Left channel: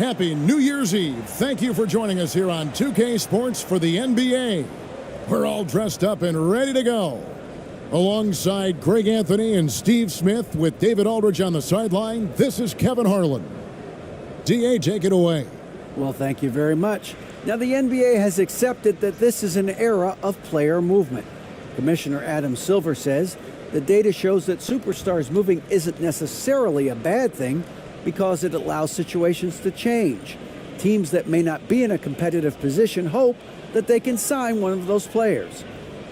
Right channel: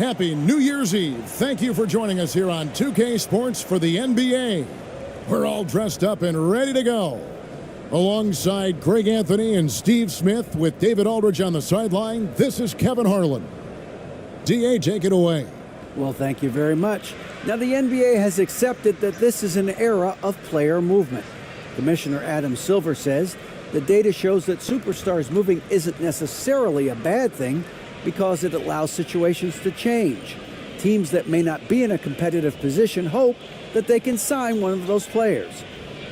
Happy New Year's Eve. Thank you for joining us here on 2K Sports for the NBA. We're all dressed up and ready to go. Alongside Greg Anthony and Steve Smith with David Aldridge on the sideline, this is Kevin Harlan. DA, take it away. Well, thank you very much. Now, the NBA has accepted that this is an era of player movement. Commissioner Adam Silver says the data shows that superstars moving isn't necessarily a bad thing because it allows situations to change. Teams that may not be in a competitive position hope that they can sign one of those players.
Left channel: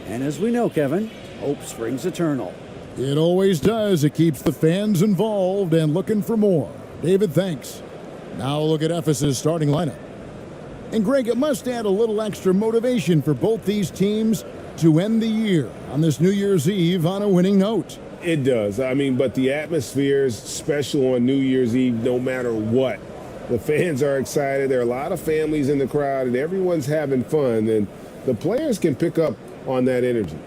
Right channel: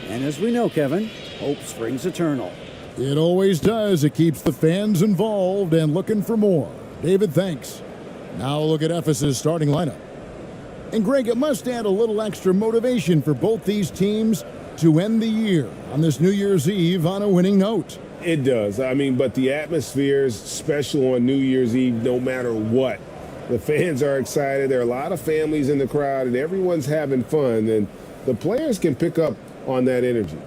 And as we know, Kevin, hope springs eternal. It always does. It keeps the fans involved and looking for more. David, thanks. Now look at Ephesus' starting lineup. And Greg, it must add a little extra motivation for both these teams to end the year on this New Year's Eve on a winning note. It does. But the atmosphere is special on New Year's Eve no matter what. The fans are excited. There are a lot of families in the crowd, and everyone's having fun. And the players can pick up on that energy.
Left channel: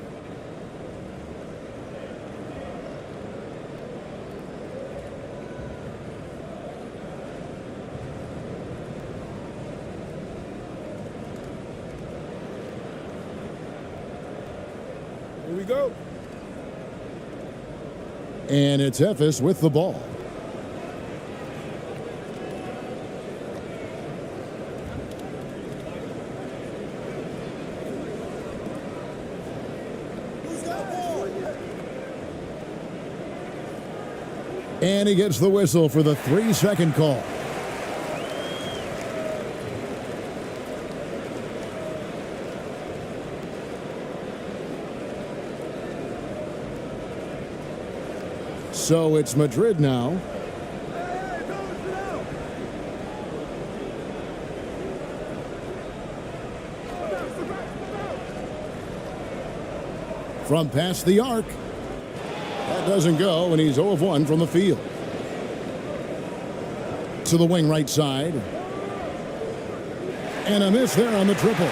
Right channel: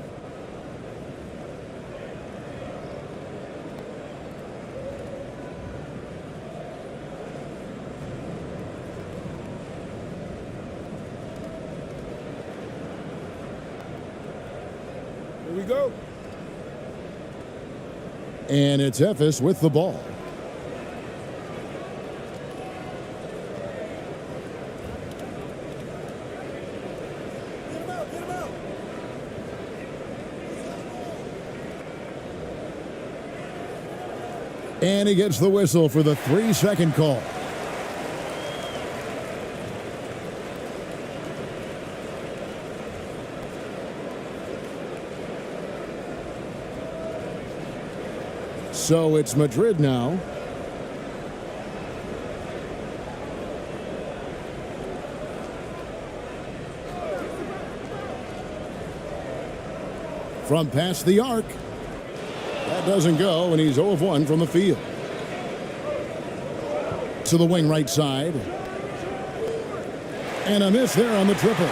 Here we go. And it's Ephes with the ball. And he gets the whistle for the 3-second call. So it's Madrid now. From past the arc. That doesn't go, and he's 0 of 1 from the field. To the wing right side. And a miss there on the triple.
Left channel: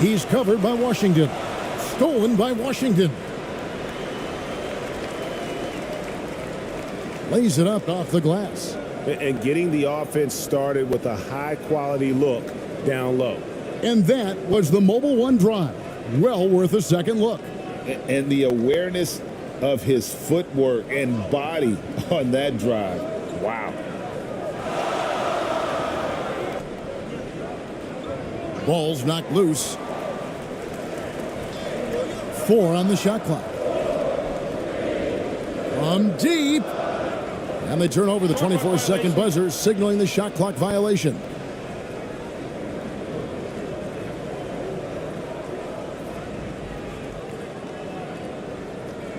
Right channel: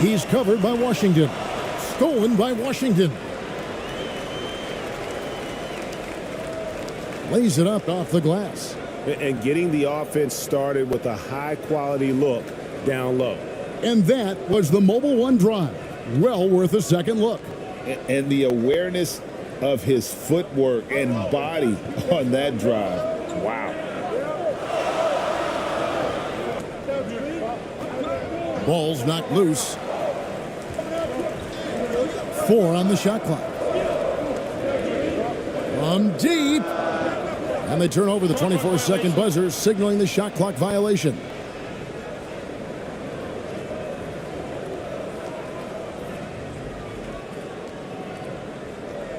He's covered by Washington. Stolen by Washington. Lays it up off the glass. And getting the offense started with a high-quality look down low. And that was the Mobile One drive. Well worth a second look. And the awareness of his footwork and body on that drive. Wow. Ball's knocked loose. 4 on the shot clock. From deep. And they turn over the 24-second buzzer, signaling the shot clock violation.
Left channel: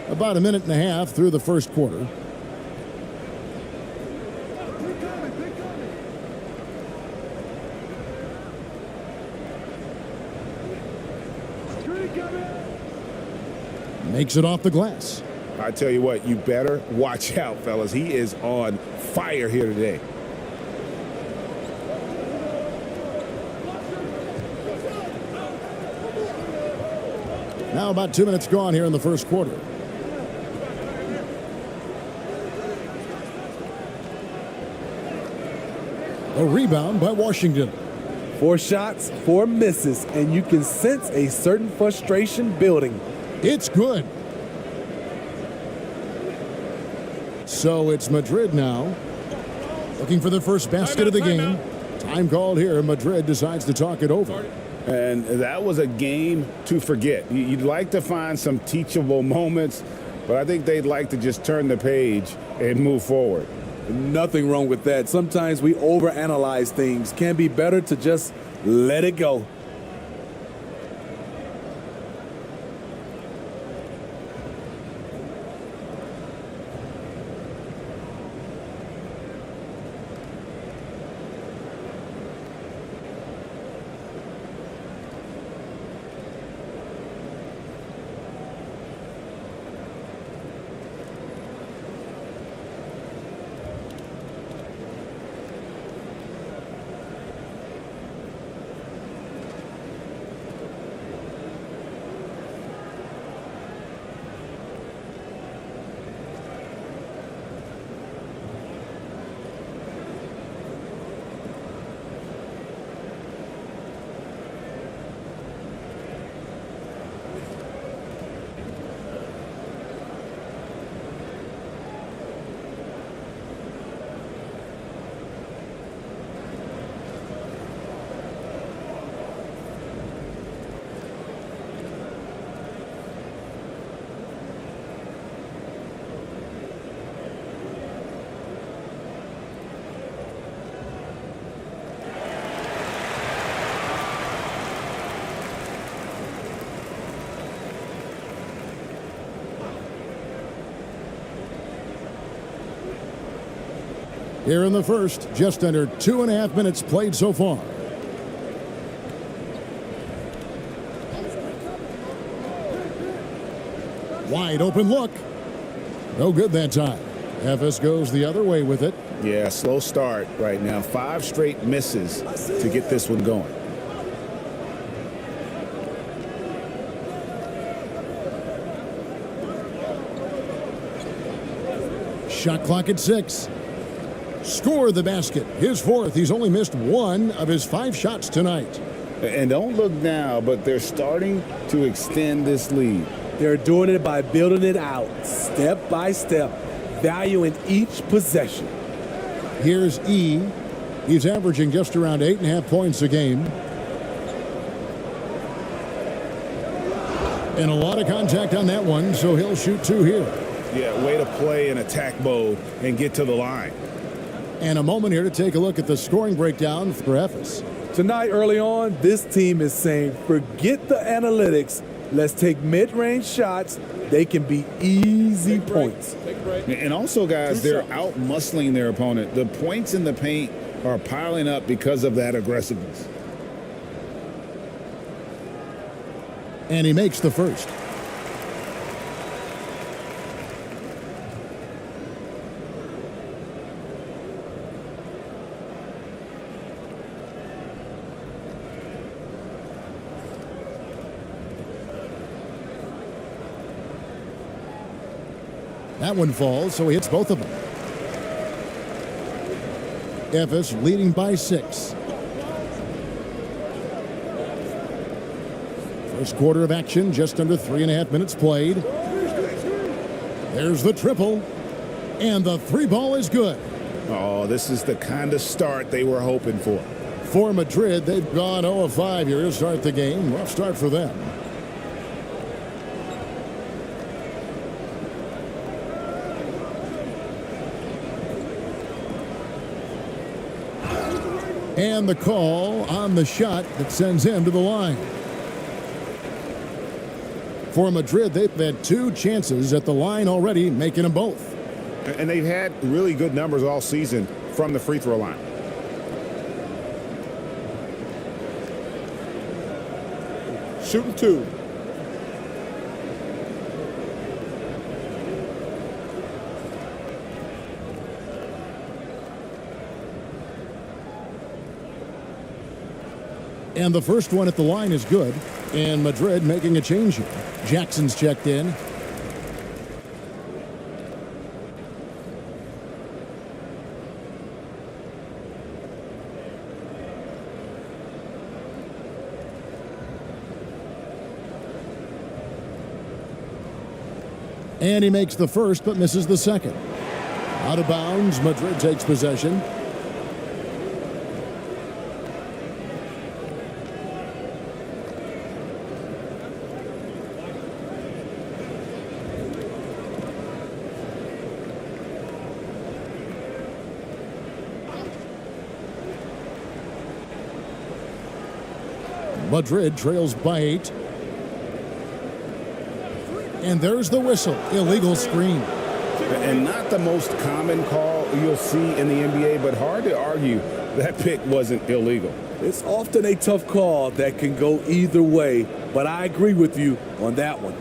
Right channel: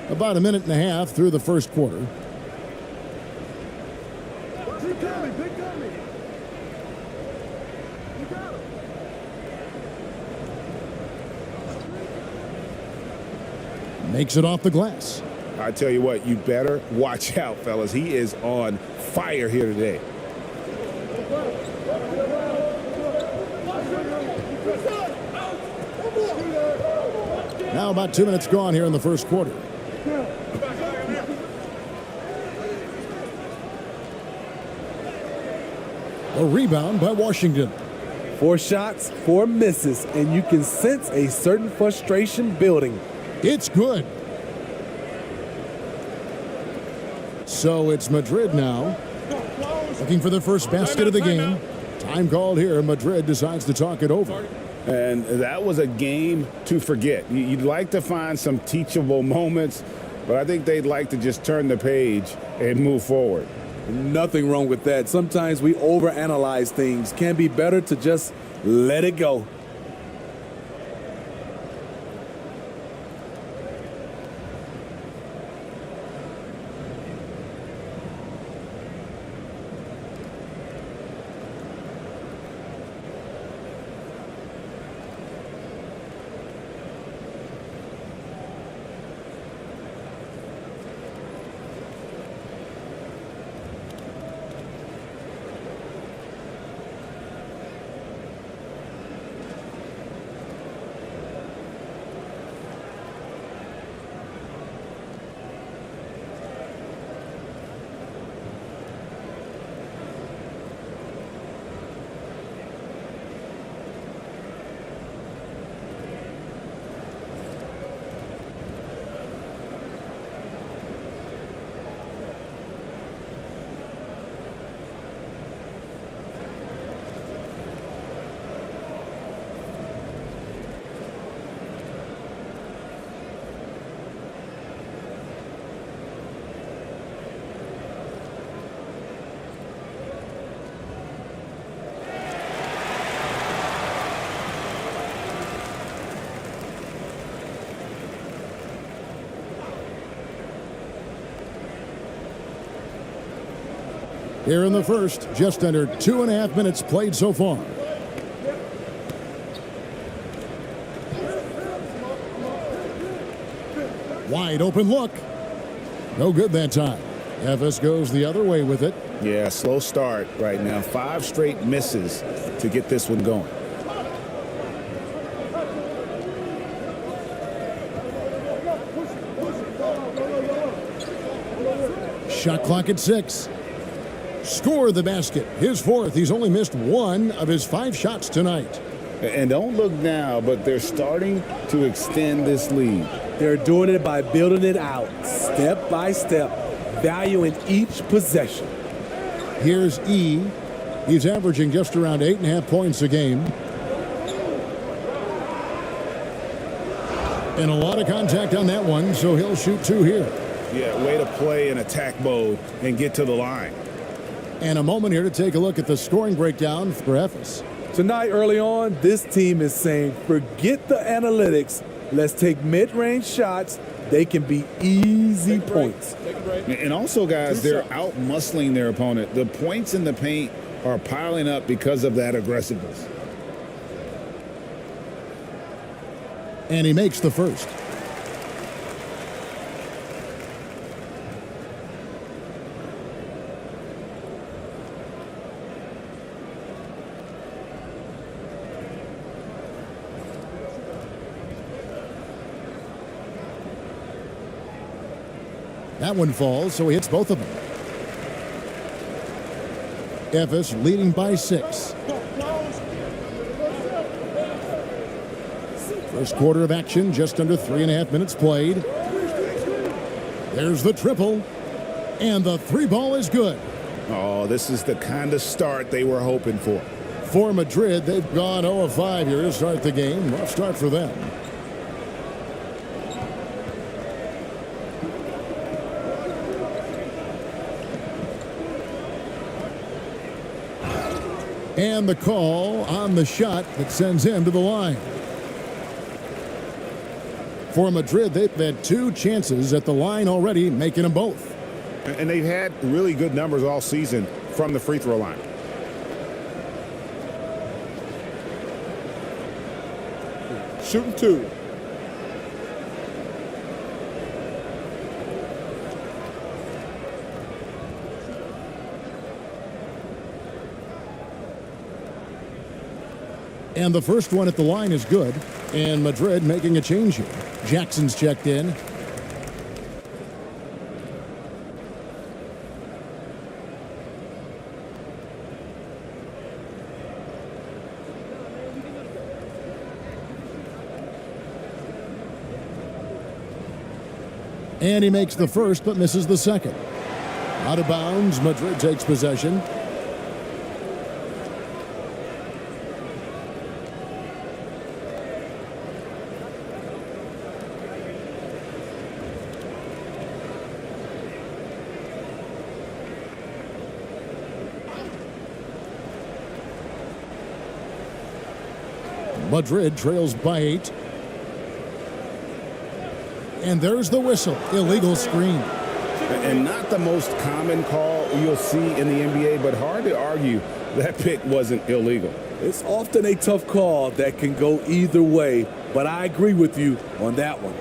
About a minute and a half through the first quarter. Makes it off the glass. I tell you what, you better watch out, fellas. He is on fire here today. Now about 2 minutes gone here in the first quarter. A rebound by Washington. 4 shots, 4 misses, and you can sense a certain frustration building. It's good. So it's Madrid now. Looking for the first basket of the game. Time called here. Madrid decides to talk it over. And that was a game to forget. You'd like to find some teachable moments, but I think they'd like to just turn the page and move forward. Nothing wrong with that. Sometimes we overanalyze things. Can be better to just let it go. Here in the first, just under 2.5 minutes played so far. Wide open look. No good that time. Efes goes the other way with it. Yeah, slow start right now. 5 straight misses to get this one going. Shot clock at 6. Score the basket. His 4th. He's only missed 1 of his 5 shots tonight. And don't look now, but they're starting to extend this lead. They're doing it by building it out, step by step, valuing each possession. Here's E. He's averaging just around 8.5 points a game. And a lot of contact on that one, so he'll shoot 2 here. Yeah, way to play in attack mode and get to the line. And a moment here to take a look at the scoring breakdown for Efes. Tonight, early on, this team is saying, forget the analytics. Let's take mid-range shots. They can be easy points. Take a break. And also, guys, they're out-muscling their opponent. The points in the paint are piling up because of that aggressiveness. And he makes the first. That one falls, so he hits both of them. Efes leading by 6. First quarter of action, just under 3.5 minutes played. There's the triple, and the 3 ball is good. Oh, this is the kind of start they were hoping for. For Madrid, they've gone 0 of 5 here to start the game. Rough start for them. And the call on the shot that sends him to the line. For Madrid, they've had 2 chances at the line already, making them both. And they've had really good numbers all season from the free throw line. Shooting 2. And the first one at the line is good. And Madrid making a change here. Jackson's checked in. And he makes the first but misses the second. Out of bounds, Madrid takes possession. Madrid trails by 8. And there's the whistle. Illegal screen. And not the most common call you'll see in the NBA, but hard to argue that pick wasn't illegal. It's often a tough call that can go either way, but I agree with you on that one.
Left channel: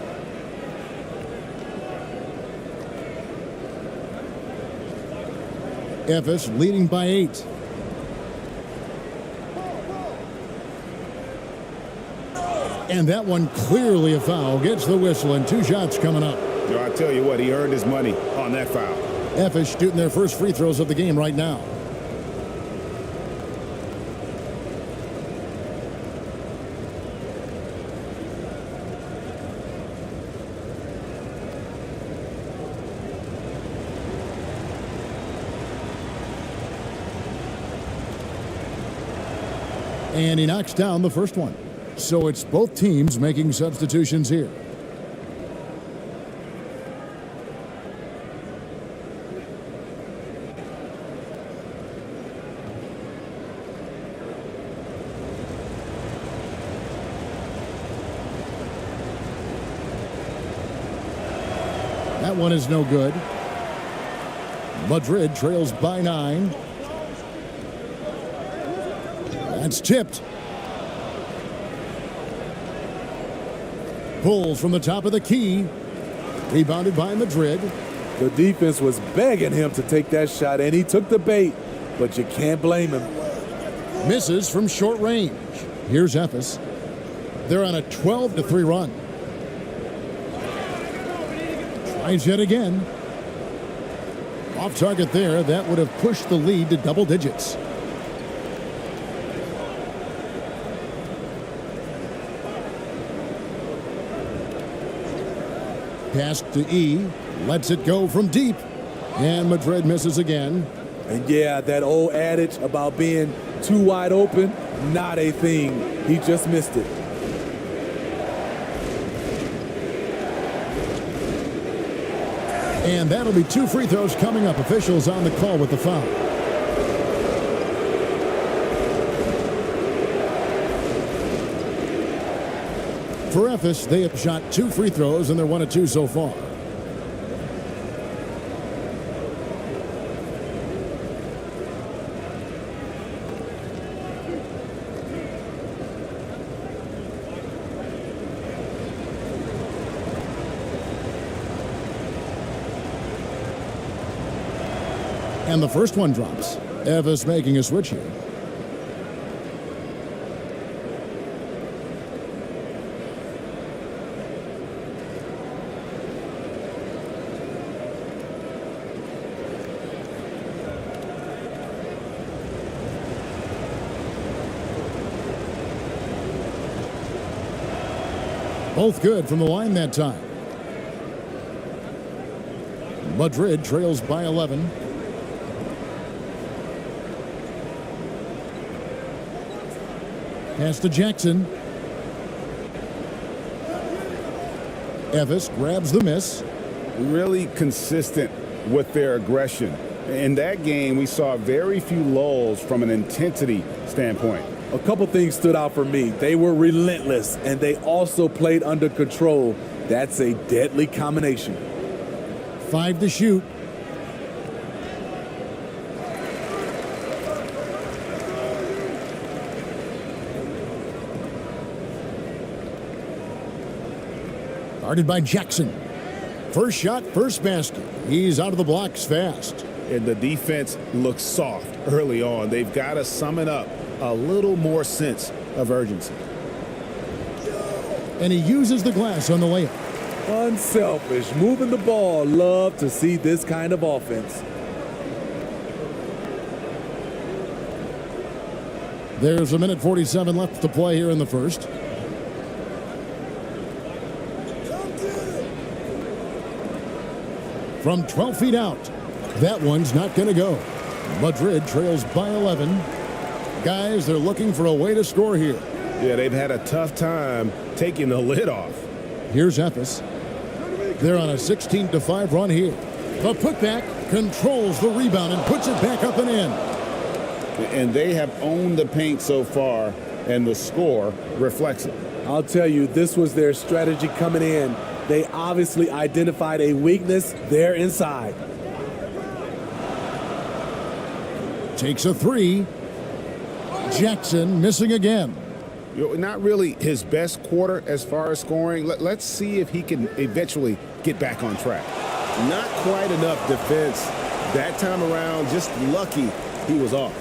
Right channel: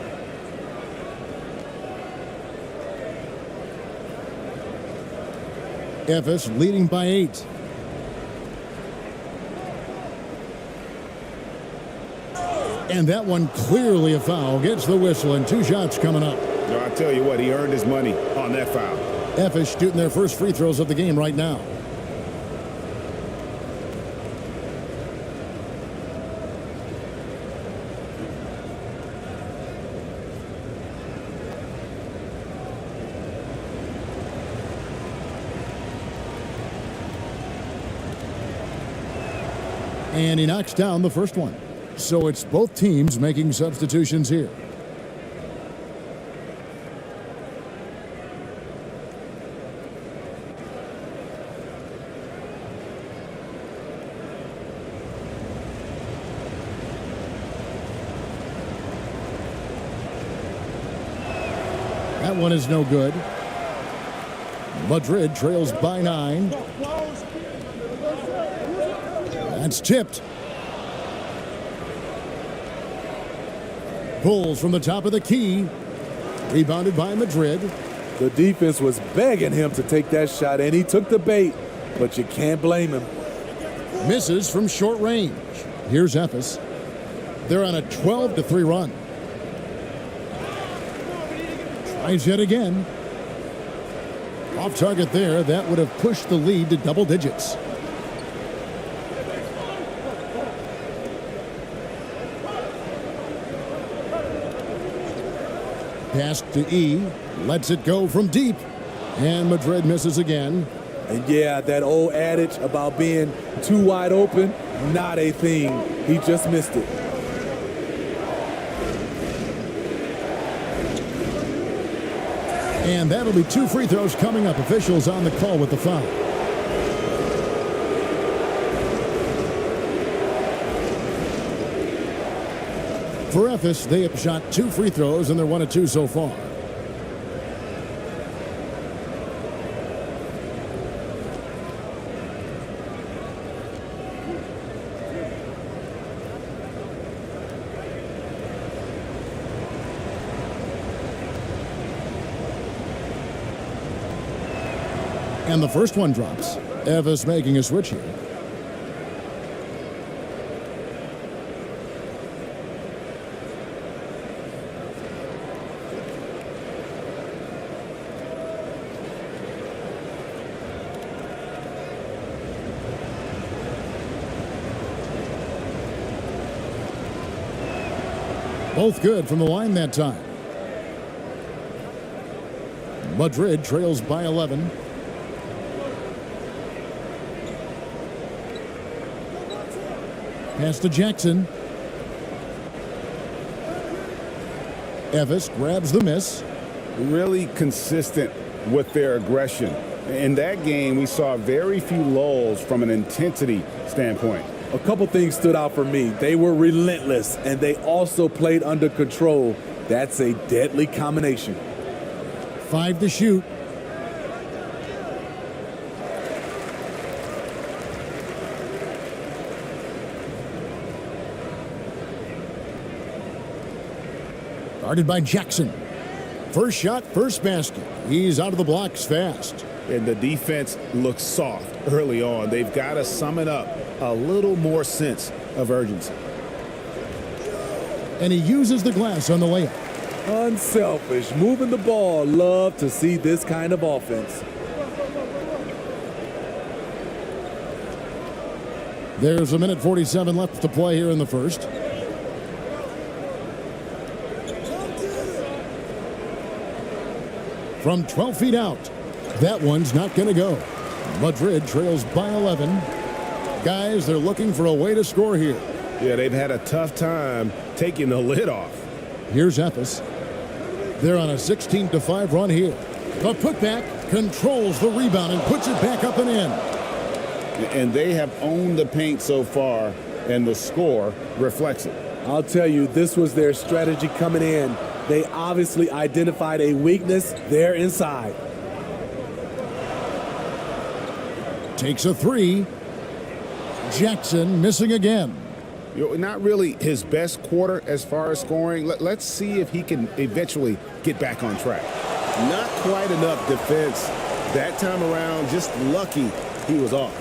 Efes leading by 8. And that one clearly a foul. Gets the whistle and 2 shots coming up. No, I tell you what, he earned his money on that foul. Efes shooting their first free throws of the game right now. And he knocks down the first one. So it's both teams making substitutions here. That one is no good. Madrid trails by 9. That's tipped. Pulls from the top of the key. Rebounded by Madrid. The defense was begging him to take that shot, and he took the bait, but you can't blame him. Misses from short range. Here's Ephes. They're on a 12-3 run. Tries yet again. Off target there. That would have pushed the lead to double digits. Pass to E. Lets it go from deep. And Madrid misses again. And yeah, that old adage about being too wide open, not a thing. He just missed it. And that'll be 2 free throws coming up. Officials on the call with the foul. For Ephes, they have shot 2 free throws, and they're 1 of 2 so far. And the first one drops. Ephes making a switch here. Both good from the line that time. Madrid trails by 11. Pass to Jackson. Ephes grabs the miss. Really consistent with their aggression. In that game, we saw very few lulls from an intensity standpoint. A couple things stood out for me. They were relentless, and they also played under control. That's a deadly combination. 5 to shoot. Guarded by Jackson. First shot, first basket. He's out of the blocks fast. And the defense looks soft early on. They've got to summon up a little more sense of urgency. And he uses the glass on the layup. Unselfish, moving the ball. Love to see this kind of offense. There's 1:47 left to play here in the first. From 12 feet out. That one's not going to go. Madrid trails by 11. Guys, they're looking for a way to score here. Yeah, they've had a tough time taking the lid off. Here's Ephes. They're on a 16-5 run here. The putback controls the rebound and puts it back up and in. And they have owned the paint so far, and the score reflects it. I'll tell you, this was their strategy coming in. They obviously identified a weakness there inside. Takes a 3. Jackson missing again. Not really his best quarter as far as scoring. Let's see if he can eventually get back on track. Not quite enough defense that time around. Just lucky he was off.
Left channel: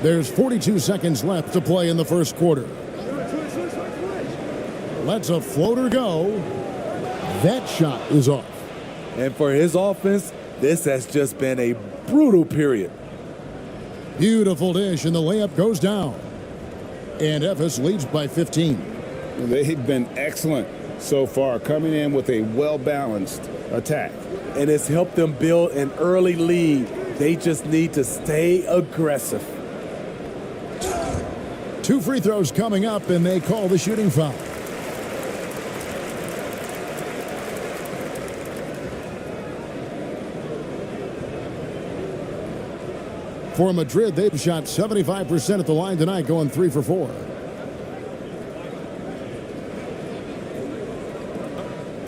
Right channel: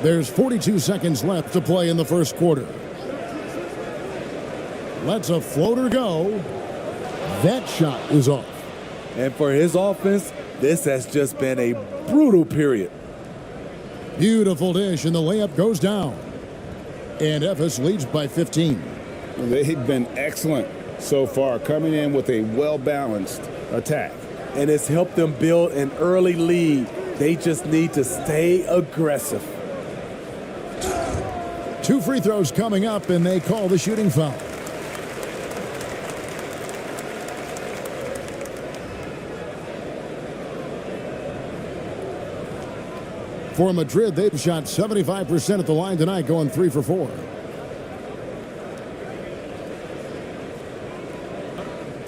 There's 42 seconds left to play in the first quarter. Lets a floater go. That shot is off. And for his offense, this has just been a brutal period. Beautiful dish, and the layup goes down. And Ephes leads by 15. They've been excellent so far, coming in with a well-balanced attack. And it's helped them build an early lead. They just need to stay aggressive. 2 free throws coming up, and they call the shooting foul. For Madrid, they've shot 75% at the line tonight, going 3 for 4.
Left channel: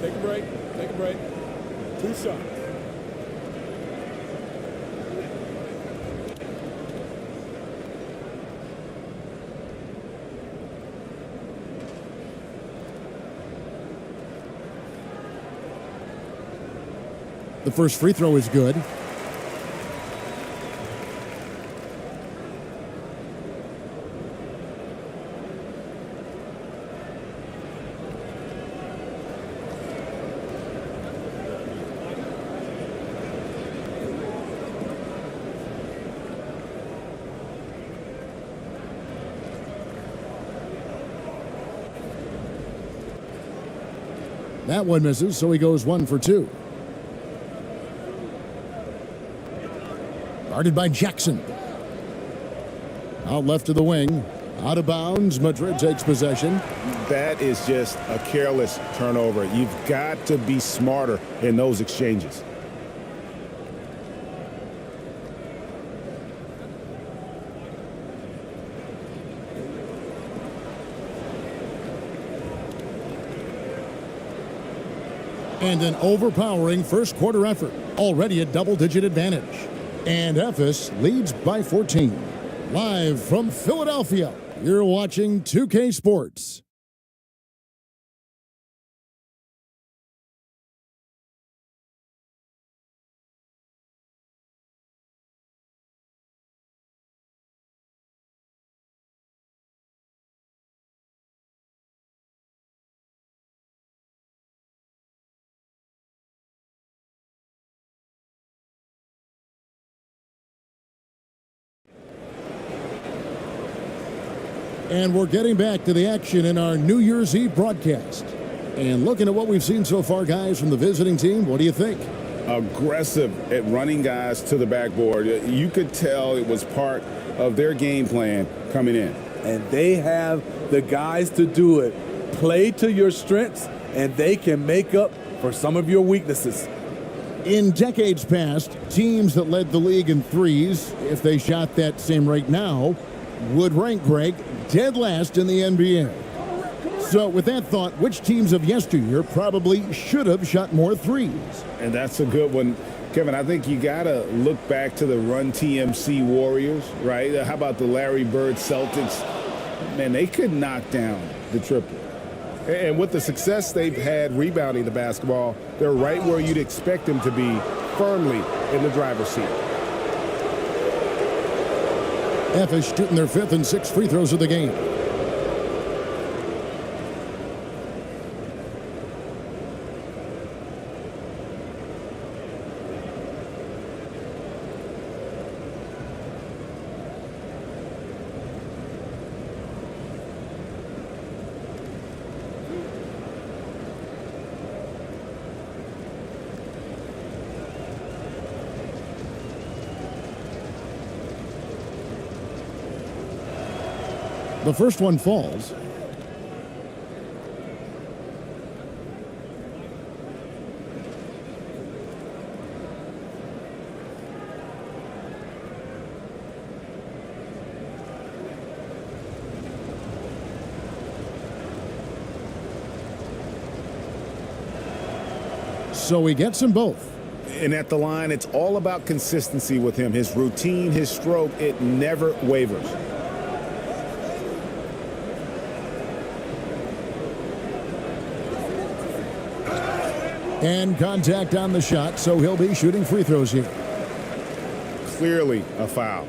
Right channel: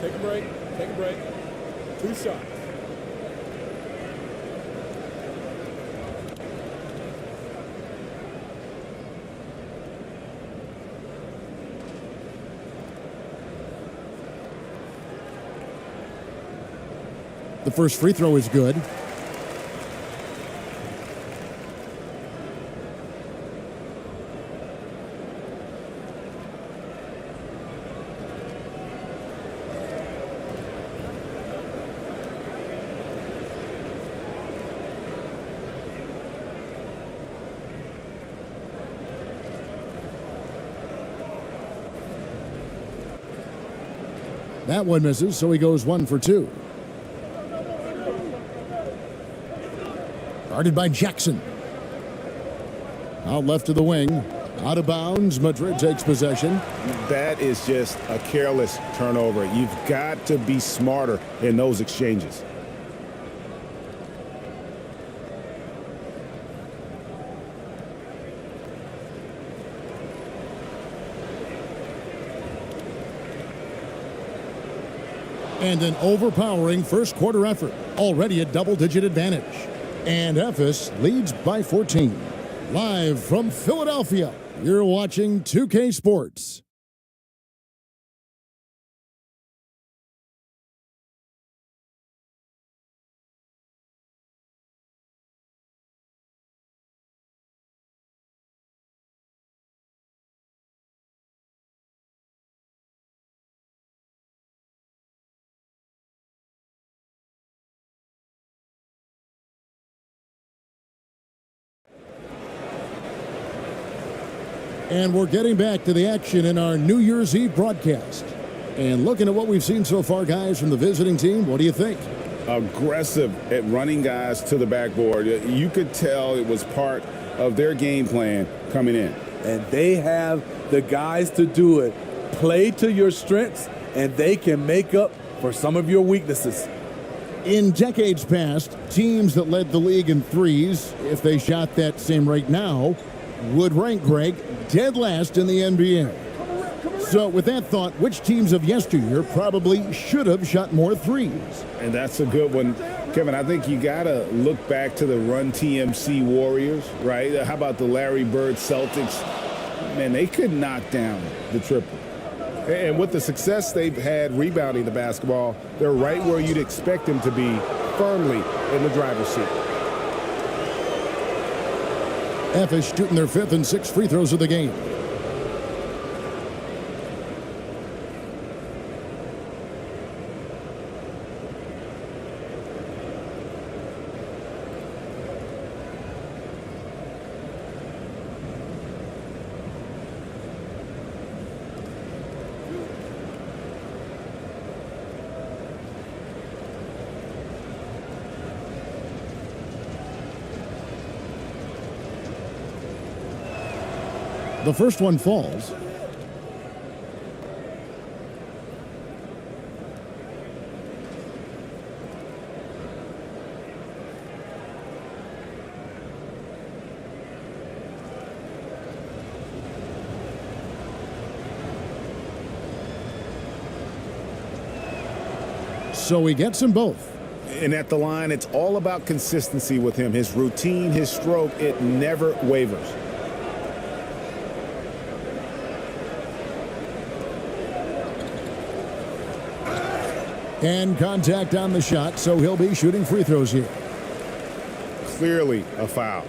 Take a break. Take a break. 2 shots. The first free throw is good. That one misses, so he goes 1 for 2. Guarded by Jackson. Out left to the wing. Out of bounds. Madrid takes possession. That is just a careless turnover. You've got to be smarter in those exchanges. And an overpowering first quarter effort. Already a double-digit advantage. And Ephes leads by 14. Live from Philadelphia, you're watching 2K Sports. And we're getting back to the action in our New Year's Eve broadcast. And looking at what we've seen so far, guys, from the visiting team, what do you think? Aggressive at running guys to the backboard. You could tell it was part of their game plan coming in. And they have the guys to do it. Play to your strengths, and they can make up for some of your weaknesses. In decades past, teams that led the league in threes, if they shot that same rate now, would rank, Greg, dead last in the NBA. So with that thought, which teams of yesteryear probably should have shot more threes? And that's a good one. Kevin, I think you got to look back to the Run TMC Warriors, right? How about the Larry Bird Celtics? Man, they could knock down the triple. And with the success they've had rebounding the basketball, they're right where you'd expect them to be, firmly in the driver's seat. Ephes shooting their 5th and 6th free throws of the game. The first one falls. So he gets them both. And at the line, it's all about consistency with him. His routine, his stroke, it never wavers. And contact on the shot, so he'll be shooting free throws here. Clearly a foul.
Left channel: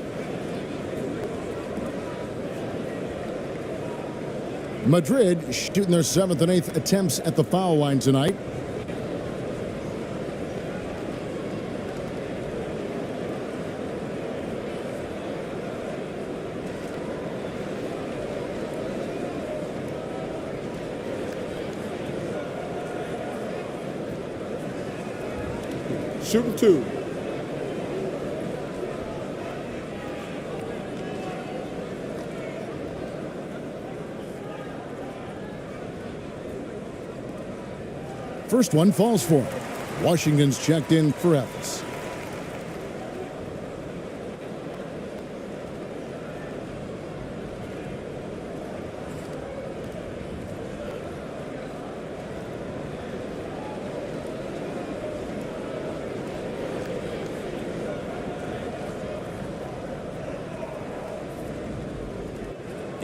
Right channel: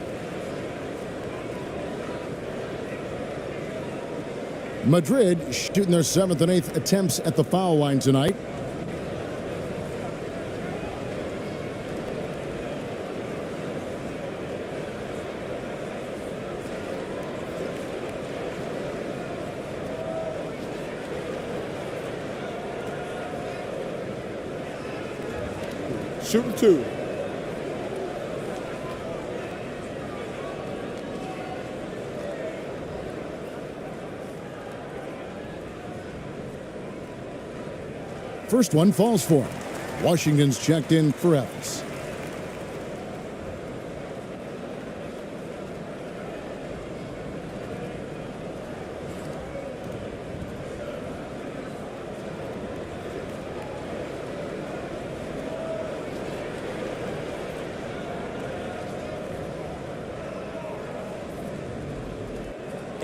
Madrid shooting their 7th and 8th attempts at the foul line tonight. Shooting 2. First one falls for him. Washington's checked in for Ephes.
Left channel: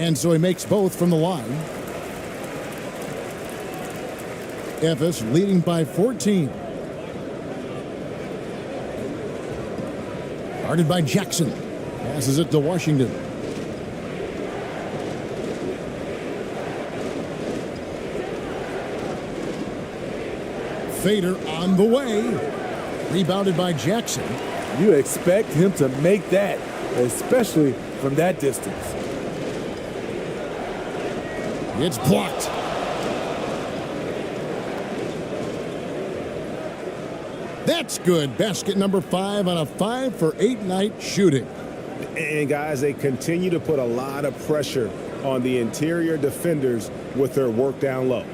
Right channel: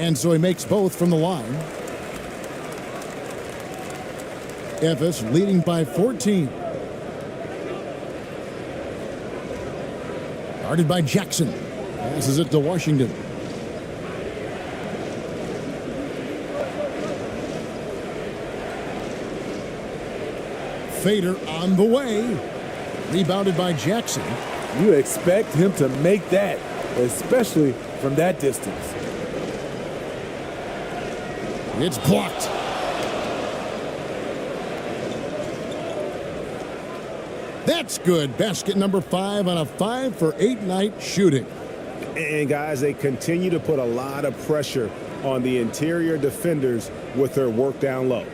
And so he makes both from the line. Efes leading by 14. Guarded by Jackson. Passes it to Washington. Fader on the way. Rebounded by Jackson. You expect him to make that, especially from that distance. It's blocked. That's good. Basket number 5 on a 5-for-8 night shooting. And guys, they continue to put a lot of pressure on the interior defenders with their work down low.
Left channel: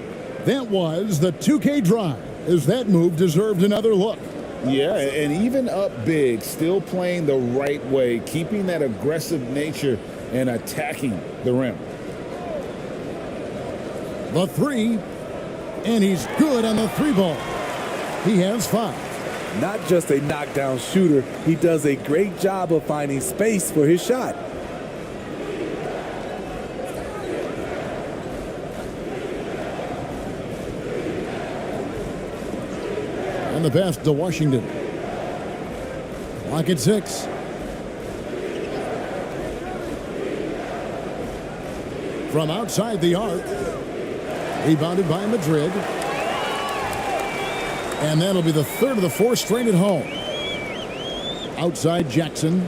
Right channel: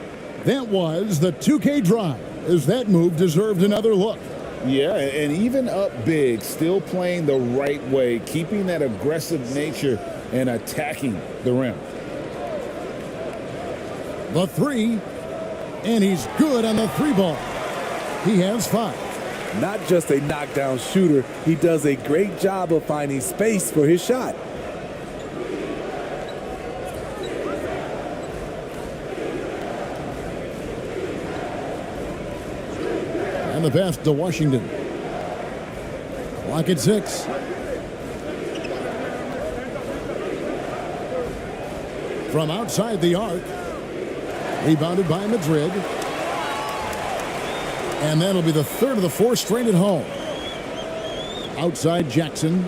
That was the 2K drive, as that move deserved another look. Yeah, and even up big, still playing the right way, keeping that aggressive nature and attacking the rim. The 3, and he's good on the 3 ball. He has 5. Not just a knockdown shooter, he does a great job of finding space for his shot. And the pass to Washington. Clock at 6. From outside the arc. Rebounded by Madrid. And that'll be the third of the 4 straight at home. Outside Jackson.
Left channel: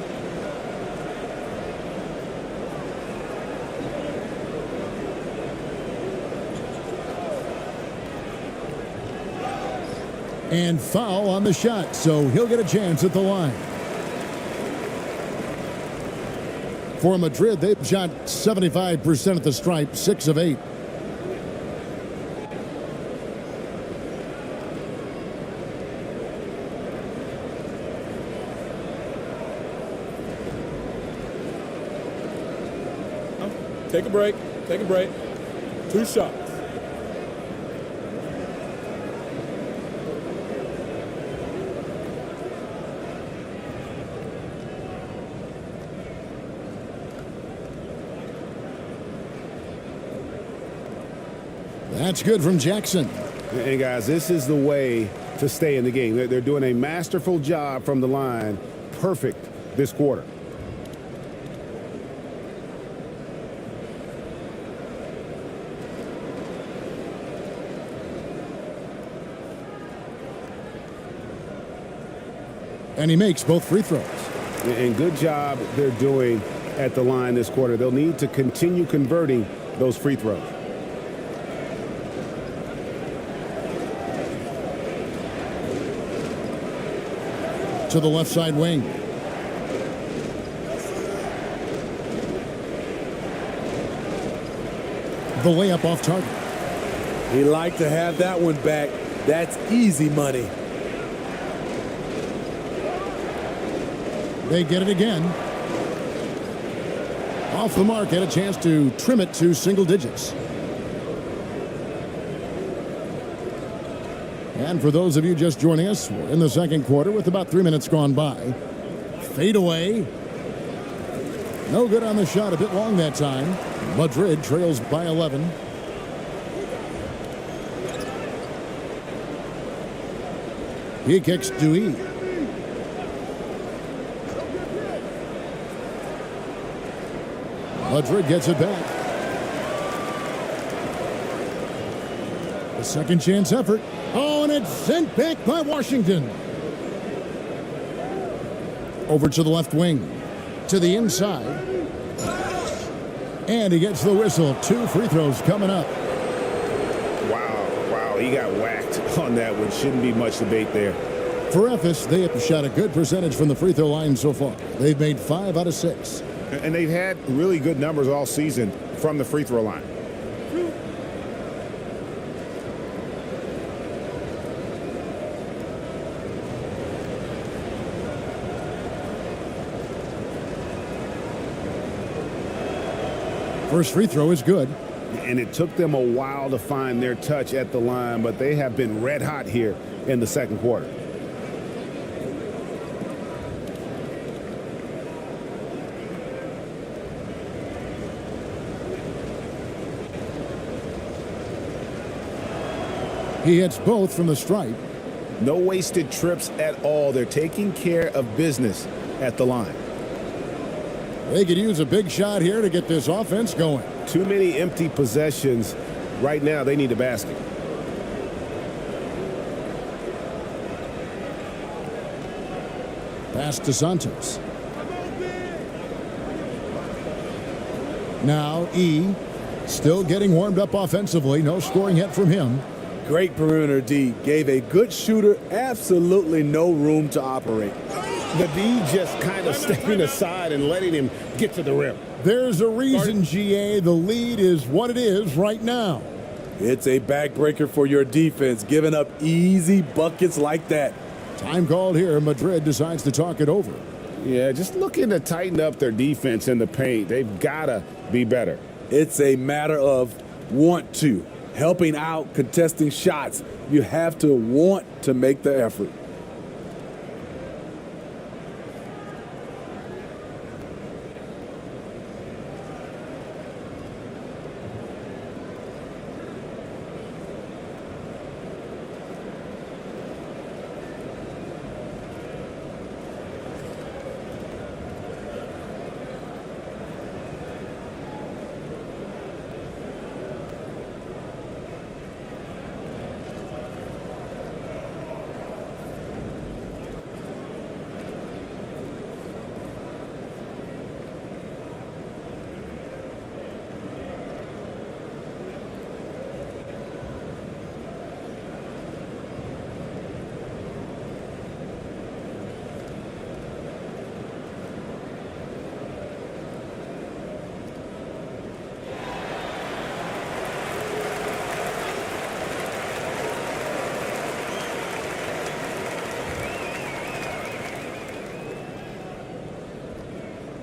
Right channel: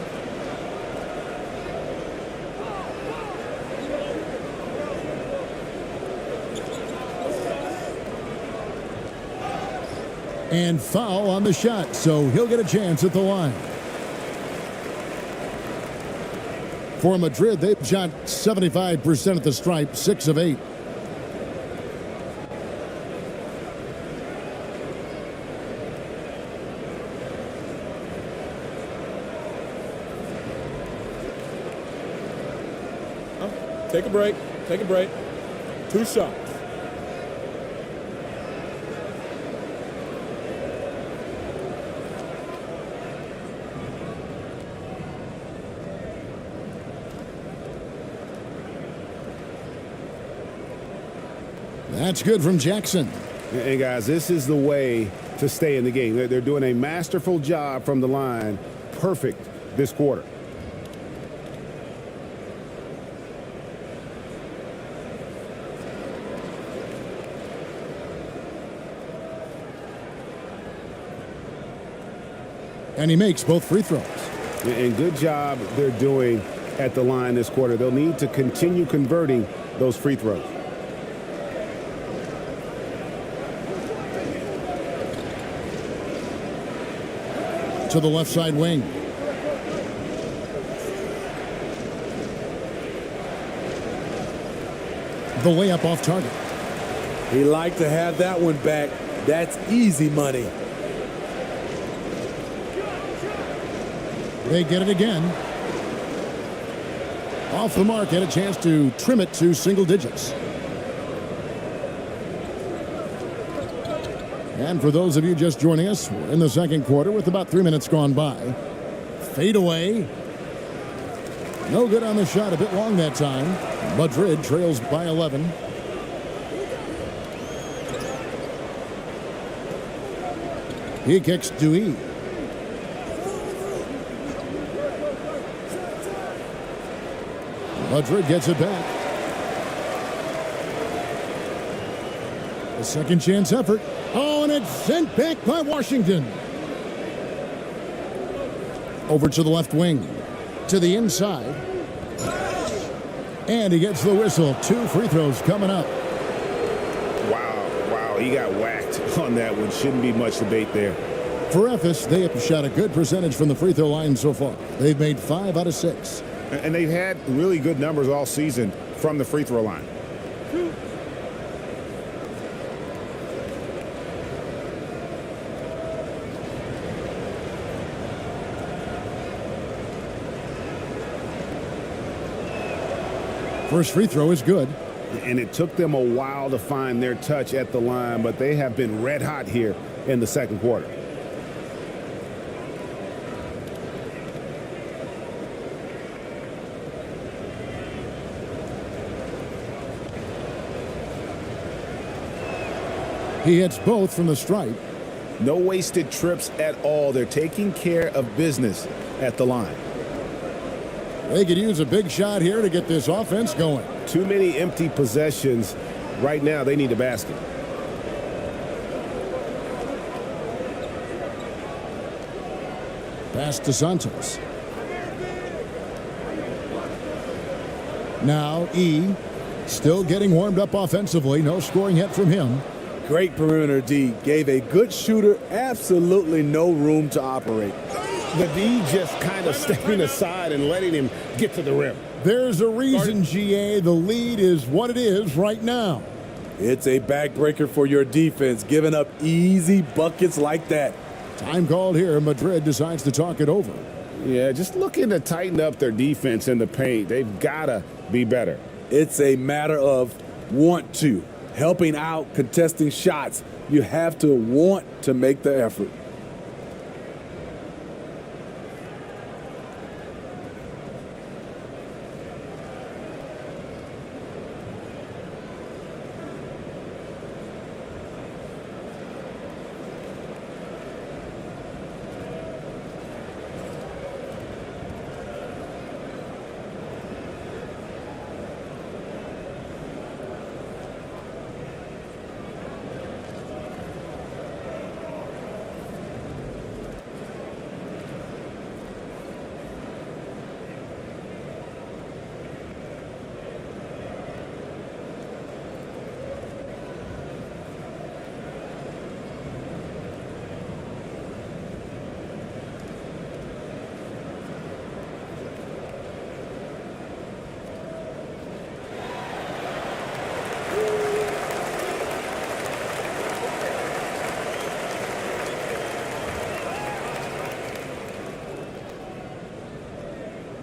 And foul on the shot, so he'll get a chance at the line. For Madrid, they've shot 75% at the stripe, 6 of 8. Take a break. Take a break. 2 shots. That's good from Jackson. And guys, this is the way to stay in the game. They're doing a masterful job from the line. Perfect this quarter. And he makes both free throws. And good job they're doing at the line this quarter. They'll need to continue converting those free throws. To the left side wing. The layup off target. He liked to have that one back. That's easy money. They get it again. Off the mark, had a chance to trim it to single digits. And for those of you just joining us, we're in the second quarter with about 3 minutes gone by. Fade away. No good on the shot, a bit long that time. Madrid trails by 11. He kicks Dewey. Madrid gets it back. A second chance effort. Oh, and it's sent back by Washington. Over to the left wing. To the inside. And he gets the whistle. 2 free throws coming up. Wow, he got whacked on that one. Shouldn't be much debate there. For Efes, they have shot a good percentage from the free throw line so far. They've made 5 out of 6. And they've had really good numbers all season from the free throw line. First free throw is good. And it took them a while to find their touch at the line, but they have been red hot here in the second quarter. He hits both from the stripe. No wasted trips at all. They're taking care of business at the line. They could use a big shot here to get this offense going. Too many empty possessions. Right now, they need a basket. Pass to Santos. Now E, still getting warmed up offensively. No scoring yet from him. Great perimeter D. Gave a good shooter absolutely no room to operate. The D just kind of stepping aside and letting him get to the rim. There's a reason, GA, the lead is what it is right now. It's a backbreaker for your defense, giving up easy buckets like that. Time called here. Madrid decides to talk it over. Yeah, just looking to tighten up their defense in the paint. They've got to be better. It's a matter of want to. Helping out, contesting shots. You have to want to make the effort.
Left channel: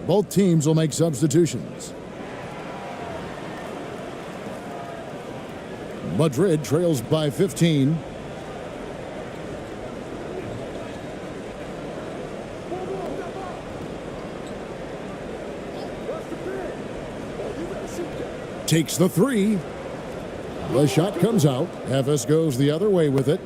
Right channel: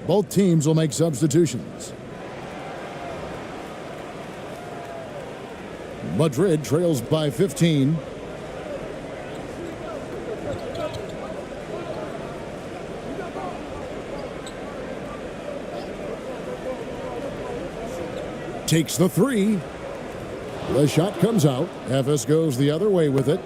Both teams will make substitutions. Madrid trails by 15. Takes the three. The shot comes out. Efes goes the other way with it.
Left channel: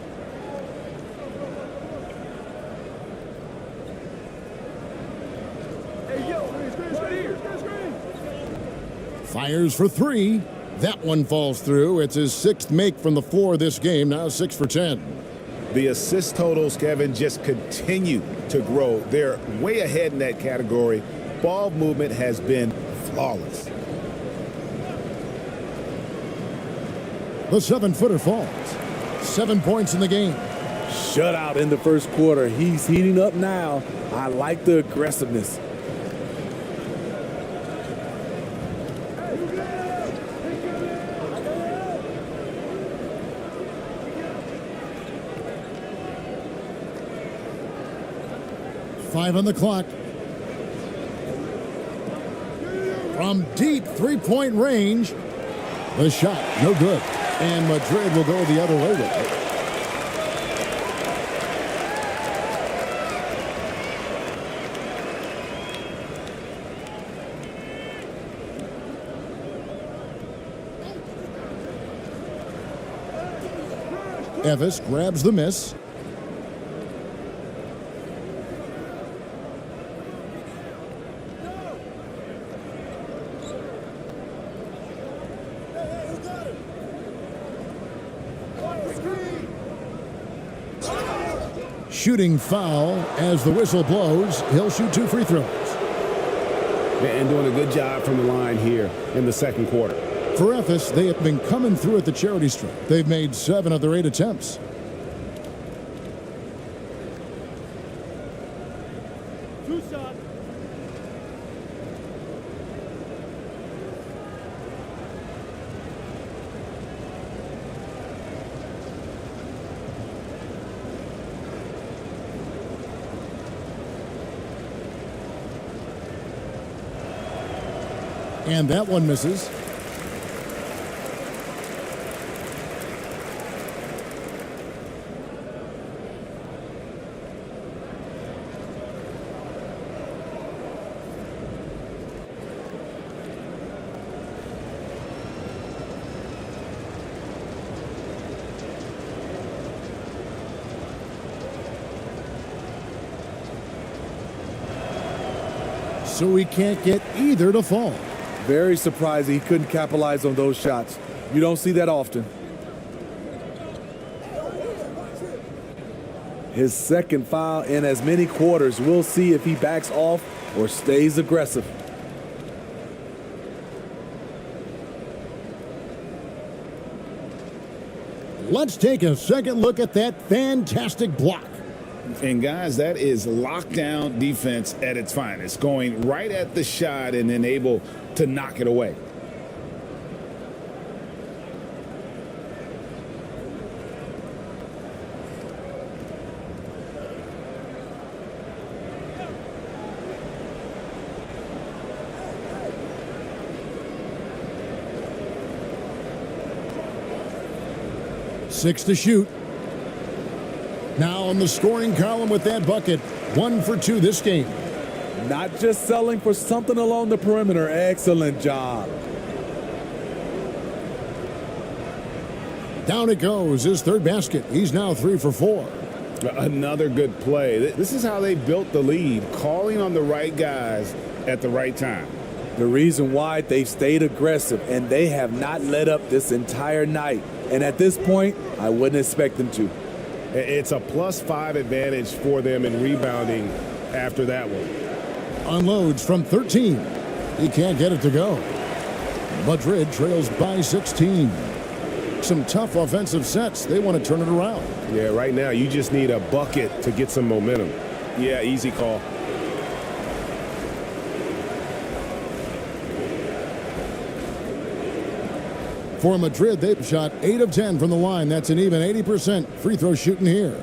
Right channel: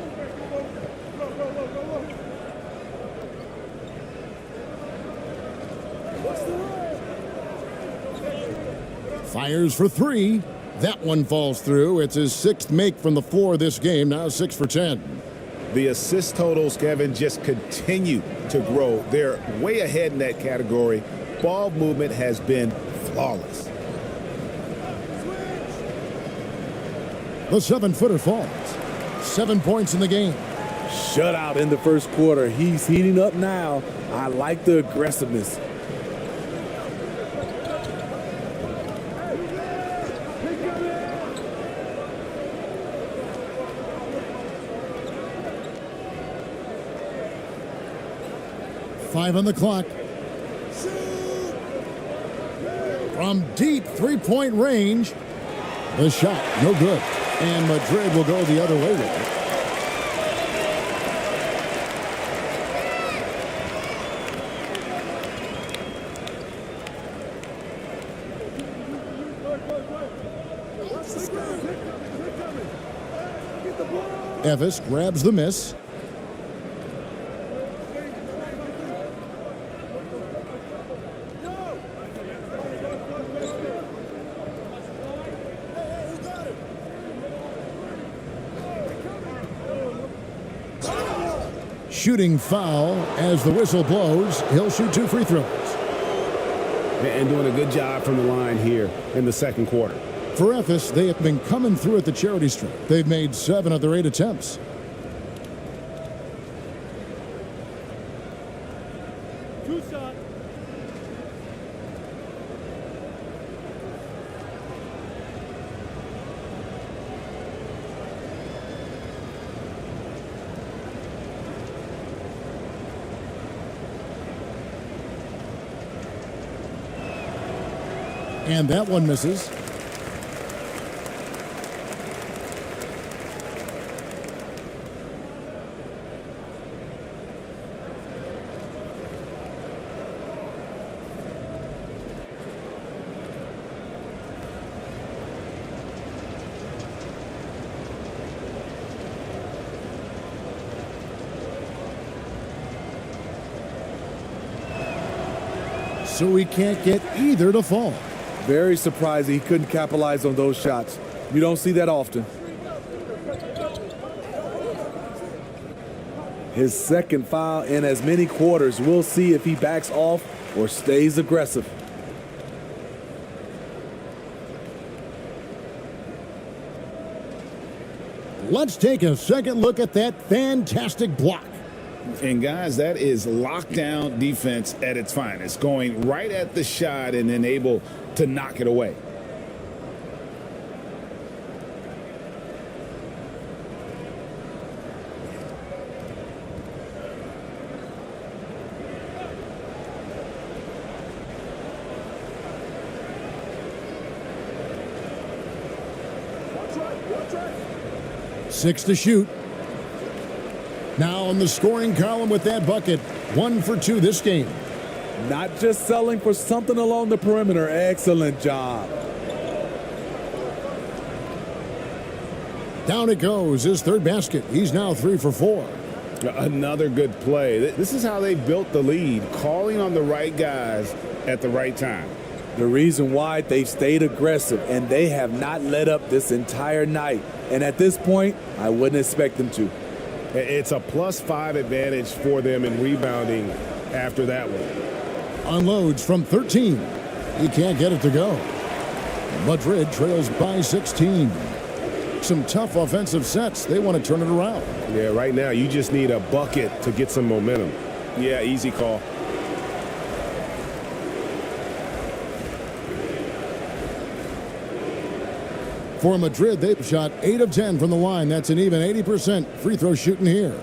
Fires for three. That one falls through. It's his sixth make from the floor this game. Now 6 for 10. The assist totals, Kevin, just continue to grow. They're way ahead in that category. Ball movement has been flawless. The 7-footer falls. 7 points in the game. Shutout in the first quarter. He's heating up now. I like the aggressiveness. Five on the clock. From deep three-point range. The shot, no good. And Madrid will go the other way with it. Efes grabs the miss. Shooting foul as the whistle blows. He'll shoot 2 free throws. And doing a good job from the line here in the second quarter. For Efes, they have been coming through at the charity stripe. They've made 7 of their 8 attempts. Two shot. And that one misses. so he can't get either to fall. Very surprising he couldn't capitalize on those shots. You don't see that often. His second foul in as many quarters. We'll see if he backs off or stays aggressive. Let's take a second look at that fantastic block. And guys, that is lockdown defense at its finest, going right at the shot and then able to knock it away. Six to shoot. Now on the scoring column with that bucket. 1 for 2 this game. Not just selling for something along the perimeter. Excellent job. Down it goes. His third basket. He's now 3 for 4. Another good play. This is how they built the lead, calling on the right guys at the right time. The reason why they've stayed aggressive, and they have not let up this entire night. And at this point, I wouldn't expect them to. It's a +5 advantage for them in rebounding after that one. Unloads from 13. He can't get it to go. Madrid trails by 16. Some tough offensive sets. They want to turn it around. Yeah, right now you just need a bucket to get some momentum. Yeah, easy call. For Madrid, they've shot 8 of 10 from the line. That's an even 80% free throw shooting here.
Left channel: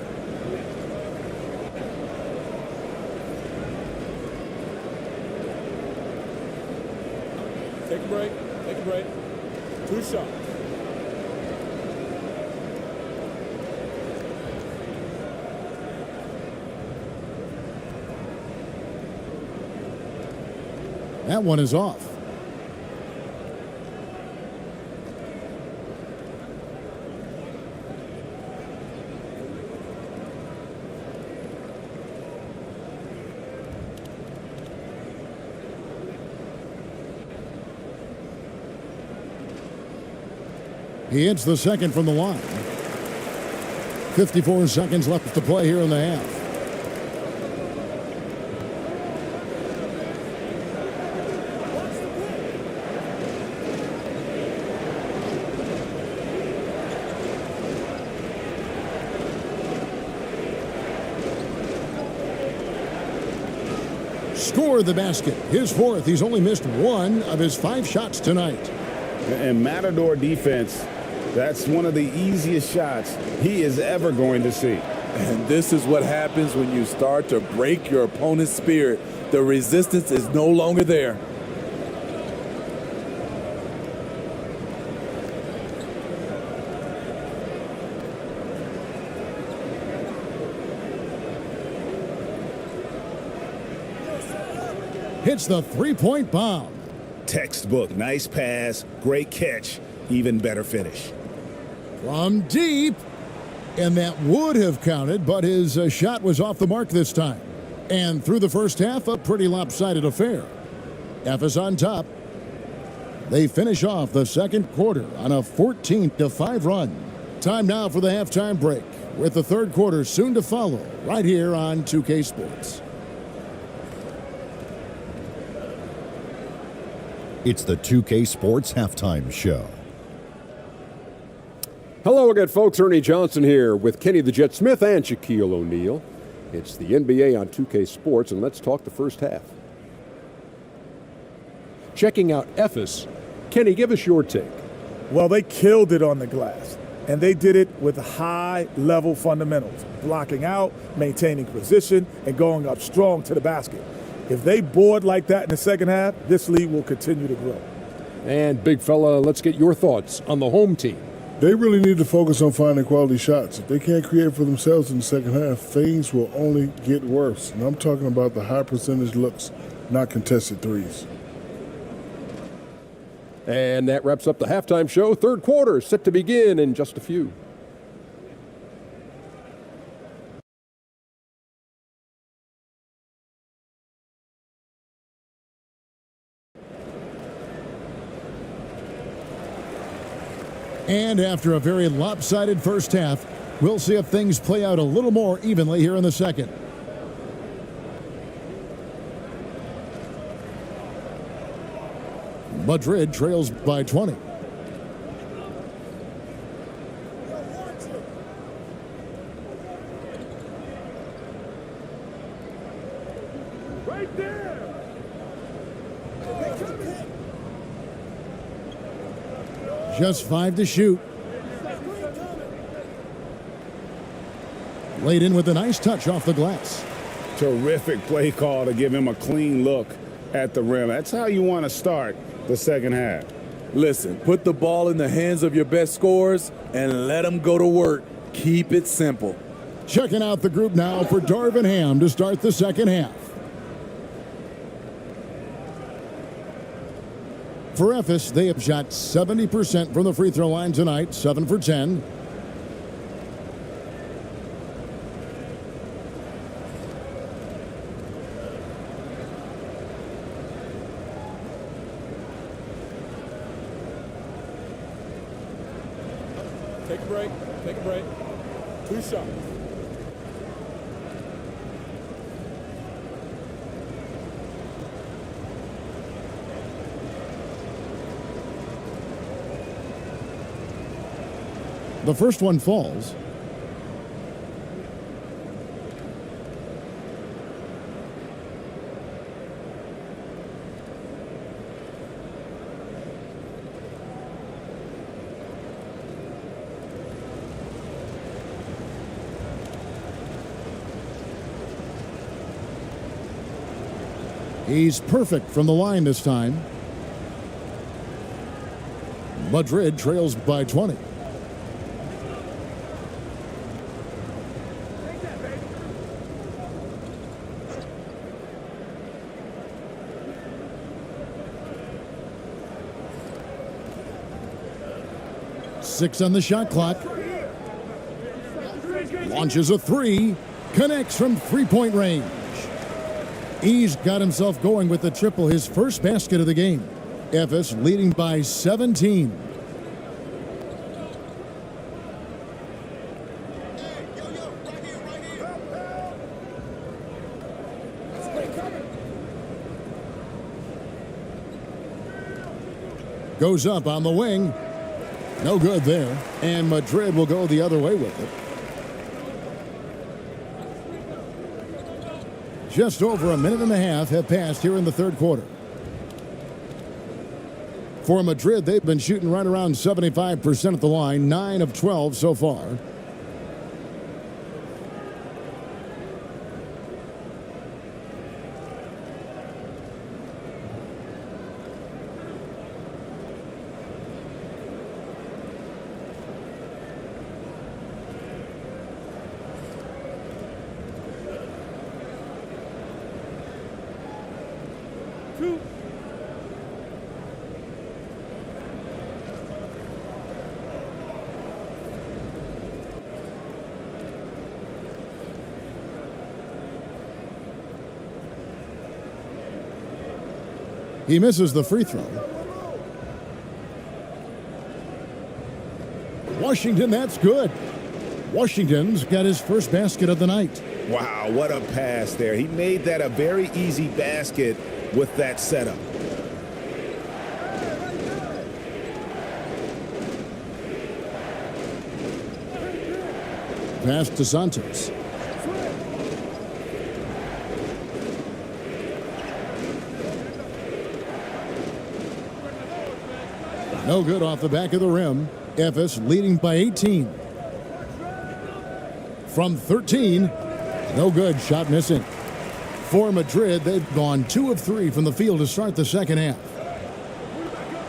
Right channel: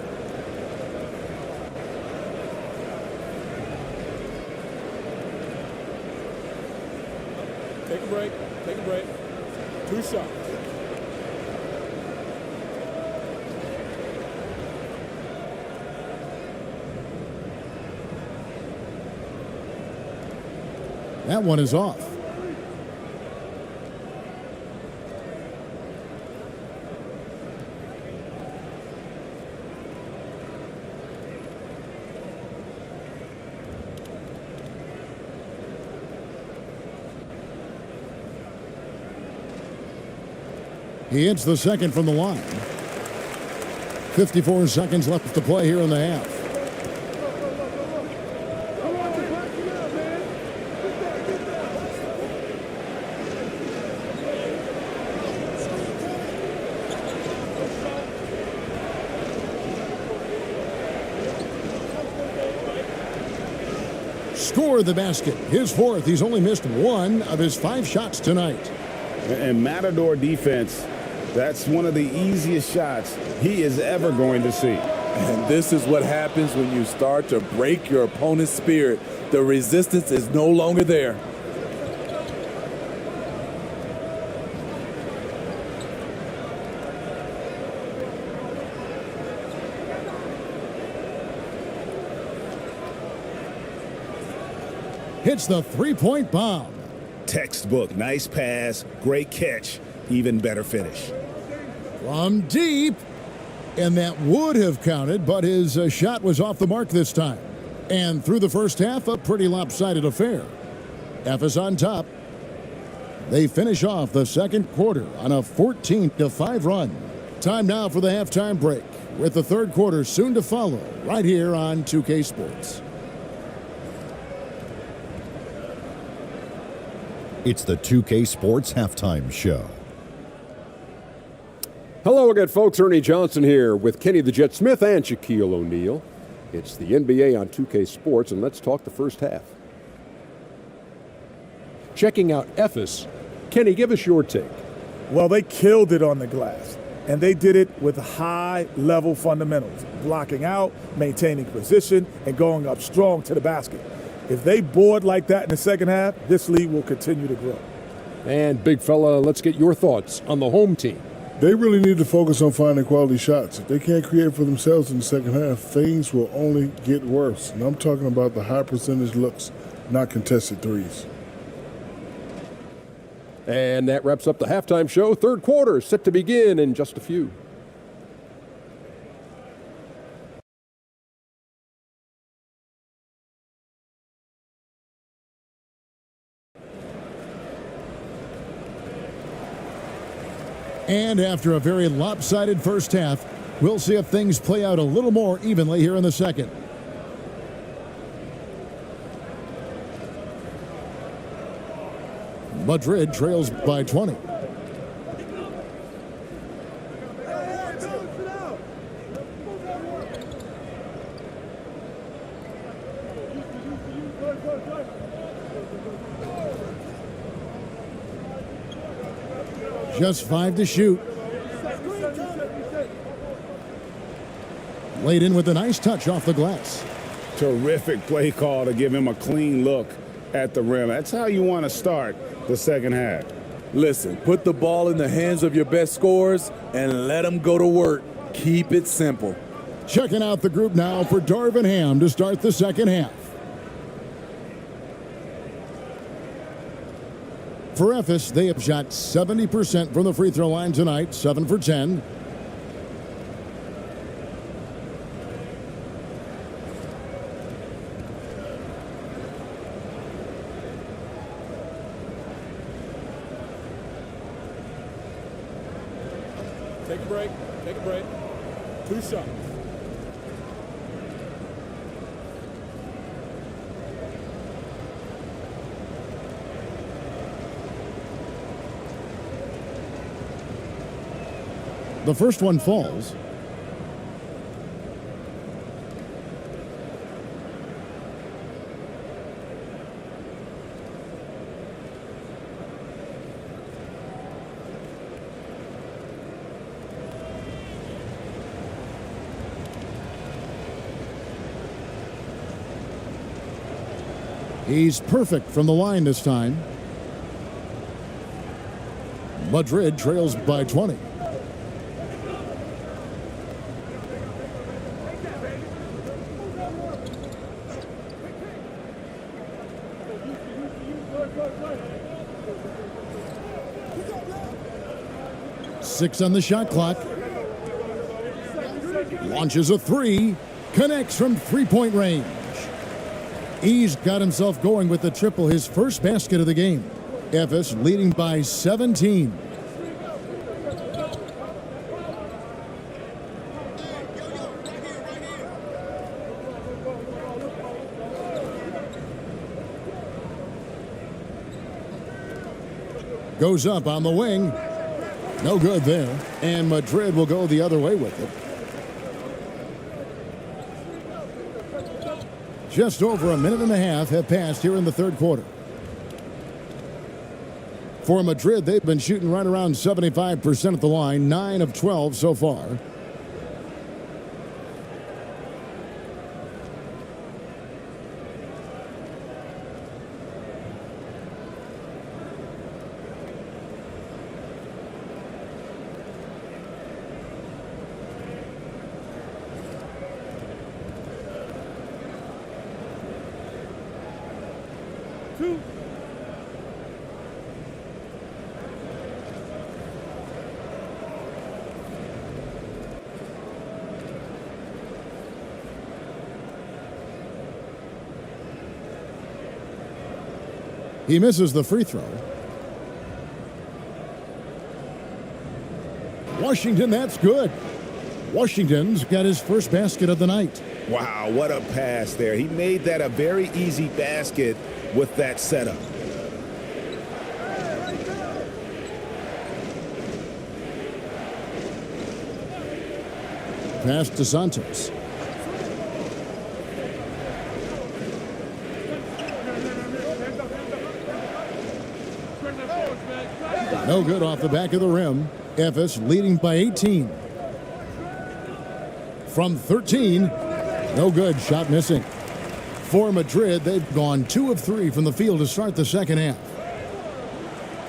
Take a break. Take a break. 2 shots. That one is off. He hits the second from the line. 54 seconds left to play here in the half. Scored the basket. His fourth. He's only missed 1 of his 5 shots tonight. And Matador defense, that's one of the easiest shots he is ever going to see. And this is what happens when you start to break your opponent's spirit. The resistance is no longer there. Hits the three-point bomb. Textbook, nice pass, great catch, even better finish. From deep. And that would have counted, but his shot was off the mark this time. And through the first half, a pretty lopsided affair. F is on top. They finish off the second quarter on a 14-5 run. Time now for the halftime break, with the third quarter soon to follow, right here on 2K Sports. It's the 2K Sports Halftime Show. Hello again, folks. Ernie Johnson here with Kenny the Jet Smith and Shaquille O'Neal. It's the NBA on 2K Sports, and let's talk the first half. Checking out Ephes, Kenny, give us your take. Well, they killed it on the glass, and they did it with high-level fundamentals, blocking out, maintaining position, and going up strong to the basket. If they board like that in the second half, this league will continue to grow. And, big fella, let's get your thoughts on the home team. They really need to focus on finding quality shots. If they can't create for themselves in the second half, things will only get worse. And I'm talking about the high percentage looks, not contested threes. And that wraps up the halftime show. Third quarter set to begin in just a few. And after a very lopsided first half, we'll see if things play out a little more evenly here in the second. Madrid trails by 20. Just 5 to shoot. Laid in with a nice touch off the glass. Terrific play call to give him a clean look at the rim. That's how you want to start the second half. Listen, put the ball in the hands of your best scorers and let them go to work. Keep it simple. Checking out the group now for Darvin Ham to start the second half. For Ephes, they have shot 70% from the free throw line tonight, 7 for 10. Take a break. Take a break. 2 shots. The first one falls. He's perfect from the line this time. Madrid trails by 20. Six on the shot clock. Launches a 3. Connects from three-point range. He's got himself going with the triple, his first basket of the game. Ephes leading by 17. Goes up on the wing. No good there. And Madrid will go the other way with it. Just over a minute and a half have passed here in the third quarter. For Madrid, they've been shooting right around 75% at the line, 9 of 12 so far. He misses the free throw. Washington, that's good. Washington's got his first basket of the night. Wow, what a pass there. He made that a very easy basket with that setup. Pass to Santos. No good off the back of the rim. Ephes leading by 18. From 13, no good, shot missing. For Madrid, they've gone 2 of 3 from the field to start the second half.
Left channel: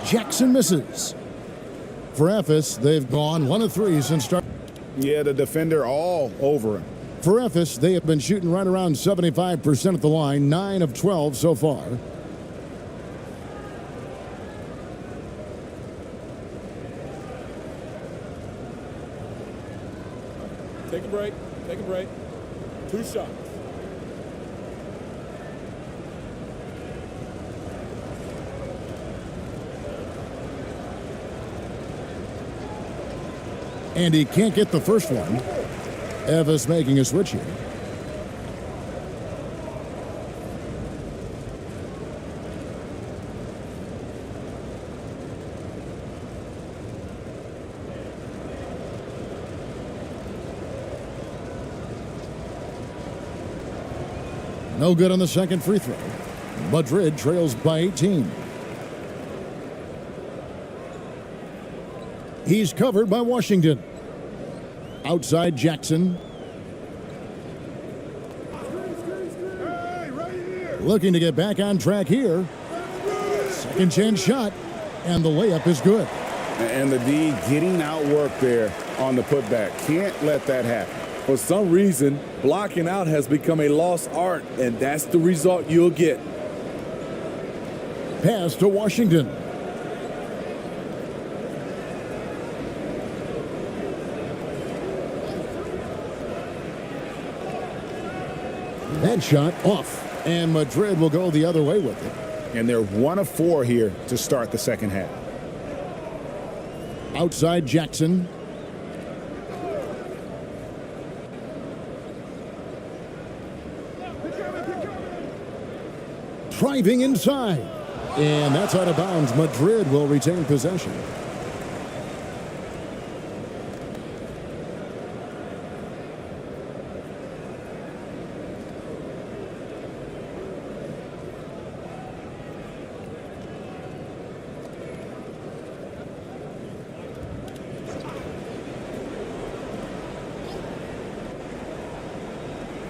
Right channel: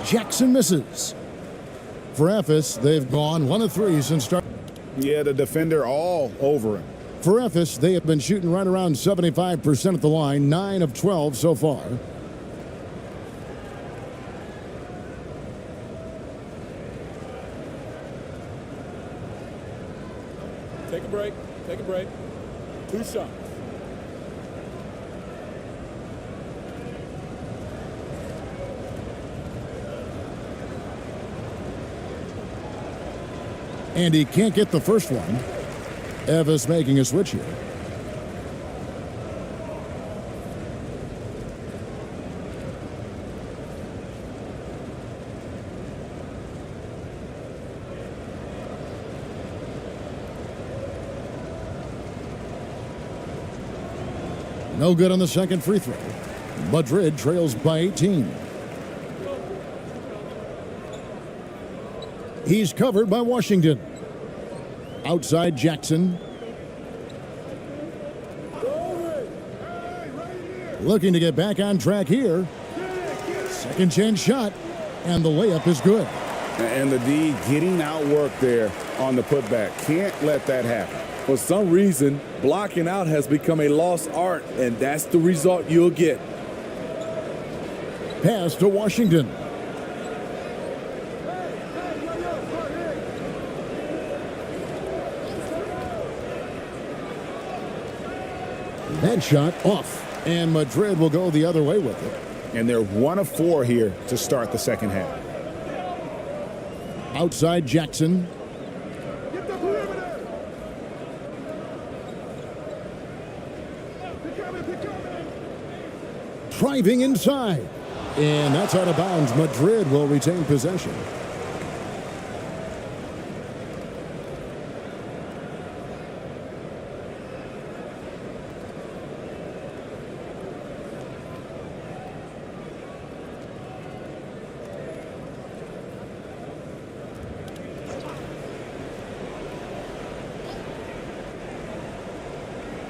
Jackson misses. For Ephes, they've gone 1 of 3 since start. Yeah, the defender all over him. For Ephes, they have been shooting right around 75% at the line, 9 of 12 so far. Take a break. Take a break. 2 shots. And he can't get the first one. Evis making a switch here. No good on the second free throw. Madrid trails by 18. He's covered by Washington. Outside Jackson. Looking to get back on track here. Second chance shot, and the layup is good. And the D getting outworked there on the putback. Can't let that happen. For some reason, blocking out has become a lost art, and that's the result you'll get. Pass to Washington. That shot off, and Madrid will go the other way with it. And they're 1 of 4 here to start the second half. Outside Jackson. Driving inside. And that's out of bounds. Madrid will retain possession.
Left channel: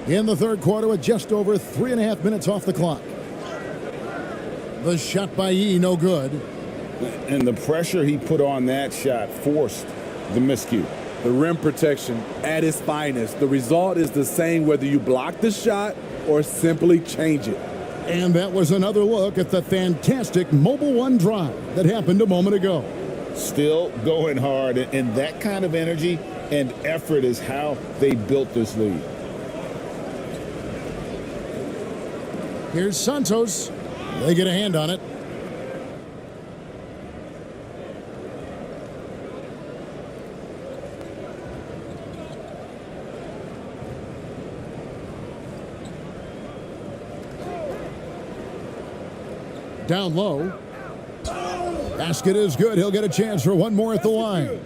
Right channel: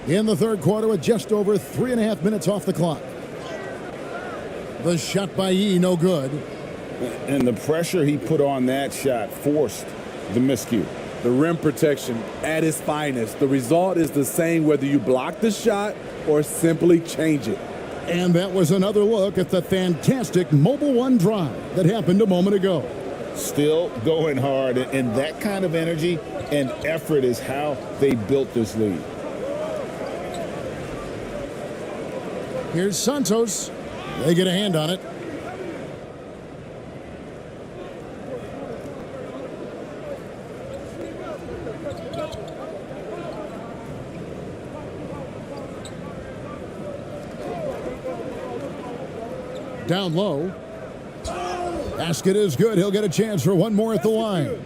In the third quarter with just over 3.5 minutes off the clock. The shot by Yee, no good. And the pressure he put on that shot forced the miscue. The rim protection at its finest. The result is the same whether you block the shot or simply change it. And that was another look at the fantastic Mobile One drive that happened a moment ago. Still going hard, and that kind of energy and effort is how they built this lead. Here's Santos. They get a hand on it. Down low. Basket is good. He'll get a chance for one more at the line.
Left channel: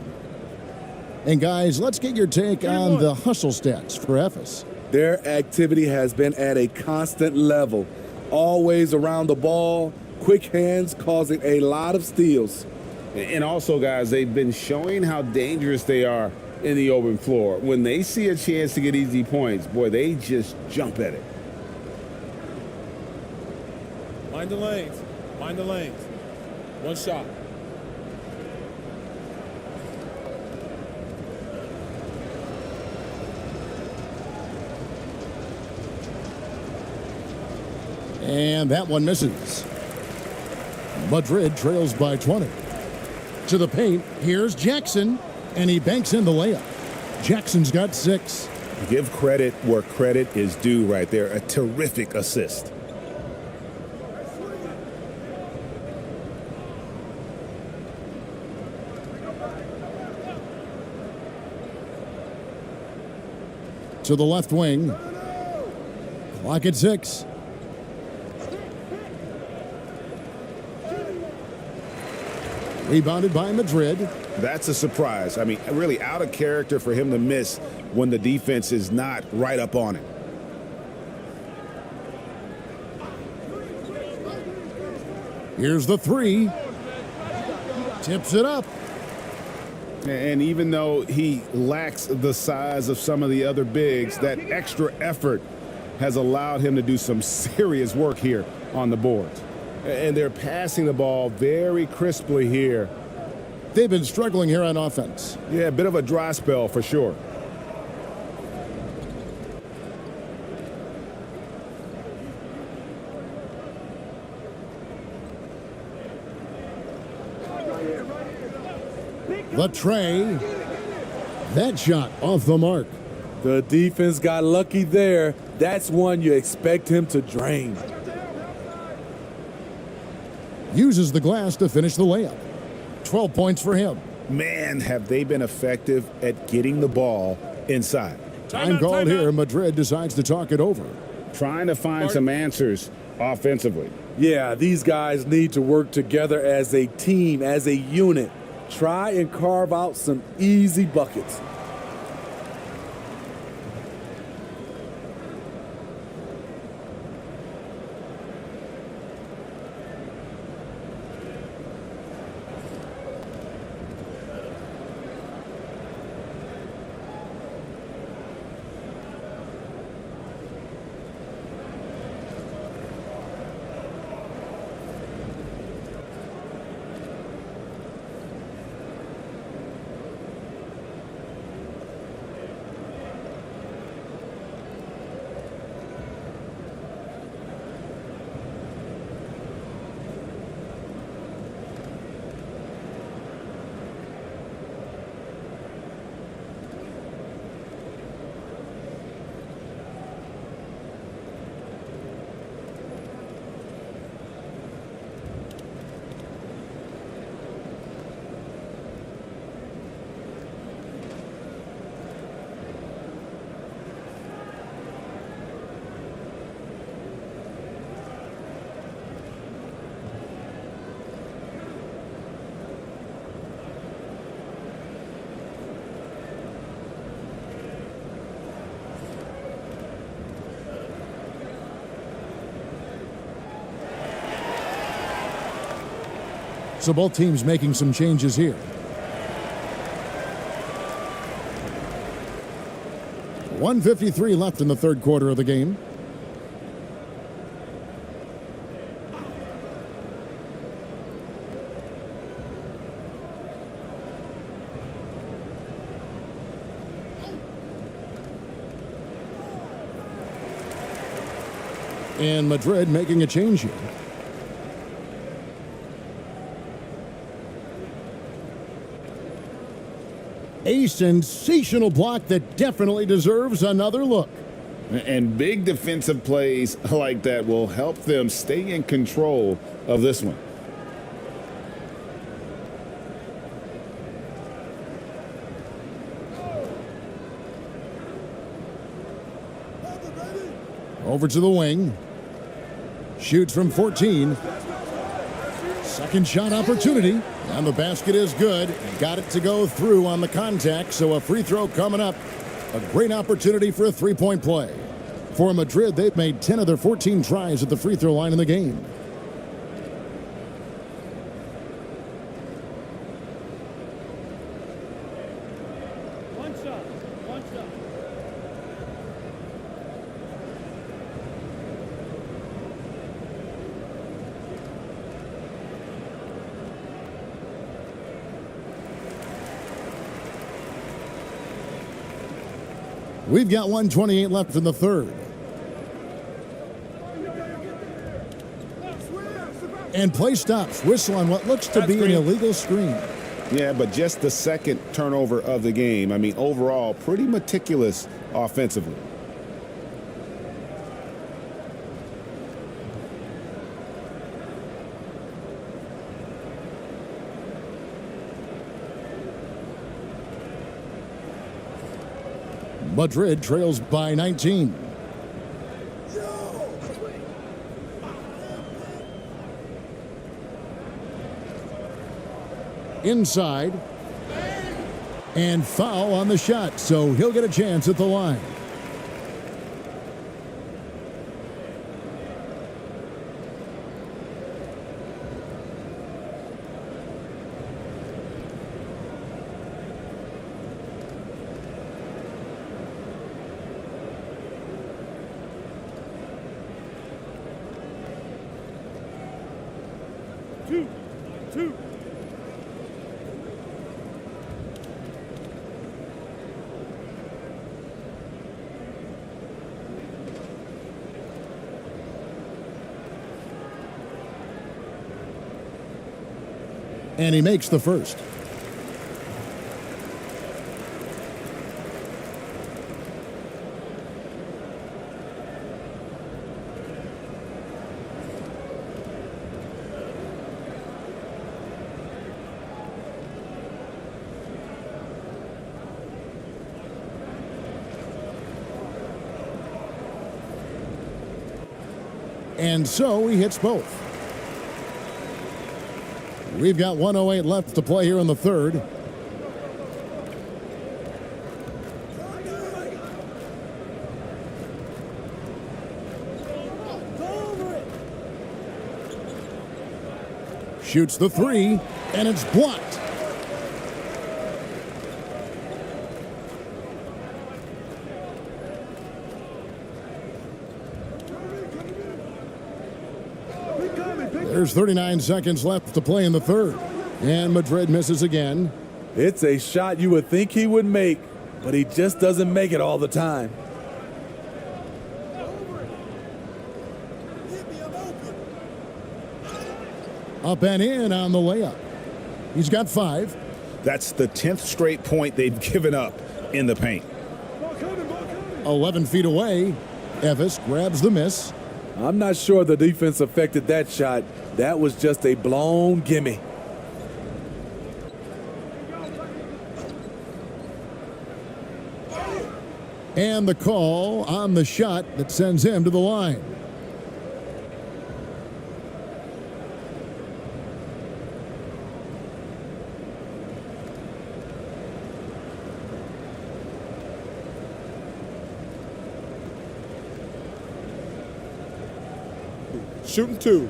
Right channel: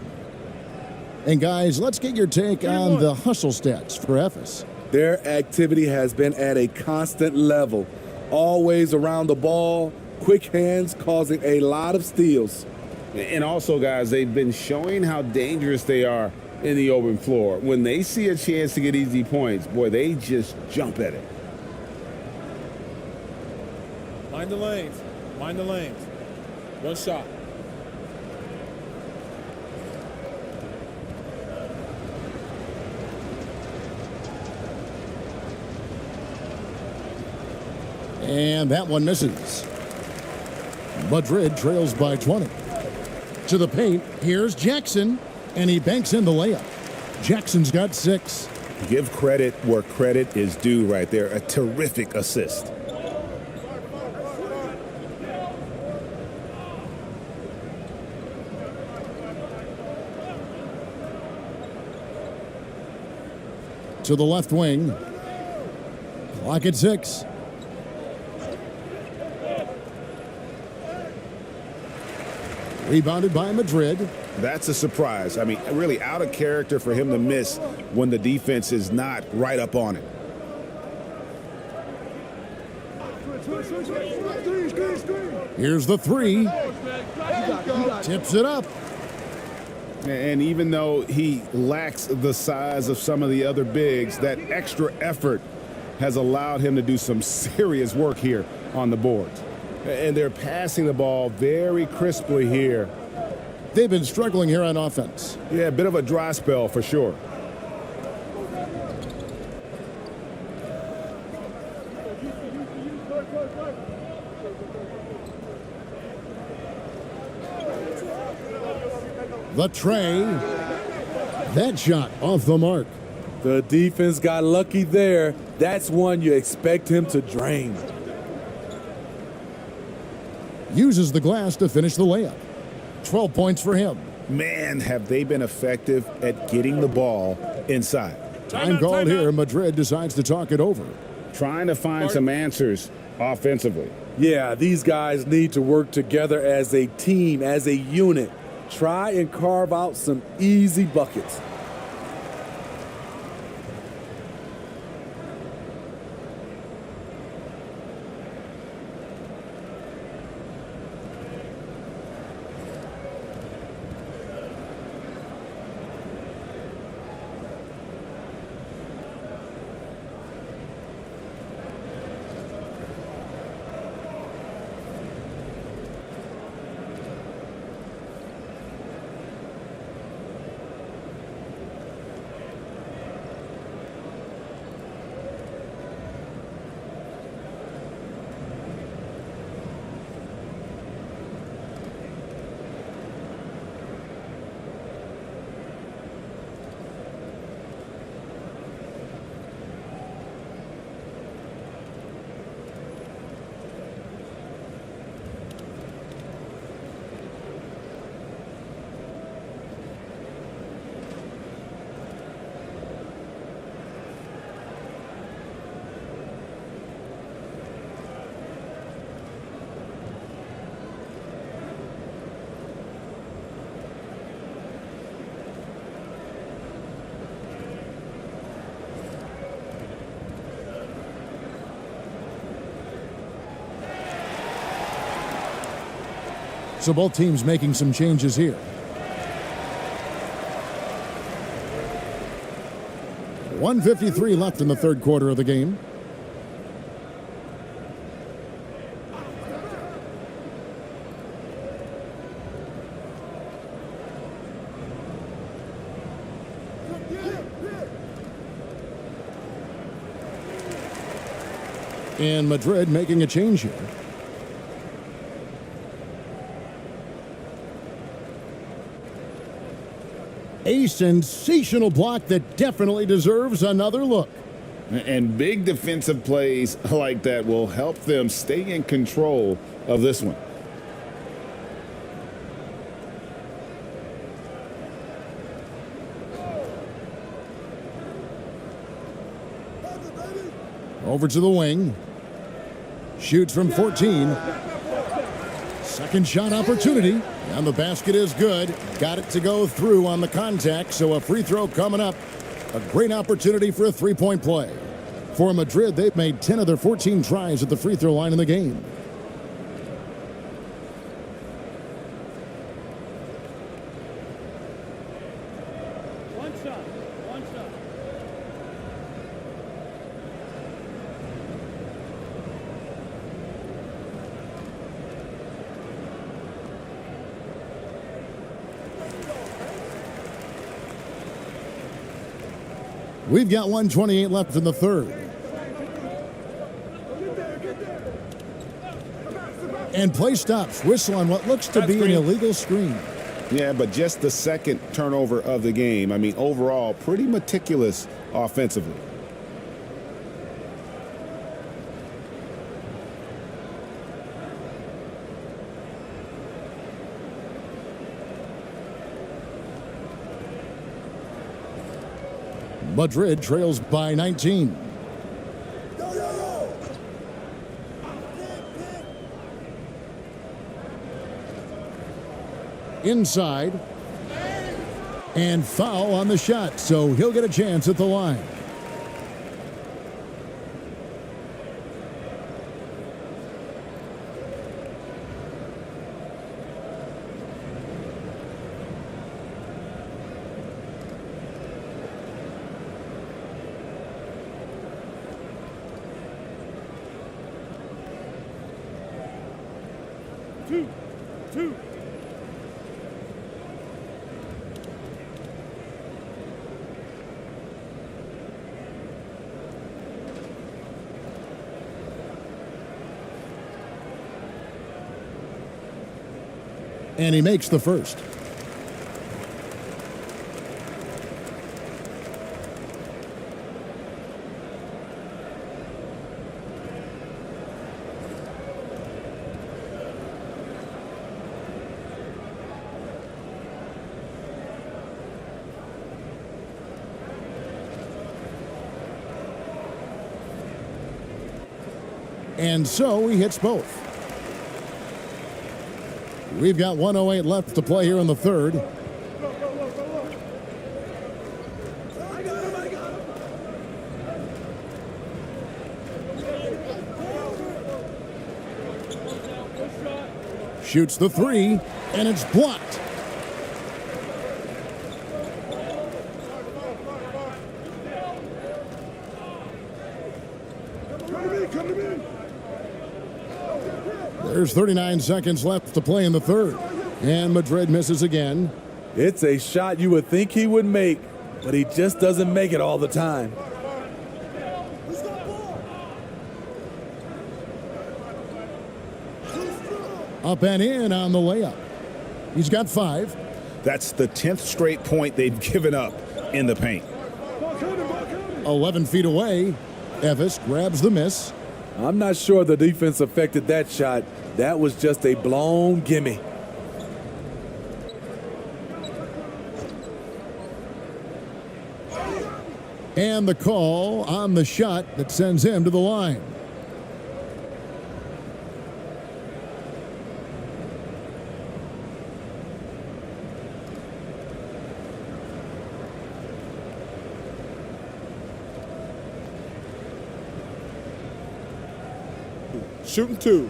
And guys, let's get your take on the hustle stats for Ephes. Their activity has been at a constant level. Always around the ball, quick hands causing a lot of steals. And also, guys, they've been showing how dangerous they are in the open floor. When they see a chance to get easy points, boy, they just jump at it. Mind the lanes. Mind the lanes. One shot. And that one misses. Madrid trails by 20. To the paint, here's Jackson, and he banks in the layup. Jackson's got 6. Give credit where credit is due right there. A terrific assist. To the left wing. Clock at 6. Rebounded by Madrid. That's a surprise. I mean, really out of character for him to miss when the defense is not right up on it. Here's the 3. Tips it up. And even though he lacks the size of some of the other bigs, that extra effort has allowed him to do some serious work here on the boards. And they're passing the ball very crisply here. They've been struggling here on offense. Yeah, a bit of a dry spell for sure. The tray. That shot off the mark. The defense got lucky there. That's one you expect him to drain. Uses the glass to finish the layup. 12 points for him. Man, have they been effective at getting the ball inside. Time called here. Madrid decides to talk it over. Trying to find some answers offensively. Yeah, these guys need to work together as a team, as a unit. Try and carve out some easy buckets. So both teams making some changes here. .153 left in the third quarter of the game. And Madrid making a change here. A sensational block that definitely deserves another look. And big defensive plays like that will help them stay in control of this one. Over to the wing. Shoots from 14. Second shot opportunity. And the basket is good. Got it to go through on the contact, so a free throw coming up. A great opportunity for a three-point play. For Madrid, they've made 10 of their 14 tries at the free throw line in the game. One shot. One shot. We've got 1:28 left in the third. And play stops. Whistle on what looks to be an illegal screen. Yeah, but just the second turnover of the game. I mean, overall, pretty meticulous offensively. Madrid trails by 19. Inside. And foul on the shot, so he'll get a chance at the line. Two. And he makes the first. And so he hits both. We've got 1:08 left to play here in the third. Shoots the three, and it's blocked. There's 39 seconds left to play in the third. And Madrid misses again. It's a shot you would think he would make, but he just doesn't make it all the time. Up and in on the layup. He's got 5. That's the 10th straight point they've given up in the paint. 11 feet away. Efes grabs the miss. I'm not sure the defense affected that shot. That was just a blown gimme. And the call on the shot that sends him to the line. Shooting 2.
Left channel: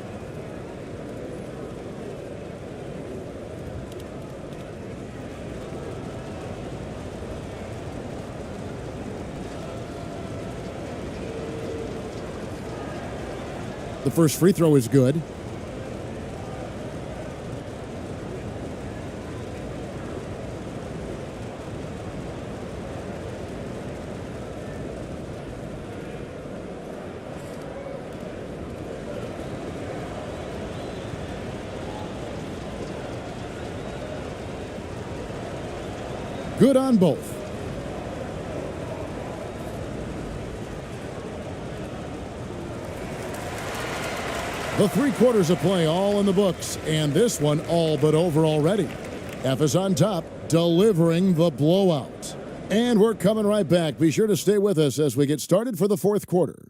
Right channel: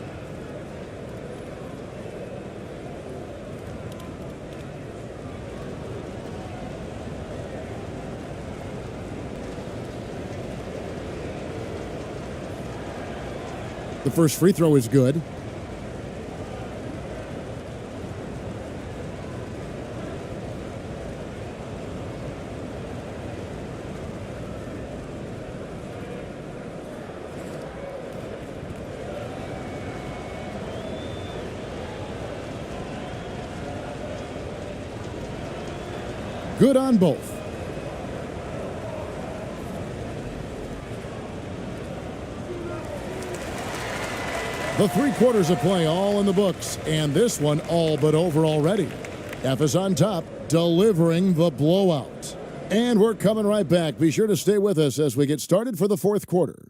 The first free throw is good. Good on both. The 3 quarters of play all in the books, and this one all but over already. Efes on top, delivering the blowout. And we're coming right back. Be sure to stay with us as we get started for the fourth quarter.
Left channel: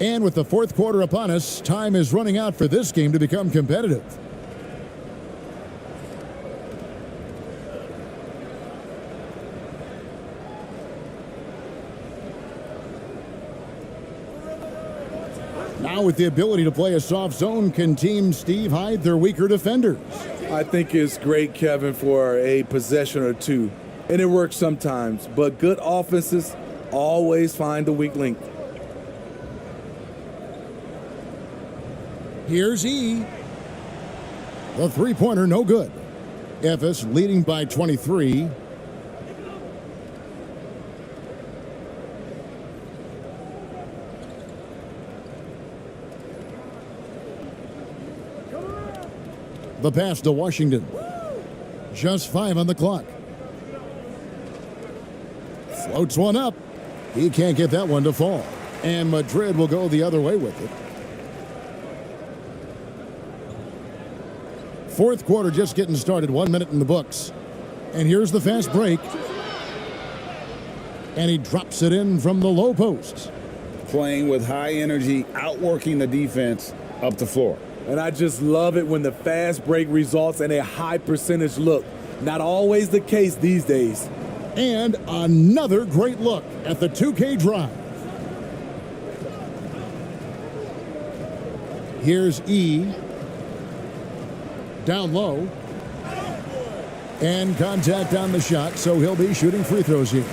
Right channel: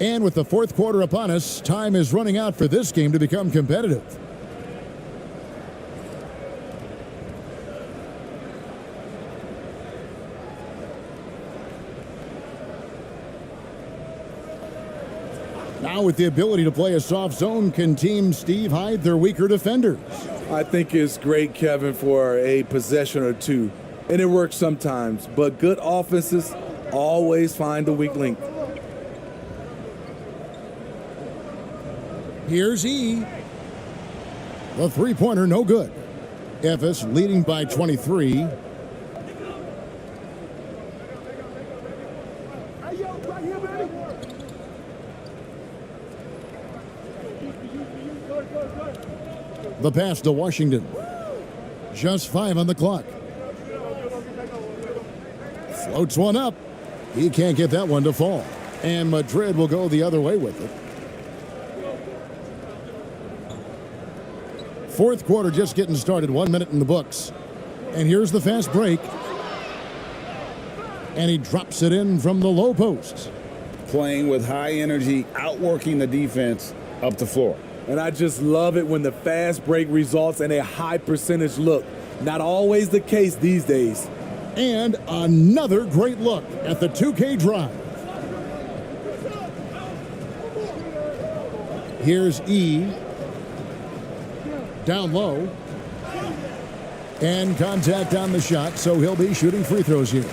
And with the fourth quarter upon us, time is running out for this game to become competitive. Now with the ability to play a soft zone, can Team Steve hide their weaker defenders? I think it's great, Kevin, for a possession or two. And it works sometimes, but good offenses always find the weak link. Here's E. The three-pointer, no good. Efes leading by 23. The pass to Washington. Just 5 on the clock. Floats one up. He can't get that one to fall. And Madrid will go the other way with it. Fourth quarter just getting started, 1 minute in the books. And here's the fast break. And he drops it in from the low post. Playing with high energy, outworking the defense up the floor. And I just love it when the fast break results in a high percentage look. Not always the case these days. And another great look at the 2K drive. Here's E. Down low. And contact on the shot, so he'll be shooting free throws here.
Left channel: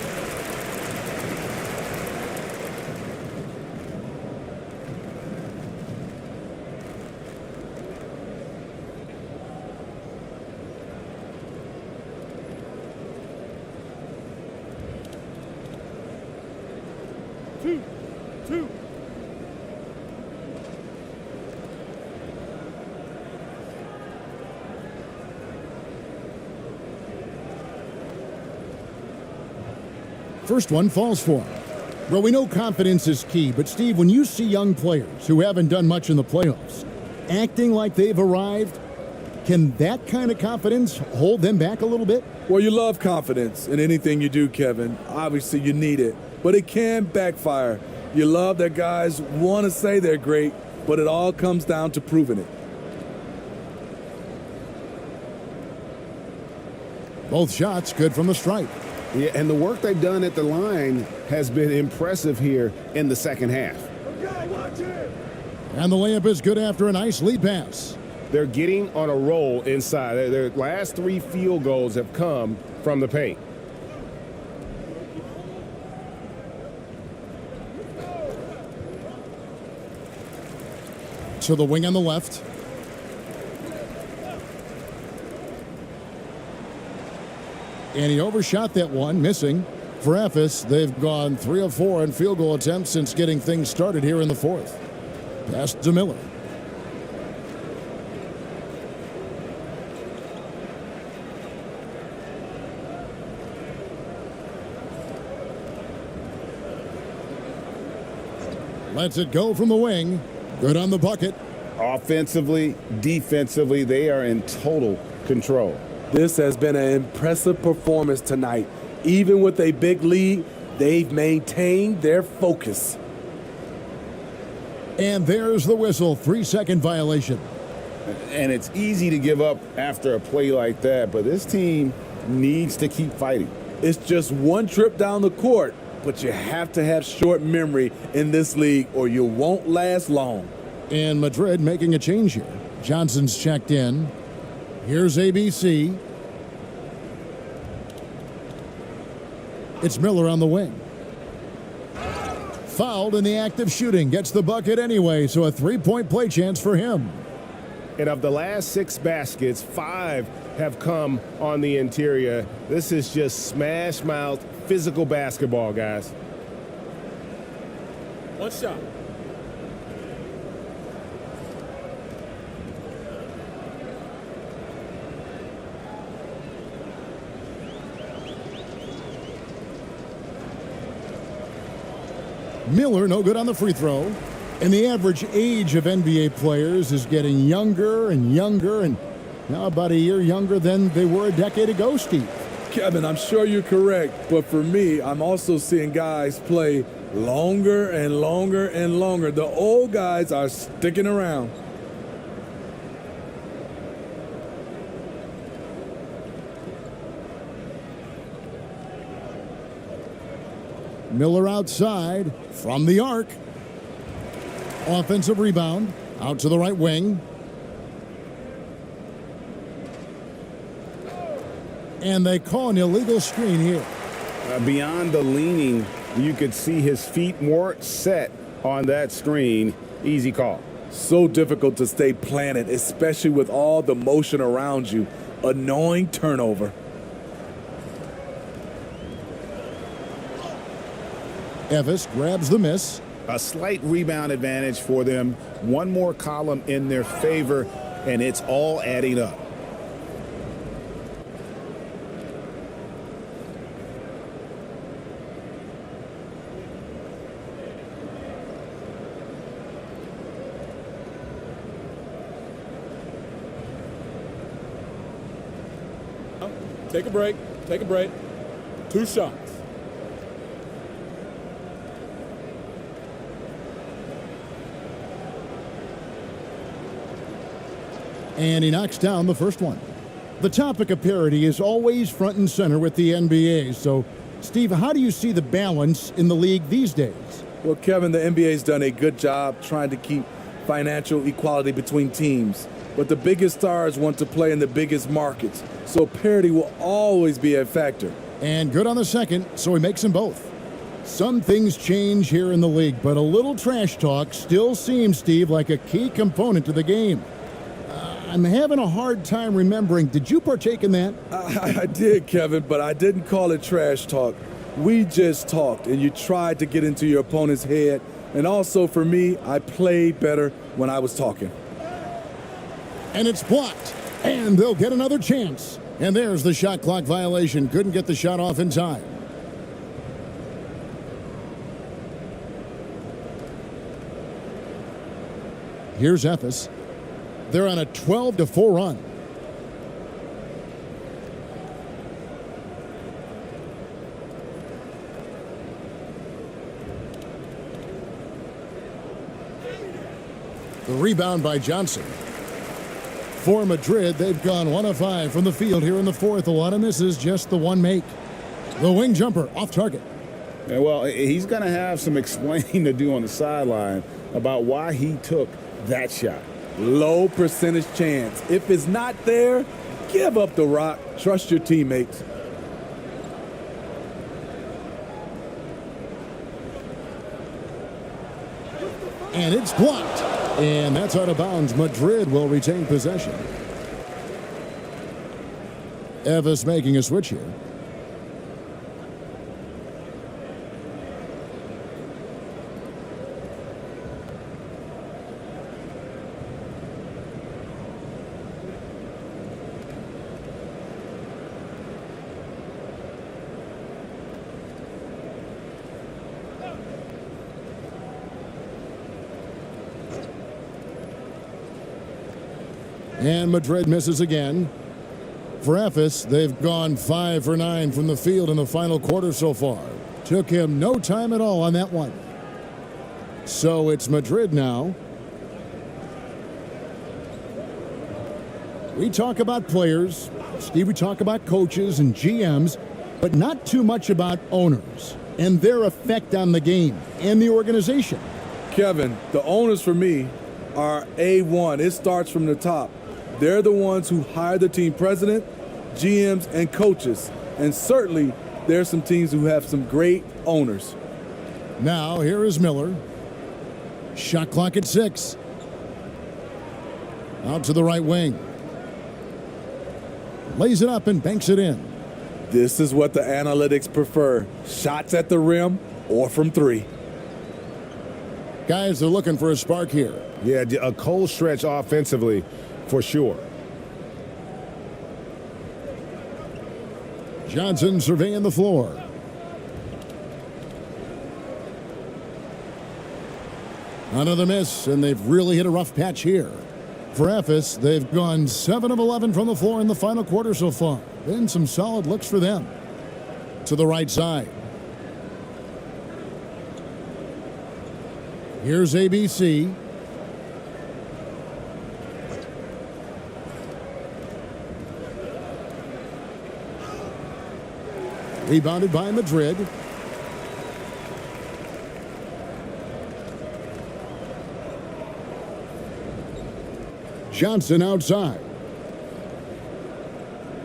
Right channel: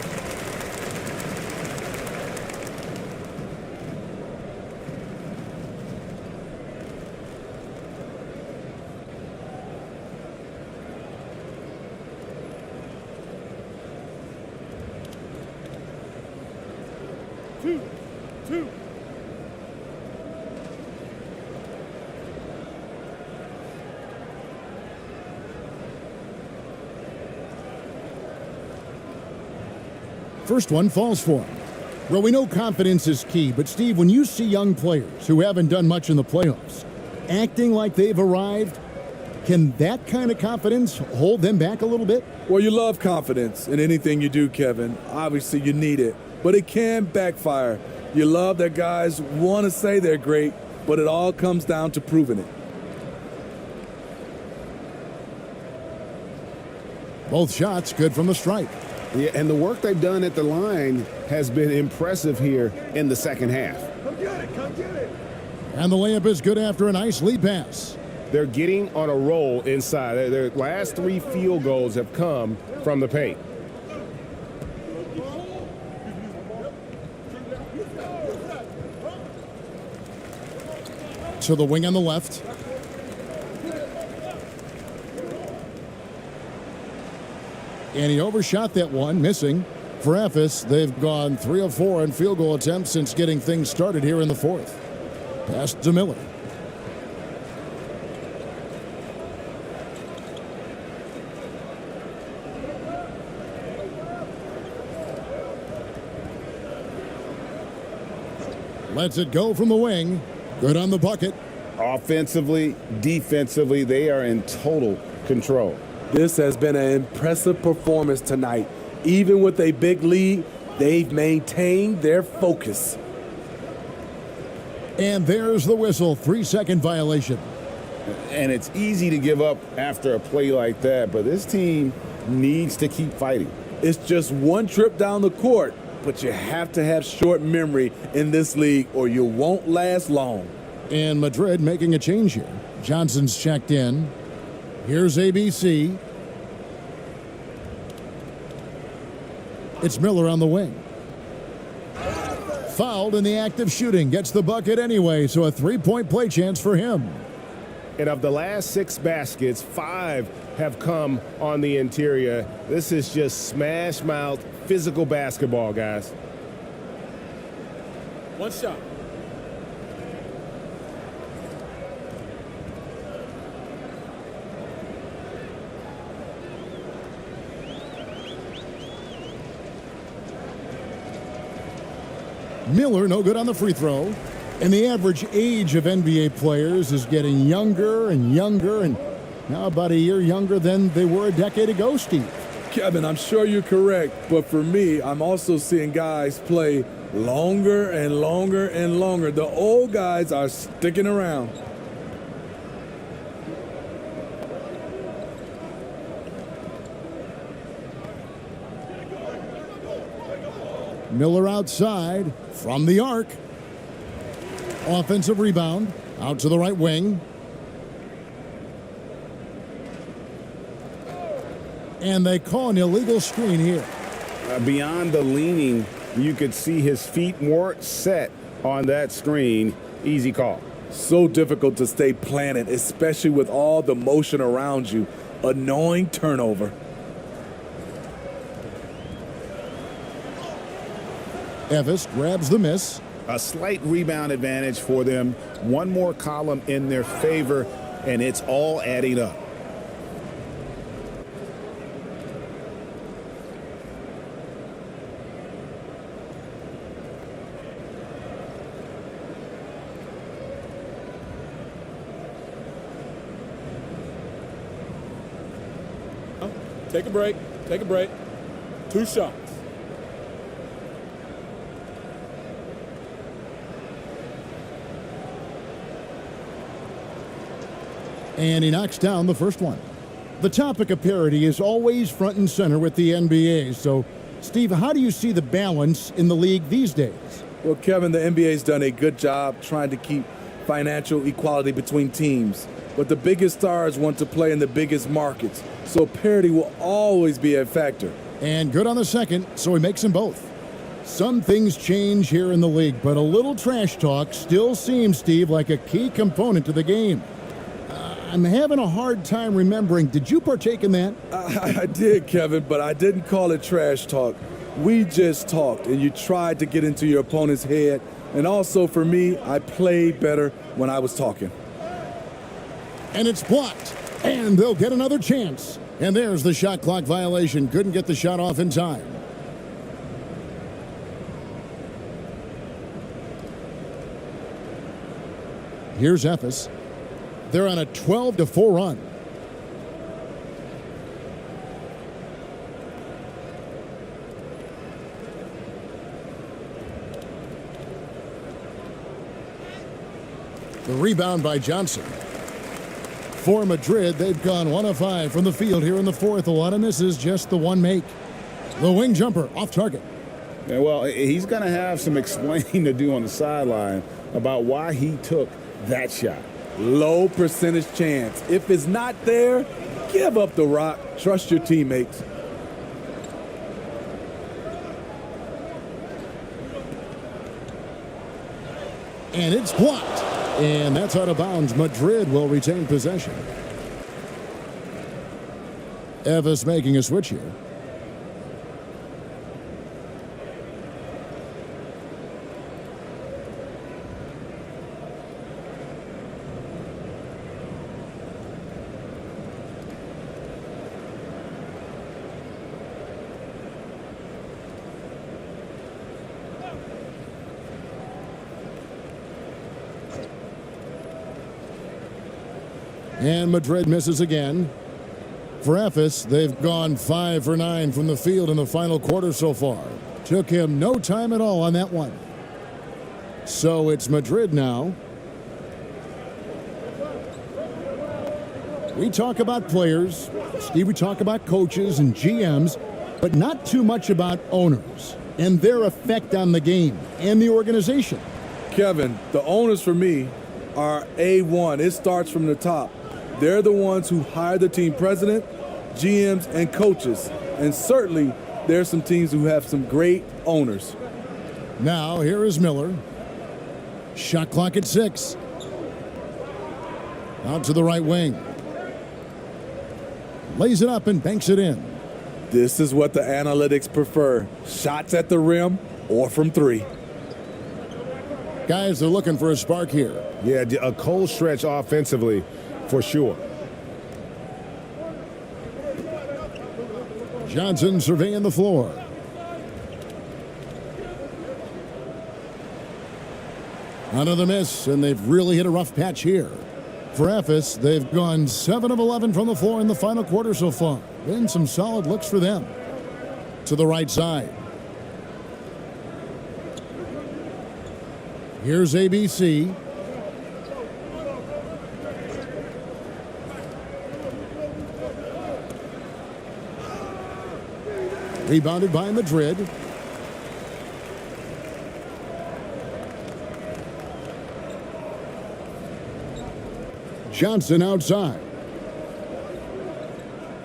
First one falls for him. Well, we know confidence is key, but Steve, when you see young players who haven't done much in the playoffs acting like they've arrived, can that kind of confidence hold them back a little bit? Well, you love confidence in anything you do, Kevin. Obviously, you need it, but it can backfire. You love that guys want to say they're great, but it all comes down to proving it. Both shots good from the stripe. Yeah, and the work they've done at the line has been impressive here in the second half. And the layup is good after a nice lead pass. They're getting on a roll inside. Their last 3 field goals have come from the paint. To the wing on the left. And he overshot that one, missing. For Ephes, they've gone 3 of 4 in field goal attempts since getting things started here in the fourth. Pass to Miller. Lets it go from the wing. Good on the bucket. Offensively, defensively, they are in total control. This has been an impressive performance tonight. Even with a big lead, they've maintained their focus. And there's the whistle, 3-second violation. And it's easy to give up after a play like that, but this team needs to keep fighting. It's just one trip down the court, but you have to have short memory in this league or you won't last long. And Madrid making a change here. Johnson's checked in. Here's ABC. It's Miller on the wing. Fouled in the act of shooting. Gets the bucket anyway, so a 3-point play chance for him. And of the last 6 baskets, 5 have come on the interior. This is just smash mouth physical basketball, guys. One shot. Miller no good on the free throw. And the average age of NBA players is getting younger and younger, and now about a year younger than they were a decade ago, Steve. Kevin, I'm sure you're correct, but for me, I'm also seeing guys play longer and longer and longer. The old guys are sticking around. Miller outside from the arc. Offensive rebound out to the right wing. And they call an illegal screen here. Beyond the leaning, you could see his feet weren't set on that screen. Easy call. So difficult to stay planted, especially with all the motion around you. Annoying turnover. Ephes grabs the miss. A slight rebound advantage for them. One more column in their favor, and it's all adding up. Take a break. Take a break. 2 shots. And he knocks down the first one. The topic of parity is always front and center with the NBA. So, Steve, how do you see the balance in the league these days? Well, Kevin, the NBA's done a good job trying to keep financial equality between teams. But the biggest stars want to play in the biggest markets. So parity will always be a factor. And good on the second, so he makes them both. Some things change here in the league, but a little trash talk still seems, Steve, like a key component to the game. I'm having a hard time remembering. Did you partake in that? I did, Kevin, but I didn't call it trash talk. We just talked, and you tried to get into your opponent's head. And also, for me, I played better when I was talking. And it's blocked. And they'll get another chance. And there's the shot clock violation. Couldn't get the shot off in time. Here's Ephes. They're on a 12-4 run. The rebound by Johnson. For Madrid, they've gone 1 of 5 from the field here in the fourth. A lot of misses, just the one make. The wing jumper off target. Yeah, well, he's going to have some explaining to do on the sideline about why he took that shot. Low percentage chance. If it's not there, give up the rock. Trust your teammates. And it's blocked. And that's out of bounds. Madrid will retain possession. Ephes making a switch here. And Madrid misses again. For Ephes, they've gone 5 for 9 from the field in the final quarter so far. Took him no time at all on that one. So it's Madrid now. We talk about players, Steve, we talk about coaches and GMs, but not too much about owners and their effect on the game and the organization. Kevin, the owners for me are A1. It starts from the top. They're the ones who hire the team president, GMs, and coaches. And certainly, there are some teams who have some great owners. Now, here is Miller. Shot clock at 6. Out to the right wing. Lays it up and banks it in. This is what the analytics prefer. Shots at the rim or from 3. Guys, they're looking for a spark here. Yeah, a cold stretch offensively. For sure. Johnson surveying the floor. Another miss, and they've really hit a rough patch here. For Ephes, they've gone 7 of 11 from the floor in the final quarter so far. Been some solid looks for them. To the right side. Here's ABC. Rebounded by Madrid. Johnson outside.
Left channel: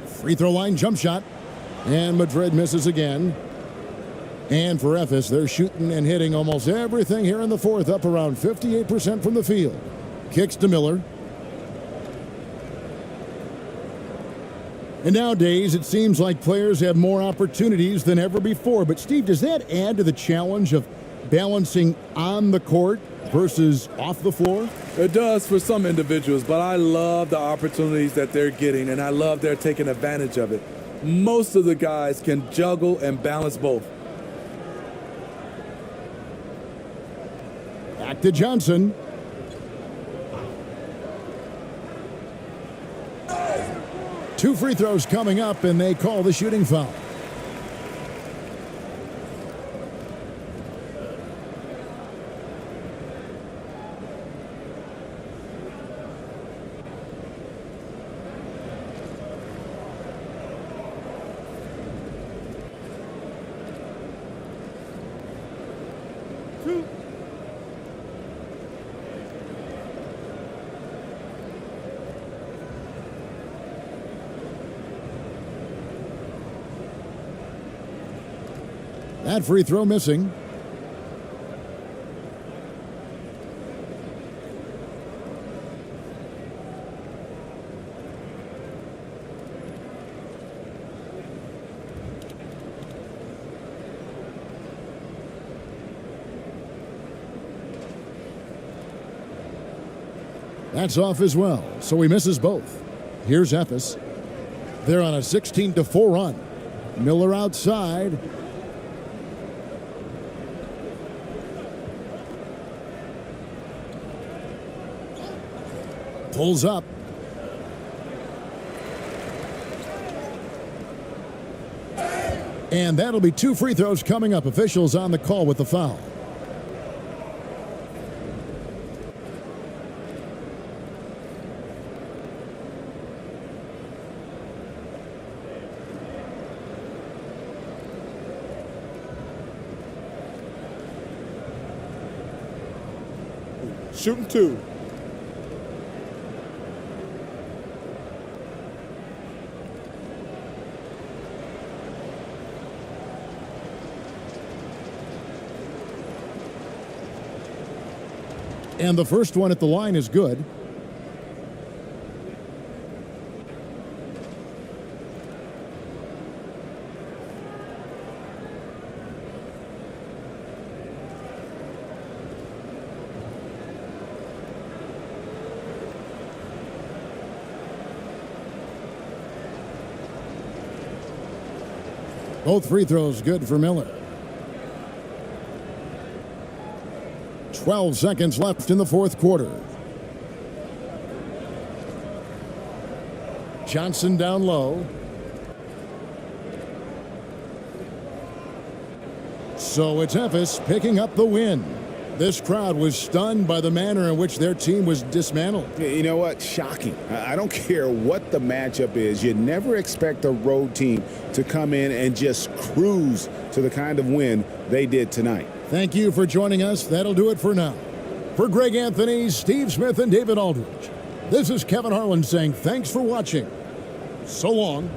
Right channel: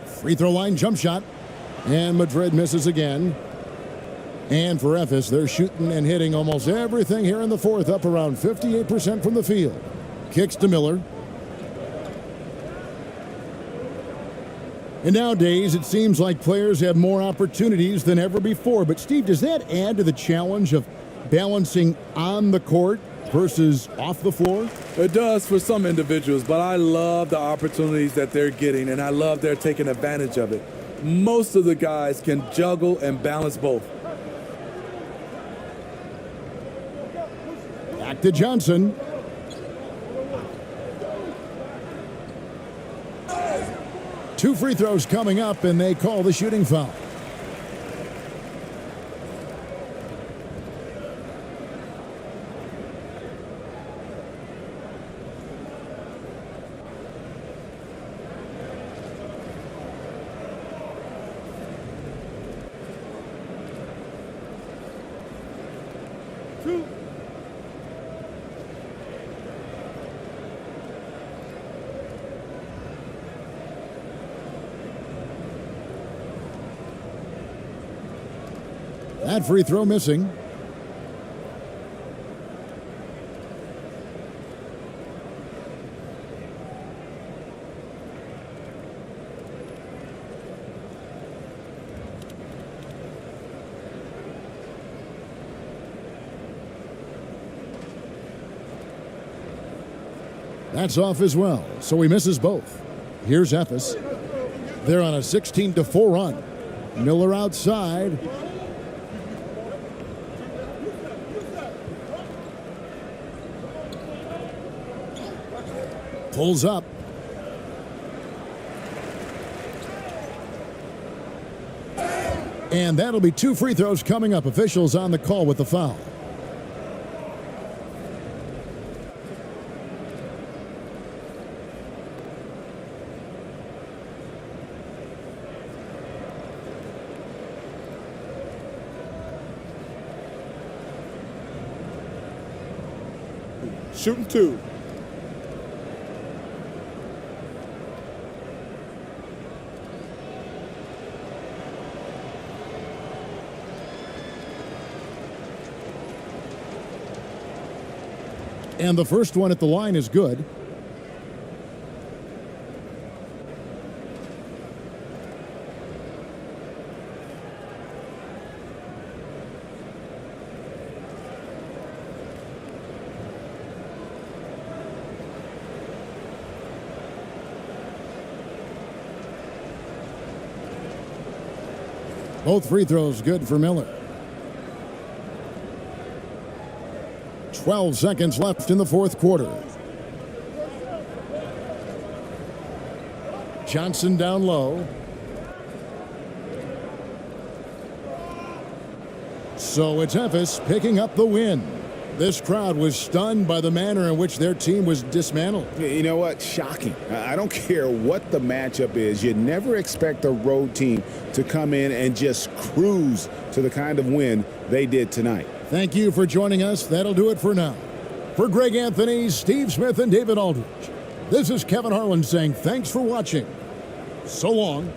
Free throw line jump shot. And Madrid misses again. And for Ephes, they're shooting and hitting almost everything here in the fourth, up around 58% from the field. Kicks to Miller. And nowadays, it seems like players have more opportunities than ever before. But, Steve, does that add to the challenge of balancing on the court versus off the floor? It does for some individuals, but I love the opportunities that they're getting, and I love they're taking advantage of it. Most of the guys can juggle and balance both. Back to Johnson. Two free throws coming up, and they call the shooting foul. That free throw missing. That's off as well, so he misses both. Here's Ephes. They're on a 16-4 run. Miller outside. Pulls up. And that'll be 2 free throws coming up. Officials on the call with the foul. Shooting 2. And the first one at the line is good. Both free throws good for Miller. 12 seconds left in the fourth quarter. Johnson down low. So it's Ephes picking up the win. This crowd was stunned by the manner in which their team was dismantled. You know what? Shocking. I don't care what the matchup is. You never expect a road team to come in and just cruise to the kind of win they did tonight. Thank you for joining us. That'll do it for now. For Greg Anthony, Steve Smith, and David Aldridge, this is Kevin Harlan saying thanks for watching. So long.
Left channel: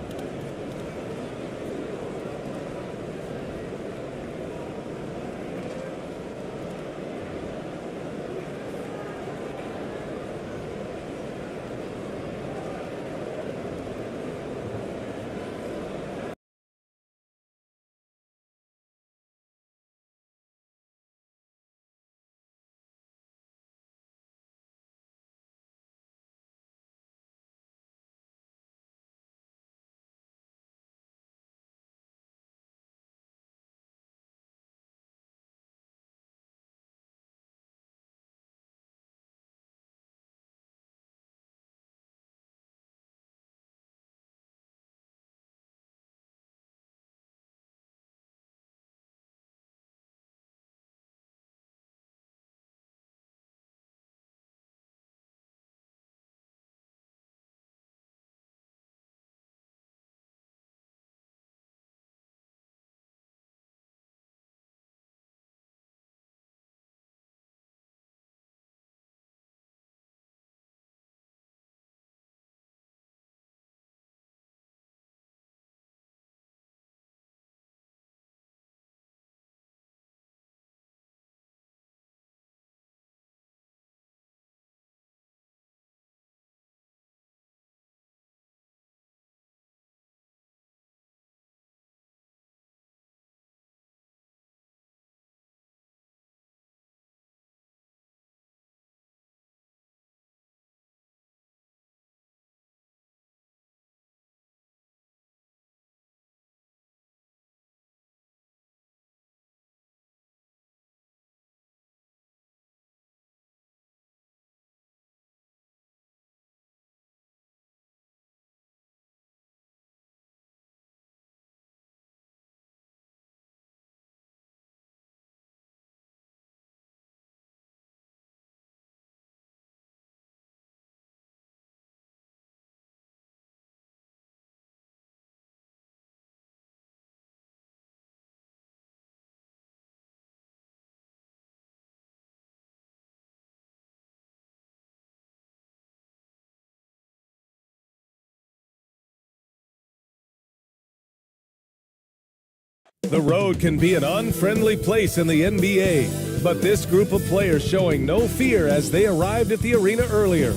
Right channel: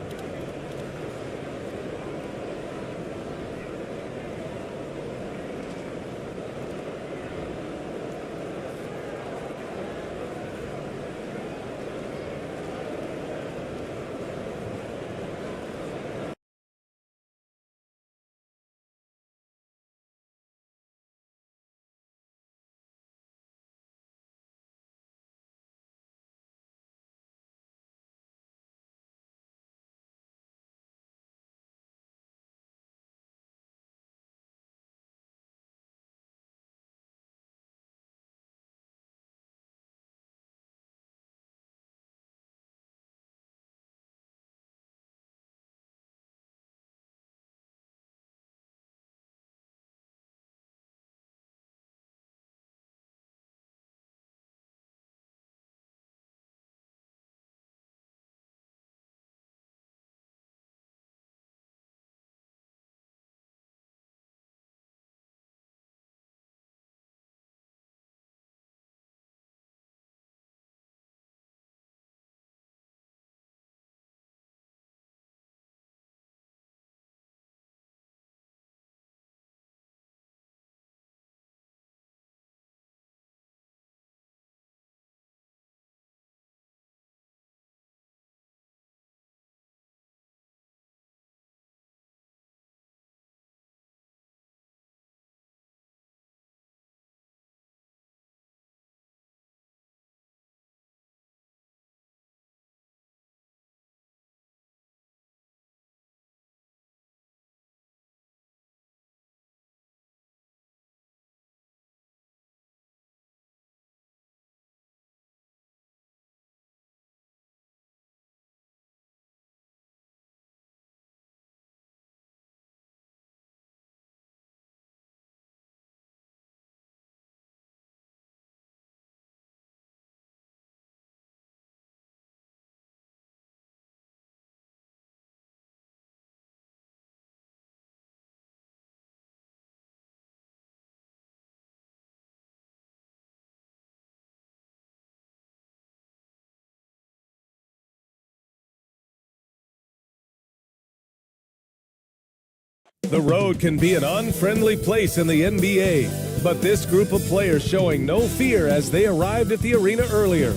The road can be an unfriendly place in the NBA, but this group of players showing no fear as they arrived at the arena earlier.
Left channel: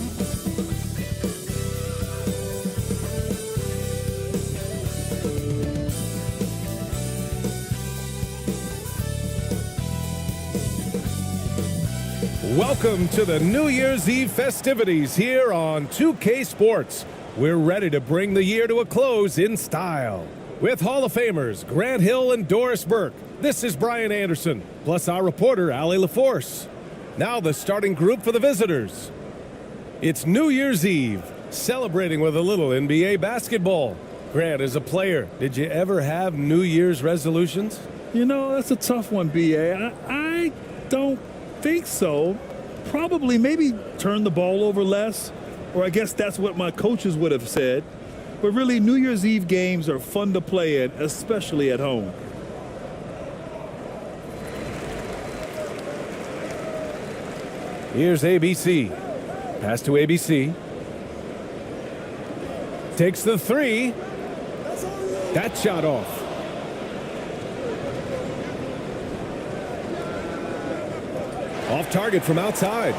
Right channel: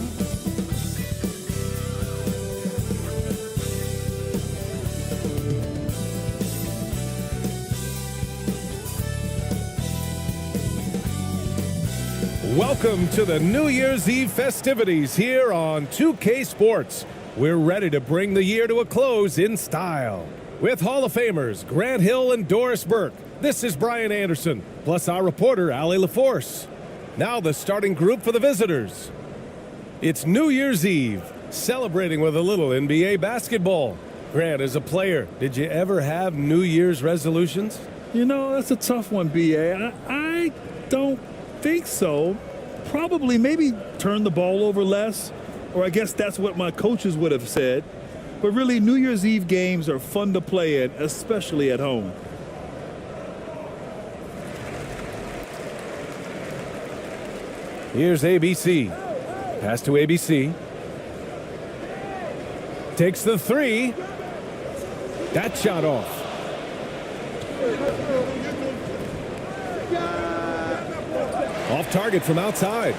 Welcome to the New Year's Eve festivities here on 2K Sports. We're ready to bring the year to a close in style. With Hall of Famers Grant Hill and Doris Burke, this is Brian Anderson, plus our reporter, Allie LaForce. Now the starting group for the visitors. It's New Year's Eve, celebrating with a little NBA basketball. Grant, as a player, did you ever have New Year's resolutions? You know, that's a tough one, B.A. I don't think so. Probably maybe turn the ball over less, or I guess that's what my coaches would have said. But really, New Year's Eve games are fun to play in, especially at home. Here's ABC. Pass to ABC. Takes the three. That shot off. Off target from outside.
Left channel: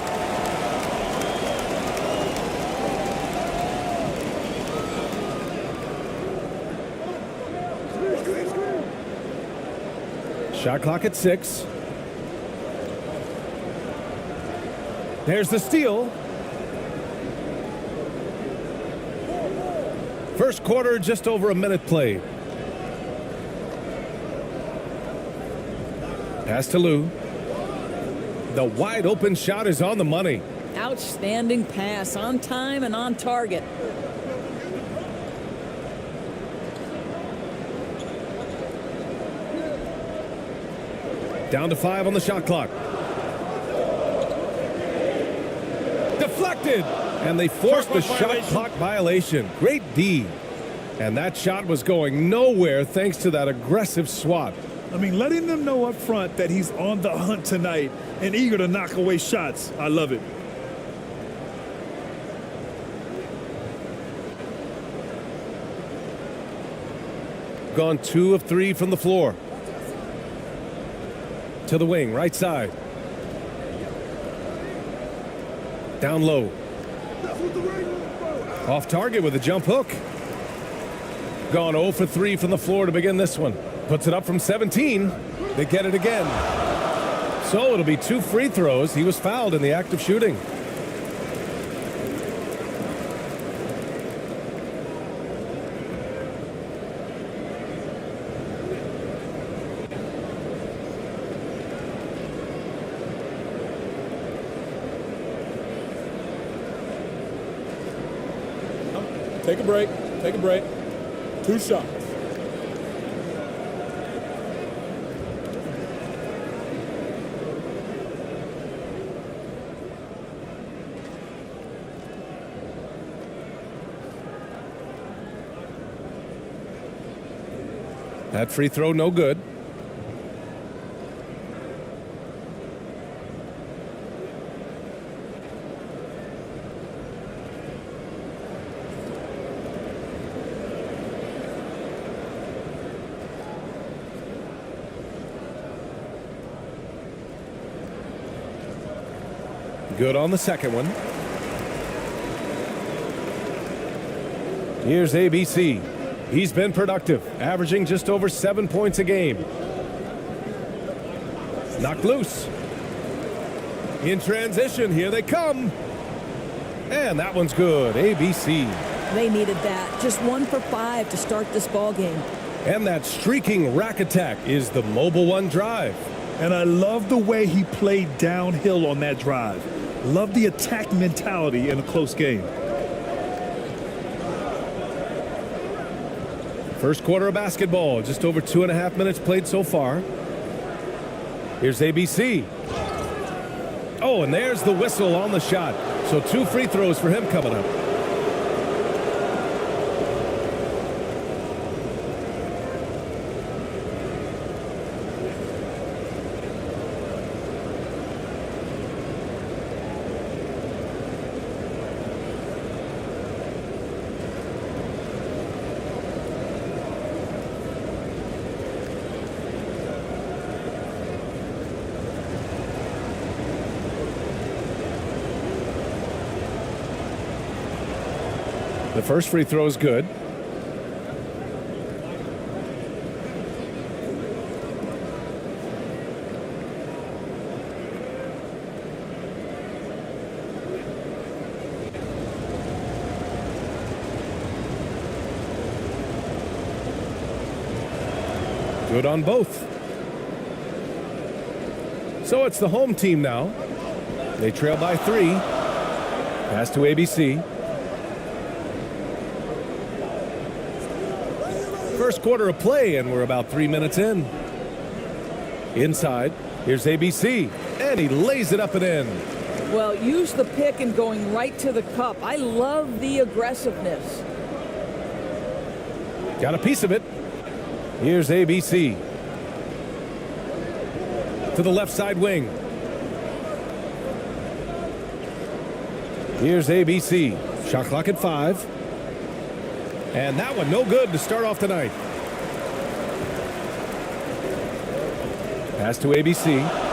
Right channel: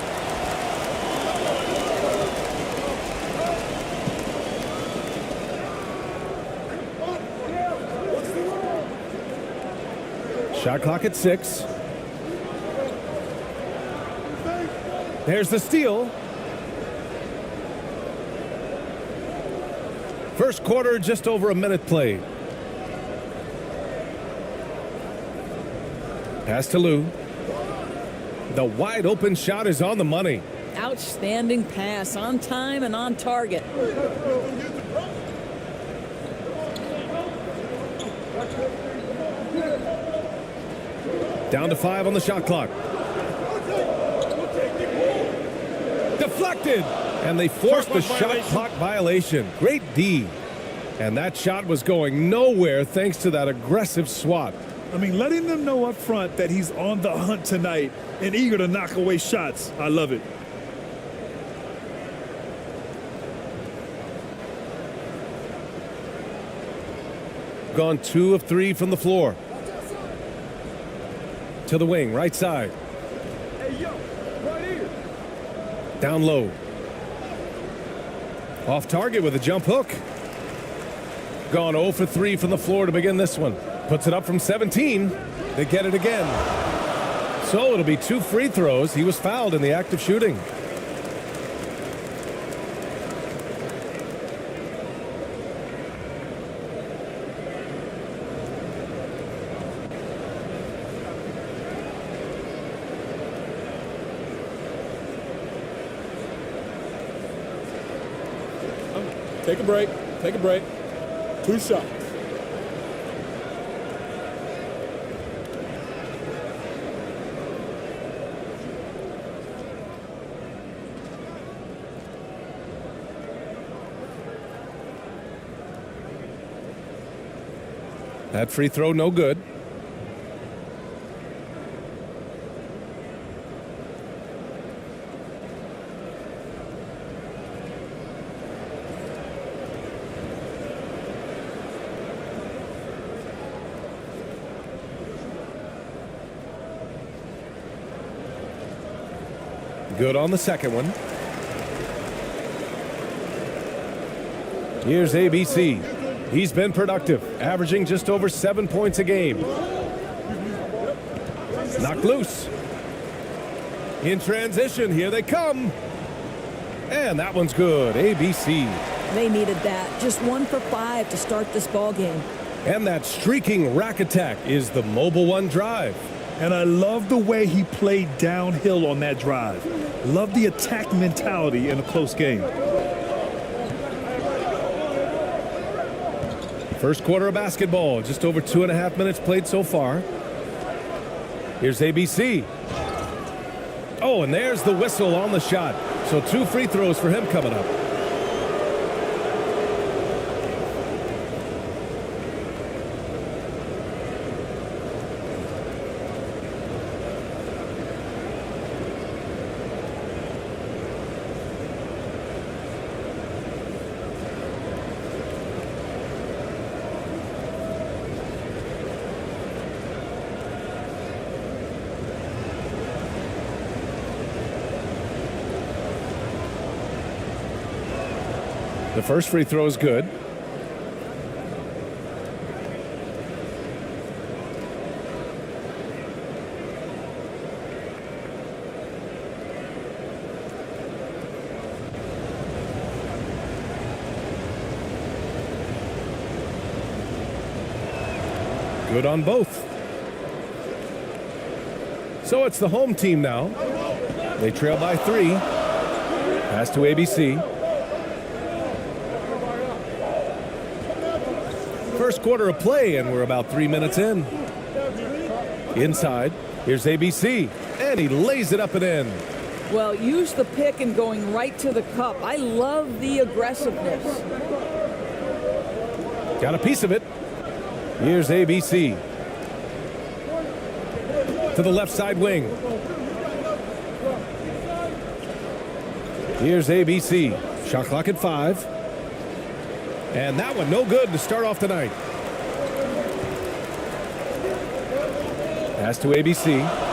Shot clock at 6. There's the steal. First quarter, just over a minute played. Pass to Lou. The wide open shot is on the money. Outstanding pass, on time and on target. Down to 5 on the shot clock. Deflected, and they forced the shot clock violation. Great D. And that shot was going nowhere thanks to that aggressive swat. I mean, letting them know up front that he's on the hunt tonight and eager to knock away shots. I love it. Gone 2 of 3 from the floor. To the wing, right side. Down low. Off target with a jump hook. Gone 0 for 3 from the floor to begin this one. Puts it up from 17. They get it again. So it'll be 2 free throws. He was fouled in the act of shooting. Take a break. Take a break. 2 shots. That free throw no good. Good on the second one. Here's ABC. He's been productive, averaging just over 7 points a game. Knocked loose. In transition, here they come. And that one's good, ABC. They needed that. Just 1 for 5 to start this ball game. And that streaking rack attack is the Mobile One drive. And I love the way he played downhill on that drive. Love the attack mentality in a close game. First quarter of basketball, just over 2.5 minutes played so far. Here's ABC. Oh, and there's the whistle on the shot. So 2 free throws for him coming up. The first free throw is good. Good on both. So it's the home team now. They trail by 3. Pass to ABC. First quarter of play, and we're about 3 minutes in. Inside, here's ABC, and he lays it up and in. Well, use the pick and going right to the cup. I love the aggressiveness. Got a piece of it. Here's ABC. To the left side wing. Here's ABC. Shot clock at 5. And that one no good to start off tonight. Pass to ABC.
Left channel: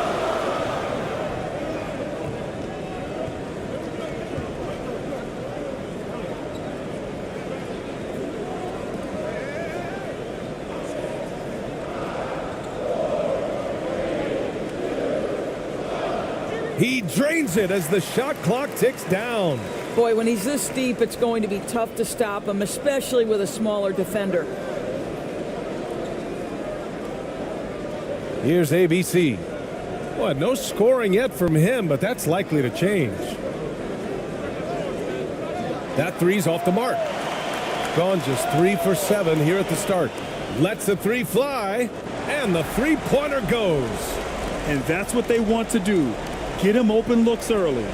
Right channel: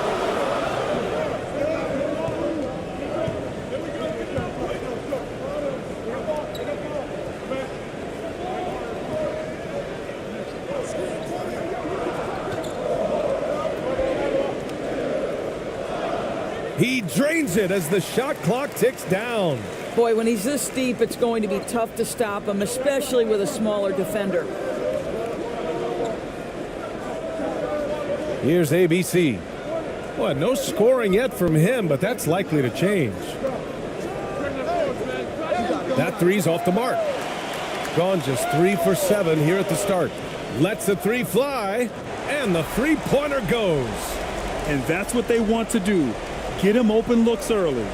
He drains it as the shot clock ticks down. Boy, when he's this deep, it's going to be tough to stop him, especially with a smaller defender. Here's ABC. Well, no scoring yet from him, but that's likely to change. That three's off the mark. Gone just 3 for 7 here at the start. Lets the three fly, and the three-pointer goes. And that's what they want to do. Get him open looks early.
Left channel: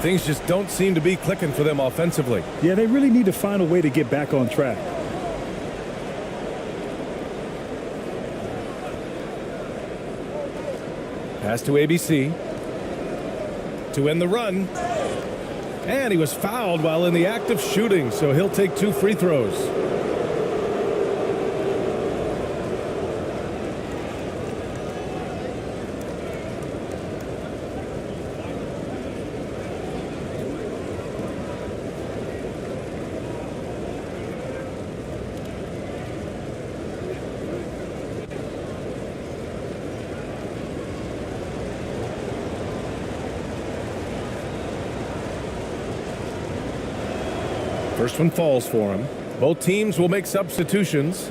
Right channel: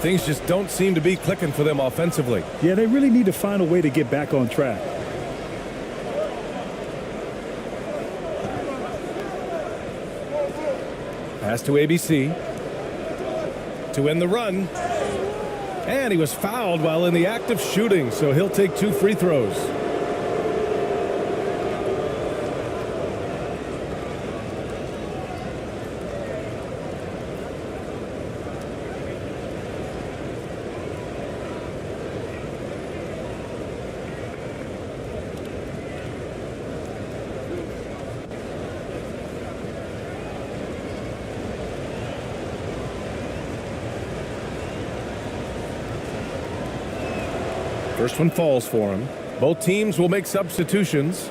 Things just don't seem to be clicking for them offensively. Yeah, they really need to find a way to get back on track. Pass to ABC. To end the run. And he was fouled while in the act of shooting, so he'll take 2 free throws. First one falls for him. Both teams will make substitutions.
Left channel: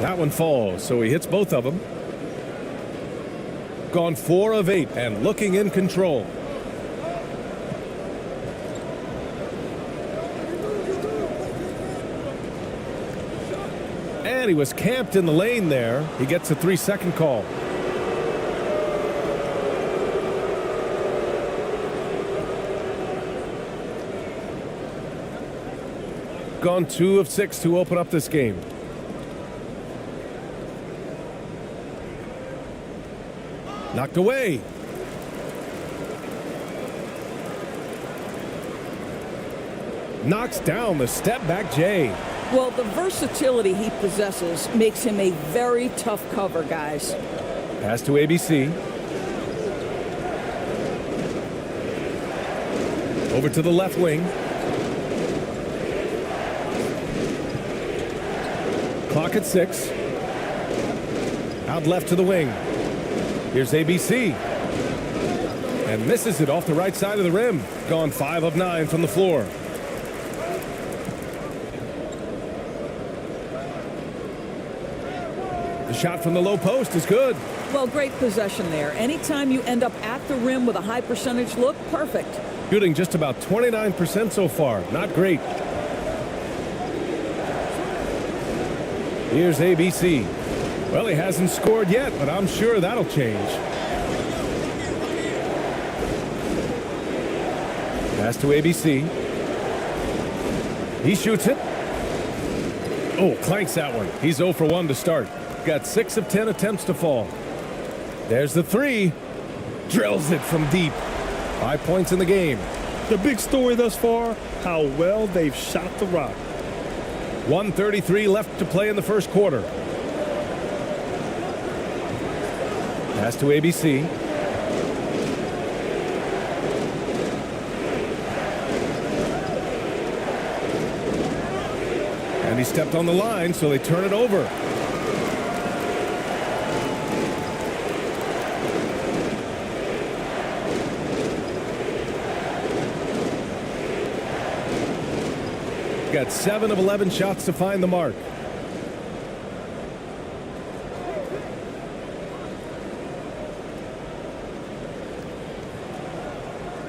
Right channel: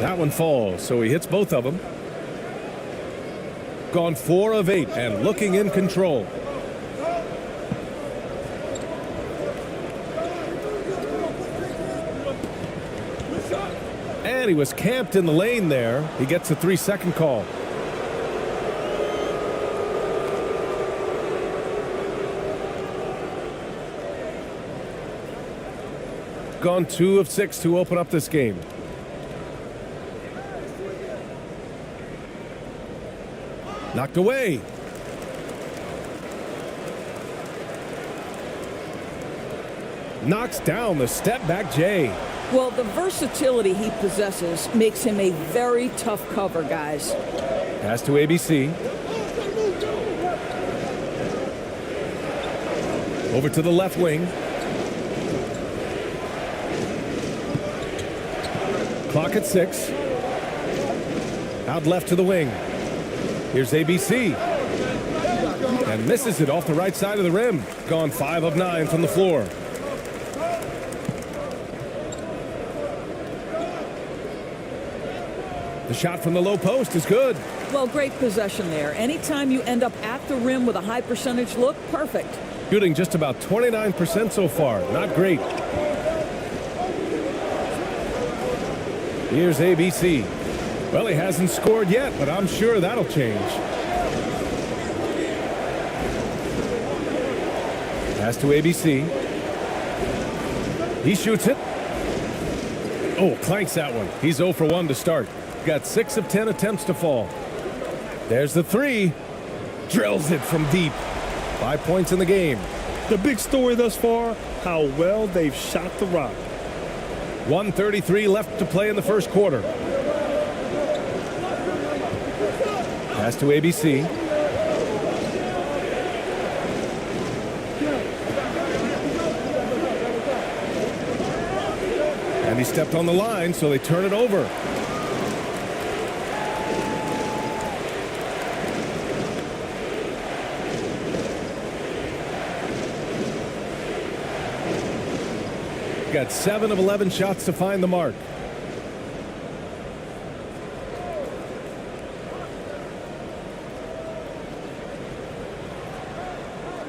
That one falls, so he hits both of them. Gone 4 of 8 and looking in control. And he was camped in the lane there. He gets a 3-second call. Gone 2 of 6 to open up this game. Knocked away. Knocks down the step back Jay. Well, the versatility he possesses makes him a very tough cover, guys. Pass to ABC. Over to the left wing. Clock at 6. Out left to the wing. Here's ABC. And misses it off the right side of the rim. Gone 5 of 9 from the floor. The shot from the low post is good. Well, great possession there. Anytime you end up at the rim with a high percentage look, perfect. Shooting just about 29% so far. Not great. Here's ABC. Well, he hasn't scored yet, but I'm sure that'll change. Pass to ABC. He shoots it. Oh, clanks that one. He's 0 for 1 to start. Got 6 of 10 attempts to fall. There's the 3. Drills it from deep. 5 points in the game. The big story thus far, how well they've shot the rock. 1:33 left to play in the first quarter. Pass to ABC. And he stepped on the line, so they turn it over. got 7 of 11 shots to find the mark.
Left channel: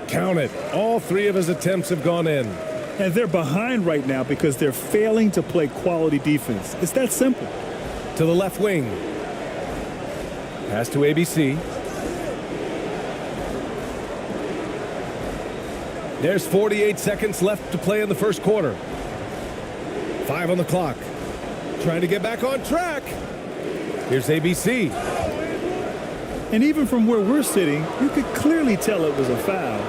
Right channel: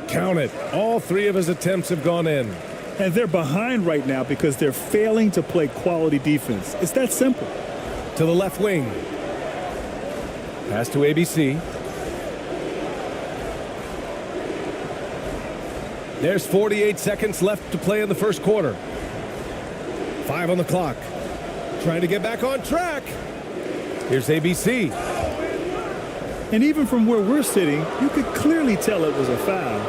Count it. All 3 of his attempts have gone in. And they're behind right now because they're failing to play quality defense. It's that simple. To the left wing. Pass to ABC. There's 48 seconds left to play in the first quarter. 5 on the clock. Trying to get back on track. Here's ABC. And even from where we're sitting, you could clearly tell it was a foul.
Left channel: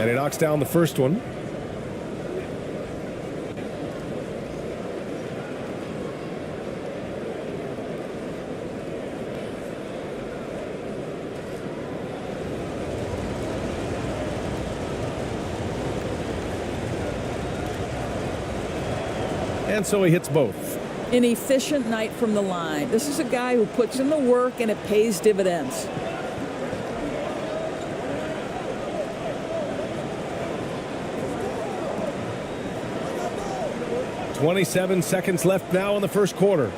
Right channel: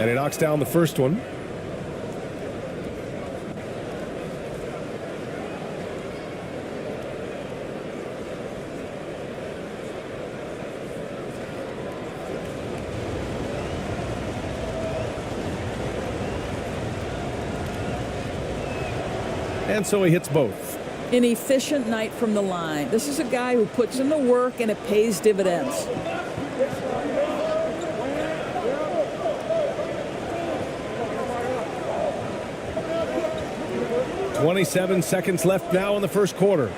And he knocks down the first one. And so he hits both. An efficient night from the line. This is a guy who puts in the work and it pays dividends. 27 seconds left now in the first quarter.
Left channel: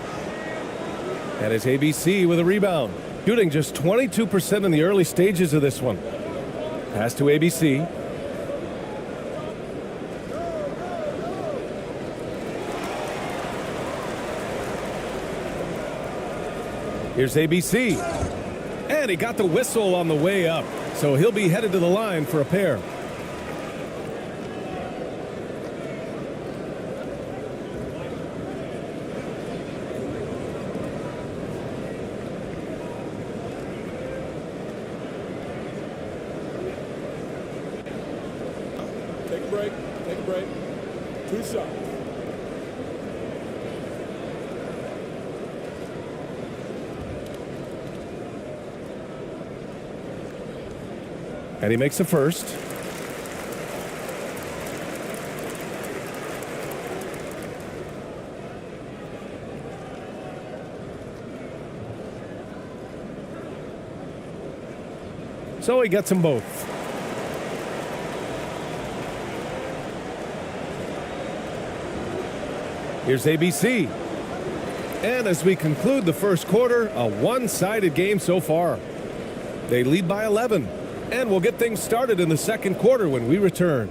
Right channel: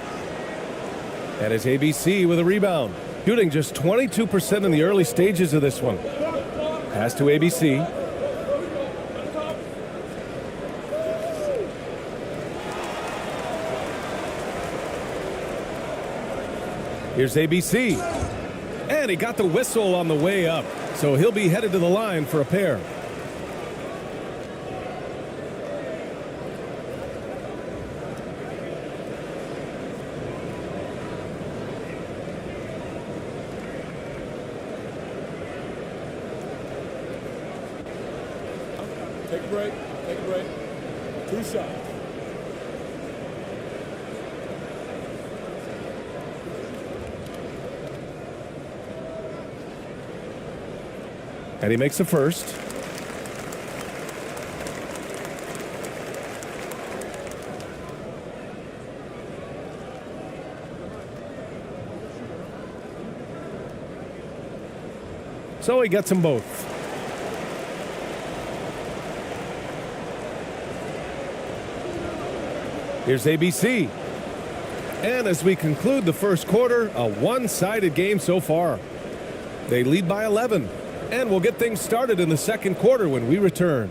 That is ABC with a rebound. Shooting just 22% in the early stages of this one. Pass to ABC. Here's ABC. And he got the whistle on the way up. So he'll be headed to the line for a pair. Take a break. Take a break. 2 shots. And he makes the first. So he gets them both. Here's ABC. And as we conclude the first quarter, a one-sided game so far. They lead by 11. And we'll get things started in the second quarter when we return.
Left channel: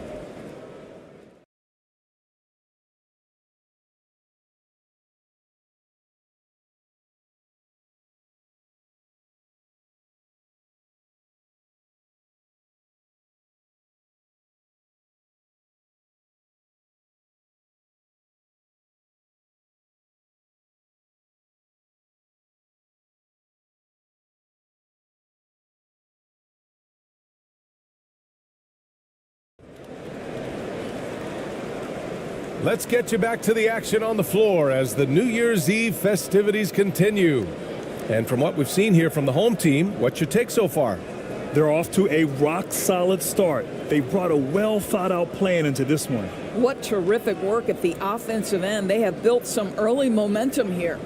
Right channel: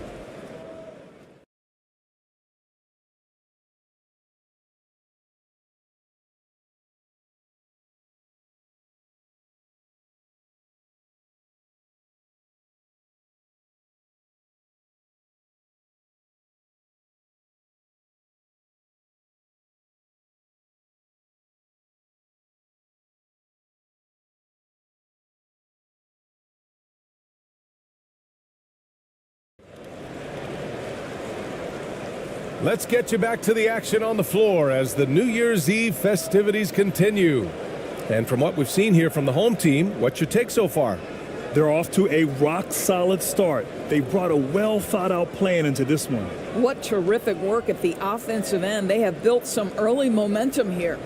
Let's get you back to the action on the floor as the New Year's Eve festivities continue. And from what we've seen here from the home team, what's your take so far? They're off to a rock-solid start. They brought a well-thought-out plan into this one. What terrific work at the offensive end. They have built some early momentum here.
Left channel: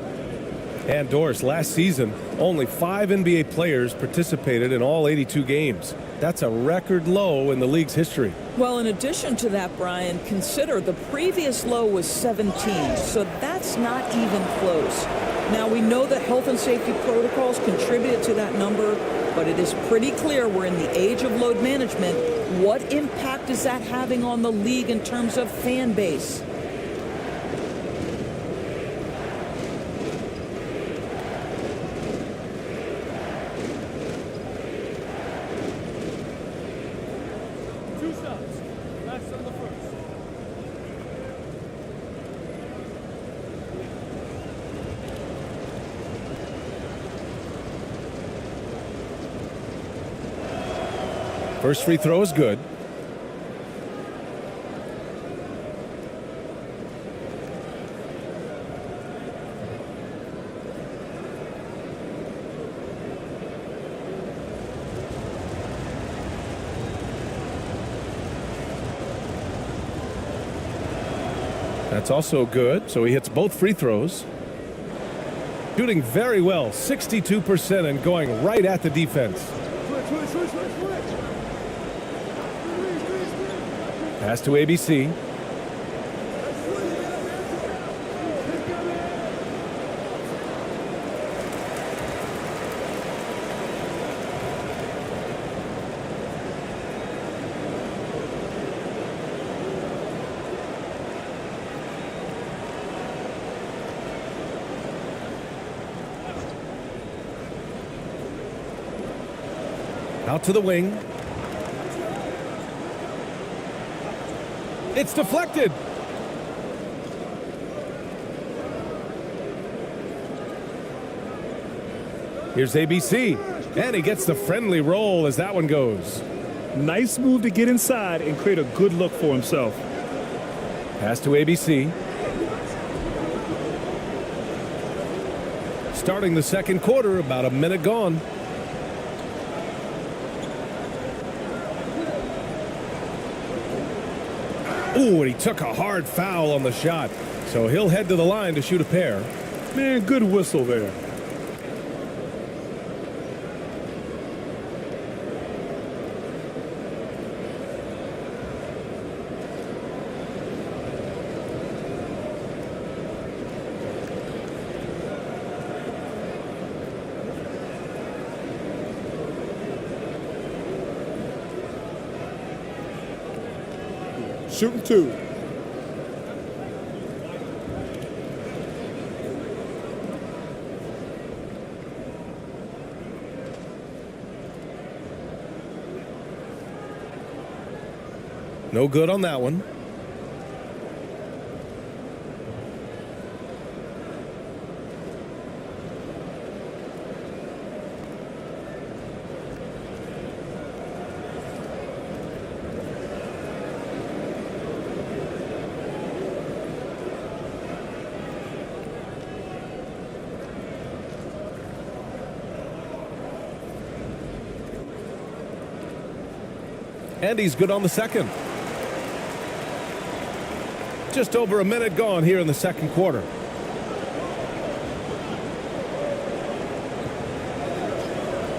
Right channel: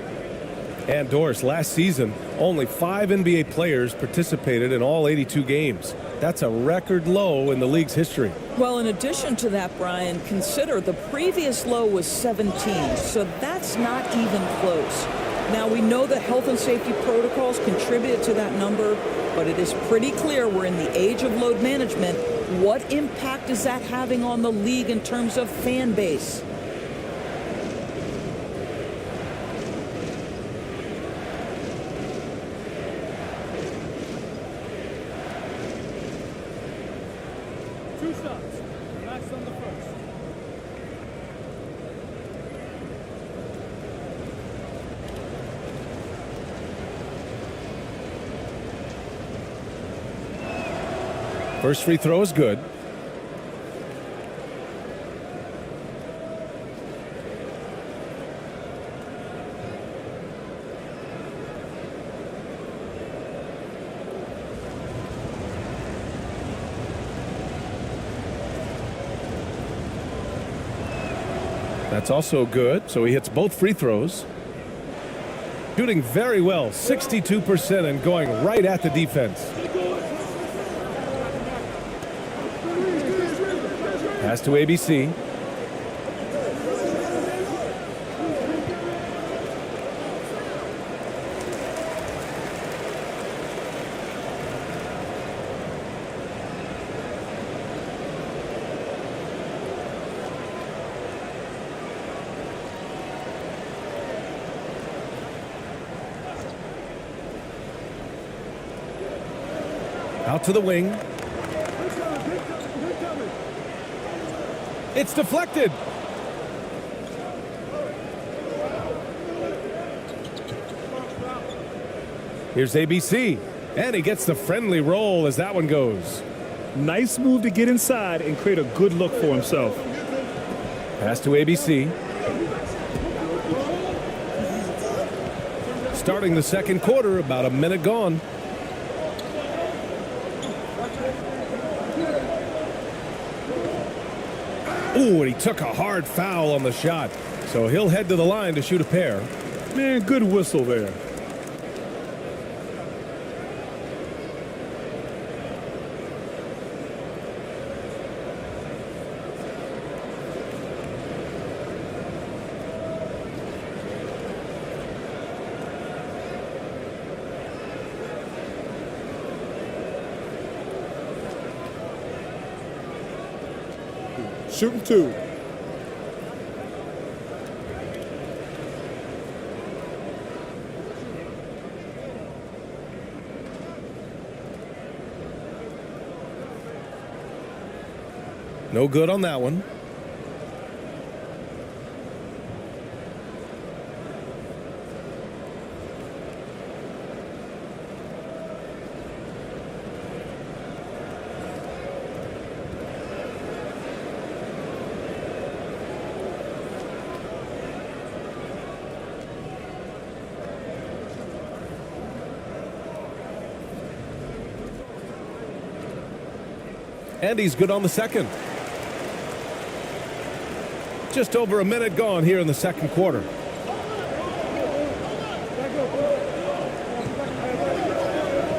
And Doris, last season, only 5 NBA players participated in all 82 games. That's a record low in the league's history. Well, in addition to that, Brian, consider the previous low was 17, so that's not even close. Now, we know that health and safety protocols contributed to that number, but it is pretty clear we're in the age of load management. What impact is that having on the league in terms of fan base? Shots. Relax on the first. First free throw is good. That's also good, so he hits both free throws. Shooting very well, 62% and going right at the defense. Pass to ABC. Out to the wing. It's deflected. Here's ABC, and he gets the friendly roll as that one goes. Nice move to get inside and create a good look for himself. Pass to ABC. Starting the second quarter, about a minute gone. Ooh, and he took a hard foul on the shot. So he'll head to the line to shoot a pair. Man, good whistle there. Shooting 2. No good on that one. And he's good on the second. Just over a minute gone here in the second quarter.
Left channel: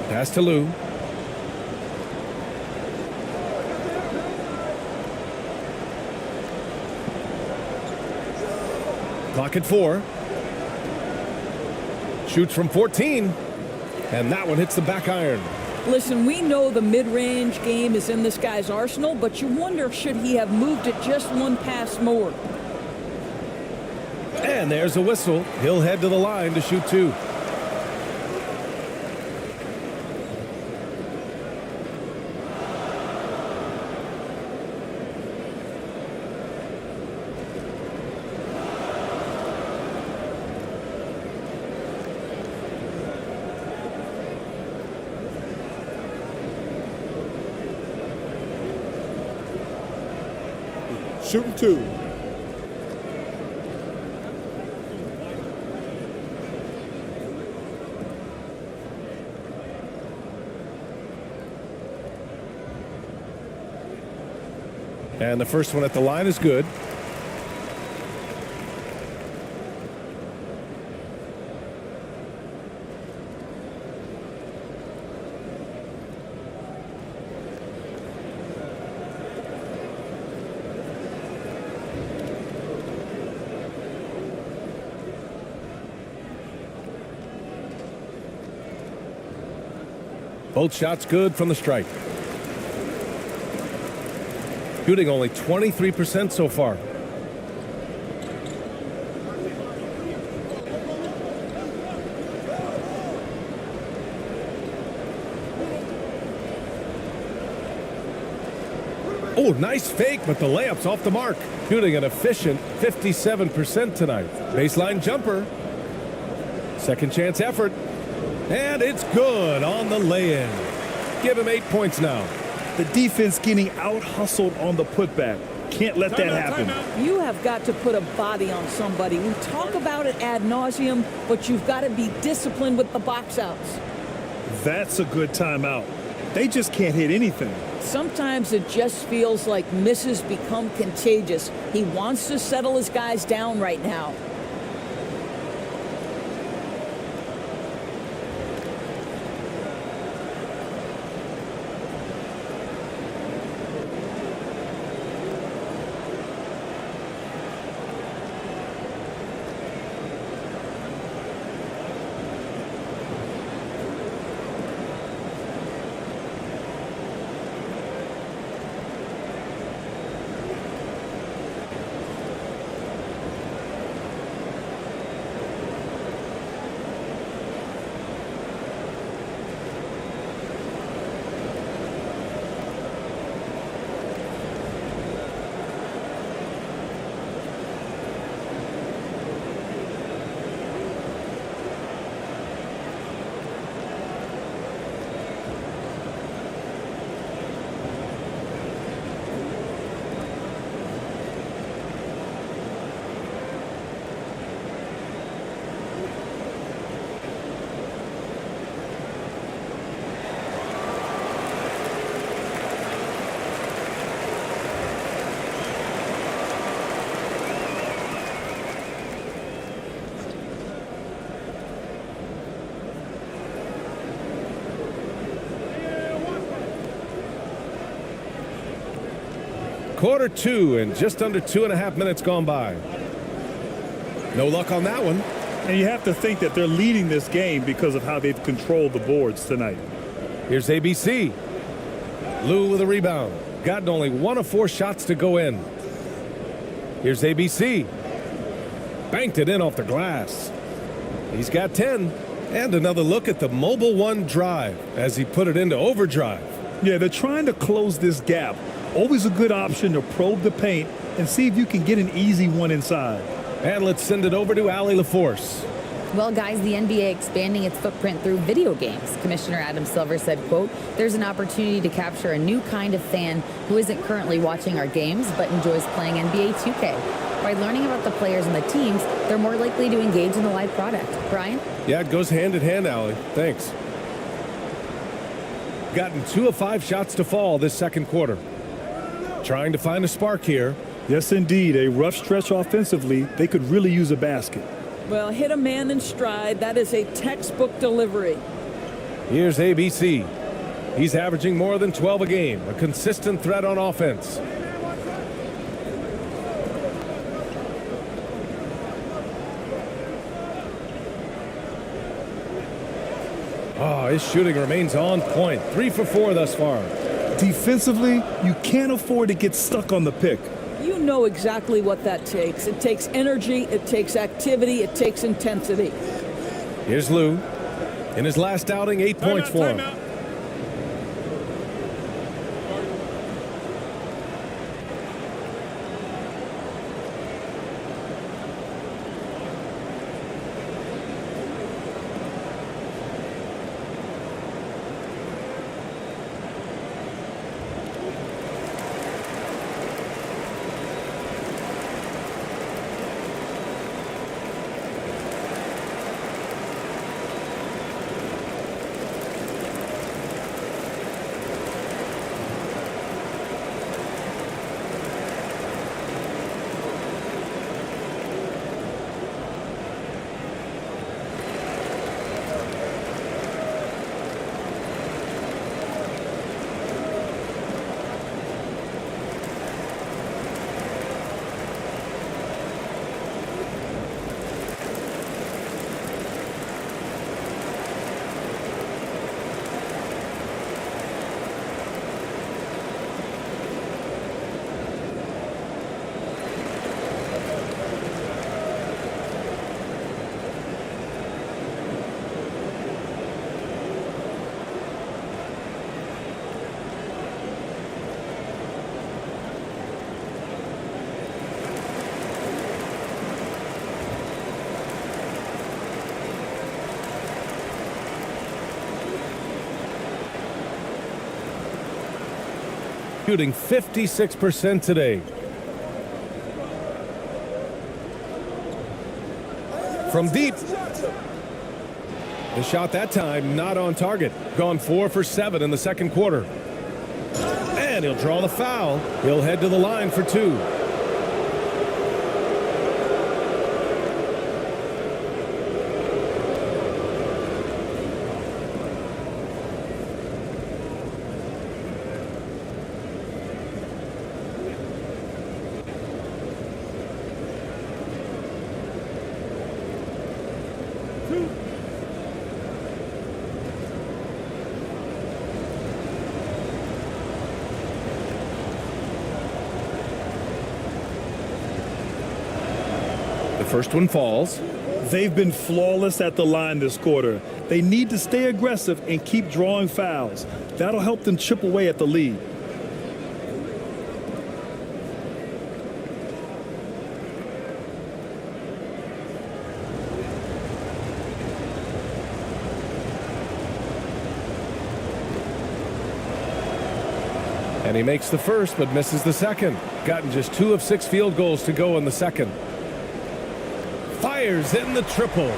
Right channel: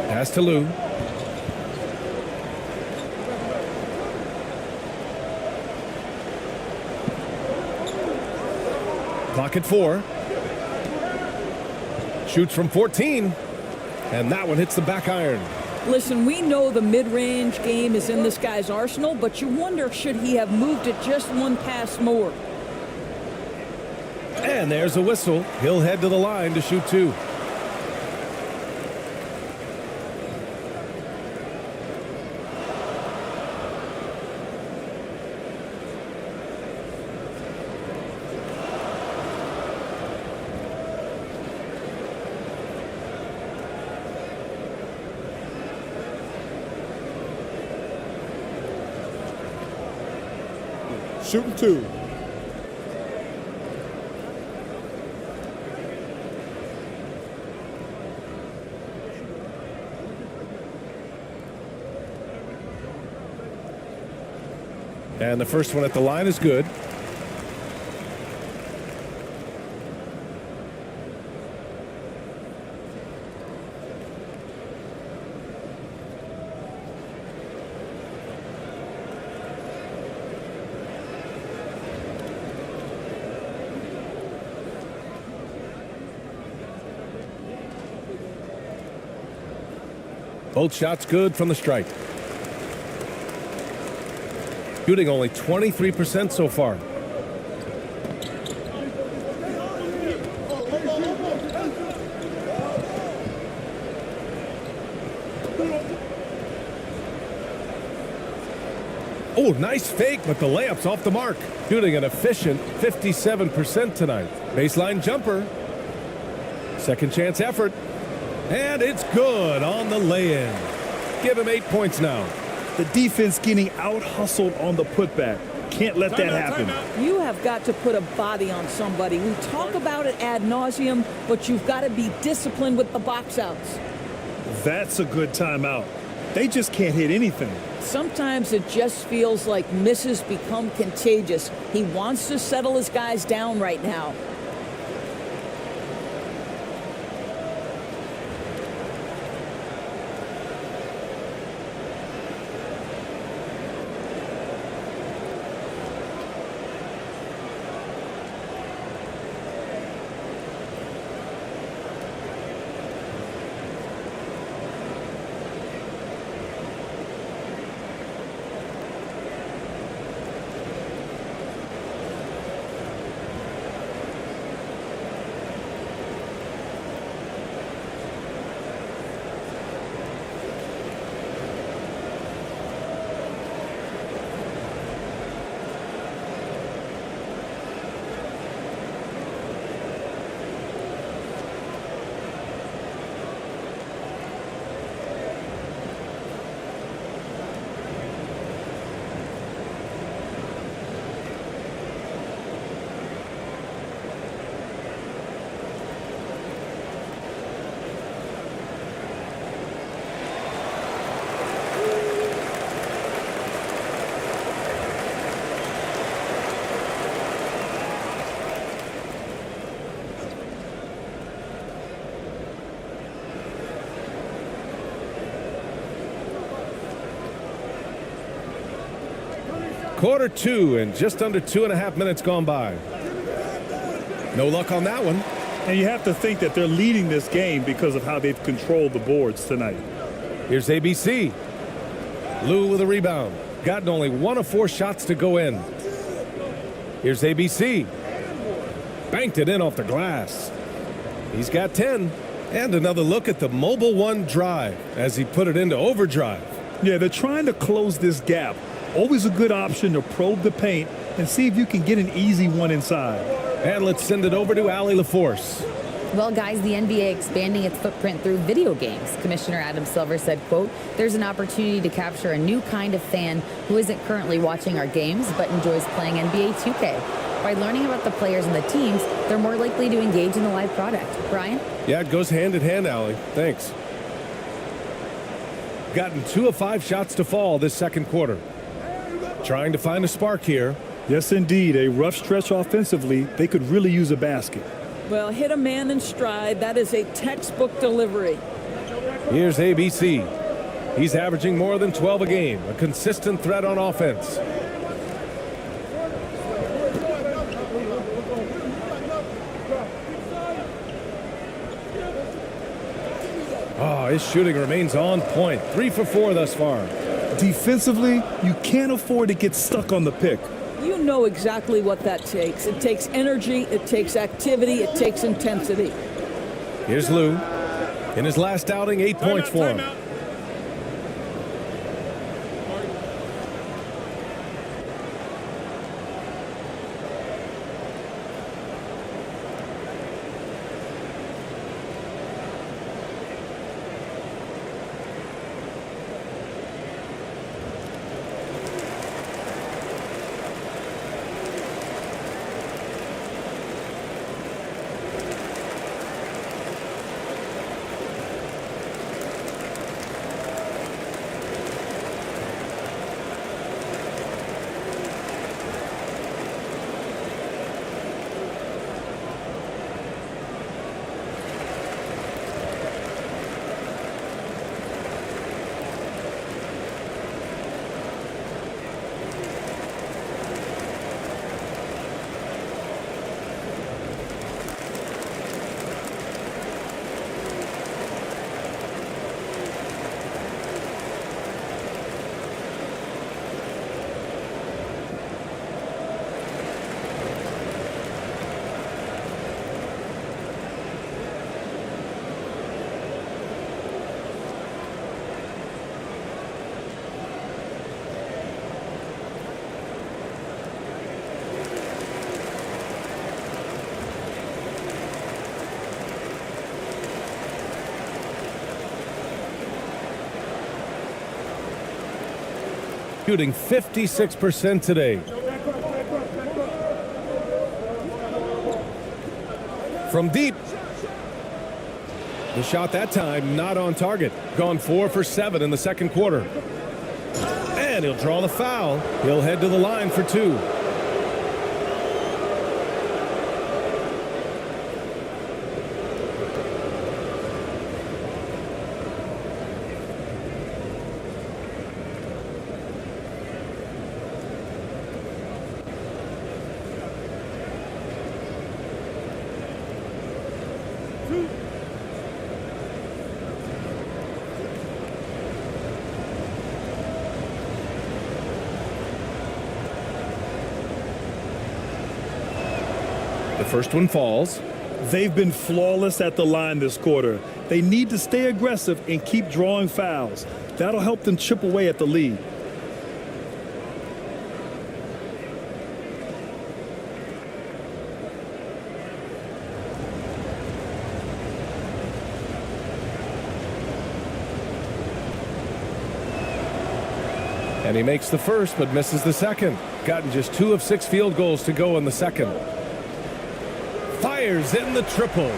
Pass to Lou. Clock at 4. Shoots from 14. And that one hits the back iron. Listen, we know the mid-range game is in this guy's arsenal, but you wonder, should he have moved it just one pass more? And there's a whistle. He'll head to the line to shoot 2. Shooting 2. And the first one at the line is good. Both shots good from the stripe. Shooting only 23% so far. Oh, nice fake, but the layup's off the mark. Shooting an efficient 57% tonight. Baseline jumper. Second chance effort. And it's good on the lay-in. Give him 8 points now. The defense getting out-hustled on the putback. Can't let that happen. You have got to put a body on somebody. We talk about it ad nauseum, but you've got to be disciplined with the box outs. That's a good timeout. They just can't hit anything. sometimes it just feels like misses become contagious. He wants to settle his guys down right now. Quarter two and just under 2.5 minutes gone by. No luck on that one. And you have to think that they're leading this game because of how they've controlled the boards tonight. Here's ABC. Lou with a rebound. Gotten only 1 of 4 shots to go in. Here's ABC. Banked it in off the glass. He's got 10. And another look at the Mobile One drive as he put it into overdrive. Yeah, they're trying to close this gap. Always a good option to probe the paint and see if you can get an easy one inside. And let's send it over to Allie LaForce. Well, guys, the NBA expanding its footprint through video games. Commissioner Adam Silver said, quote, "There's an opportunity to capture a new kind of fan who isn't currently watching our games but enjoys playing NBA 2K. By learning about the players and the teams, they're more likely to engage in the live product." Brian? Yeah, it goes hand in hand, Allie. Thanks. Gotten 2 of 5 shots to fall this second quarter. Trying to find a spark here. Yes, indeed. A rough stretch offensively. They could really use a basket. Well, hit a man in stride. That is a textbook delivery. Here's ABC. He's averaging more than 12 a game. A consistent threat on offense. Oh, his shooting remains on point. 3 for 4 thus far. Defensively, you can't afford to get stuck on the pick. You know exactly what that takes. It takes energy, it takes activity, it takes intensity. Here's Lou. In his last outing, 8 points for him. Shooting 56% today. From deep. The shot that time not on target. Gone 4 for 7 in the second quarter. And he'll draw the foul. He'll head to the line for two. The first one falls. They've been flawless at the line this quarter. They need to stay aggressive and keep drawing fouls. That'll help them chip away at the lead. And he makes the first, but misses the second. Gotten just 2 of 6 field goals to go in the second. Fires in the triple.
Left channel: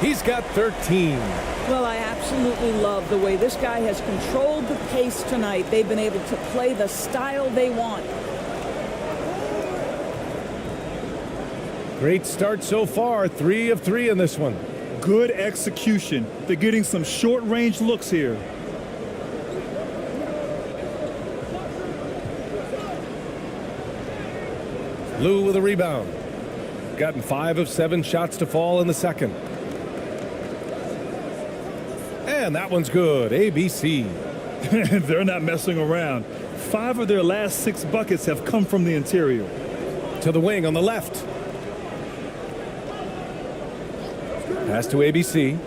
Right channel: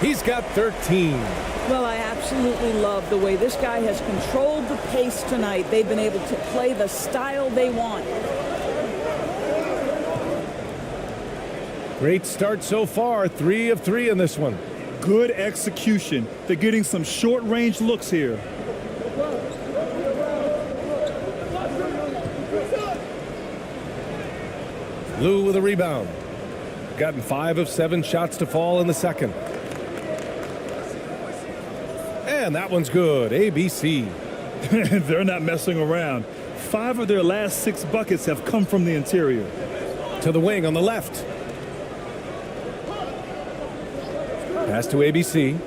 He's got 13. Well, I absolutely love the way this guy has controlled the pace tonight. They've been able to play the style they want. Great start so far. 3 of 3 in this one. Good execution. They're getting some short-range looks here. Lou with a rebound. Gotten 5 of 7 shots to fall in the second. And that one's good. ABC. They're not messing around. 5 of their last 6 buckets have come from the interior. To the wing on the left. Pass to ABC.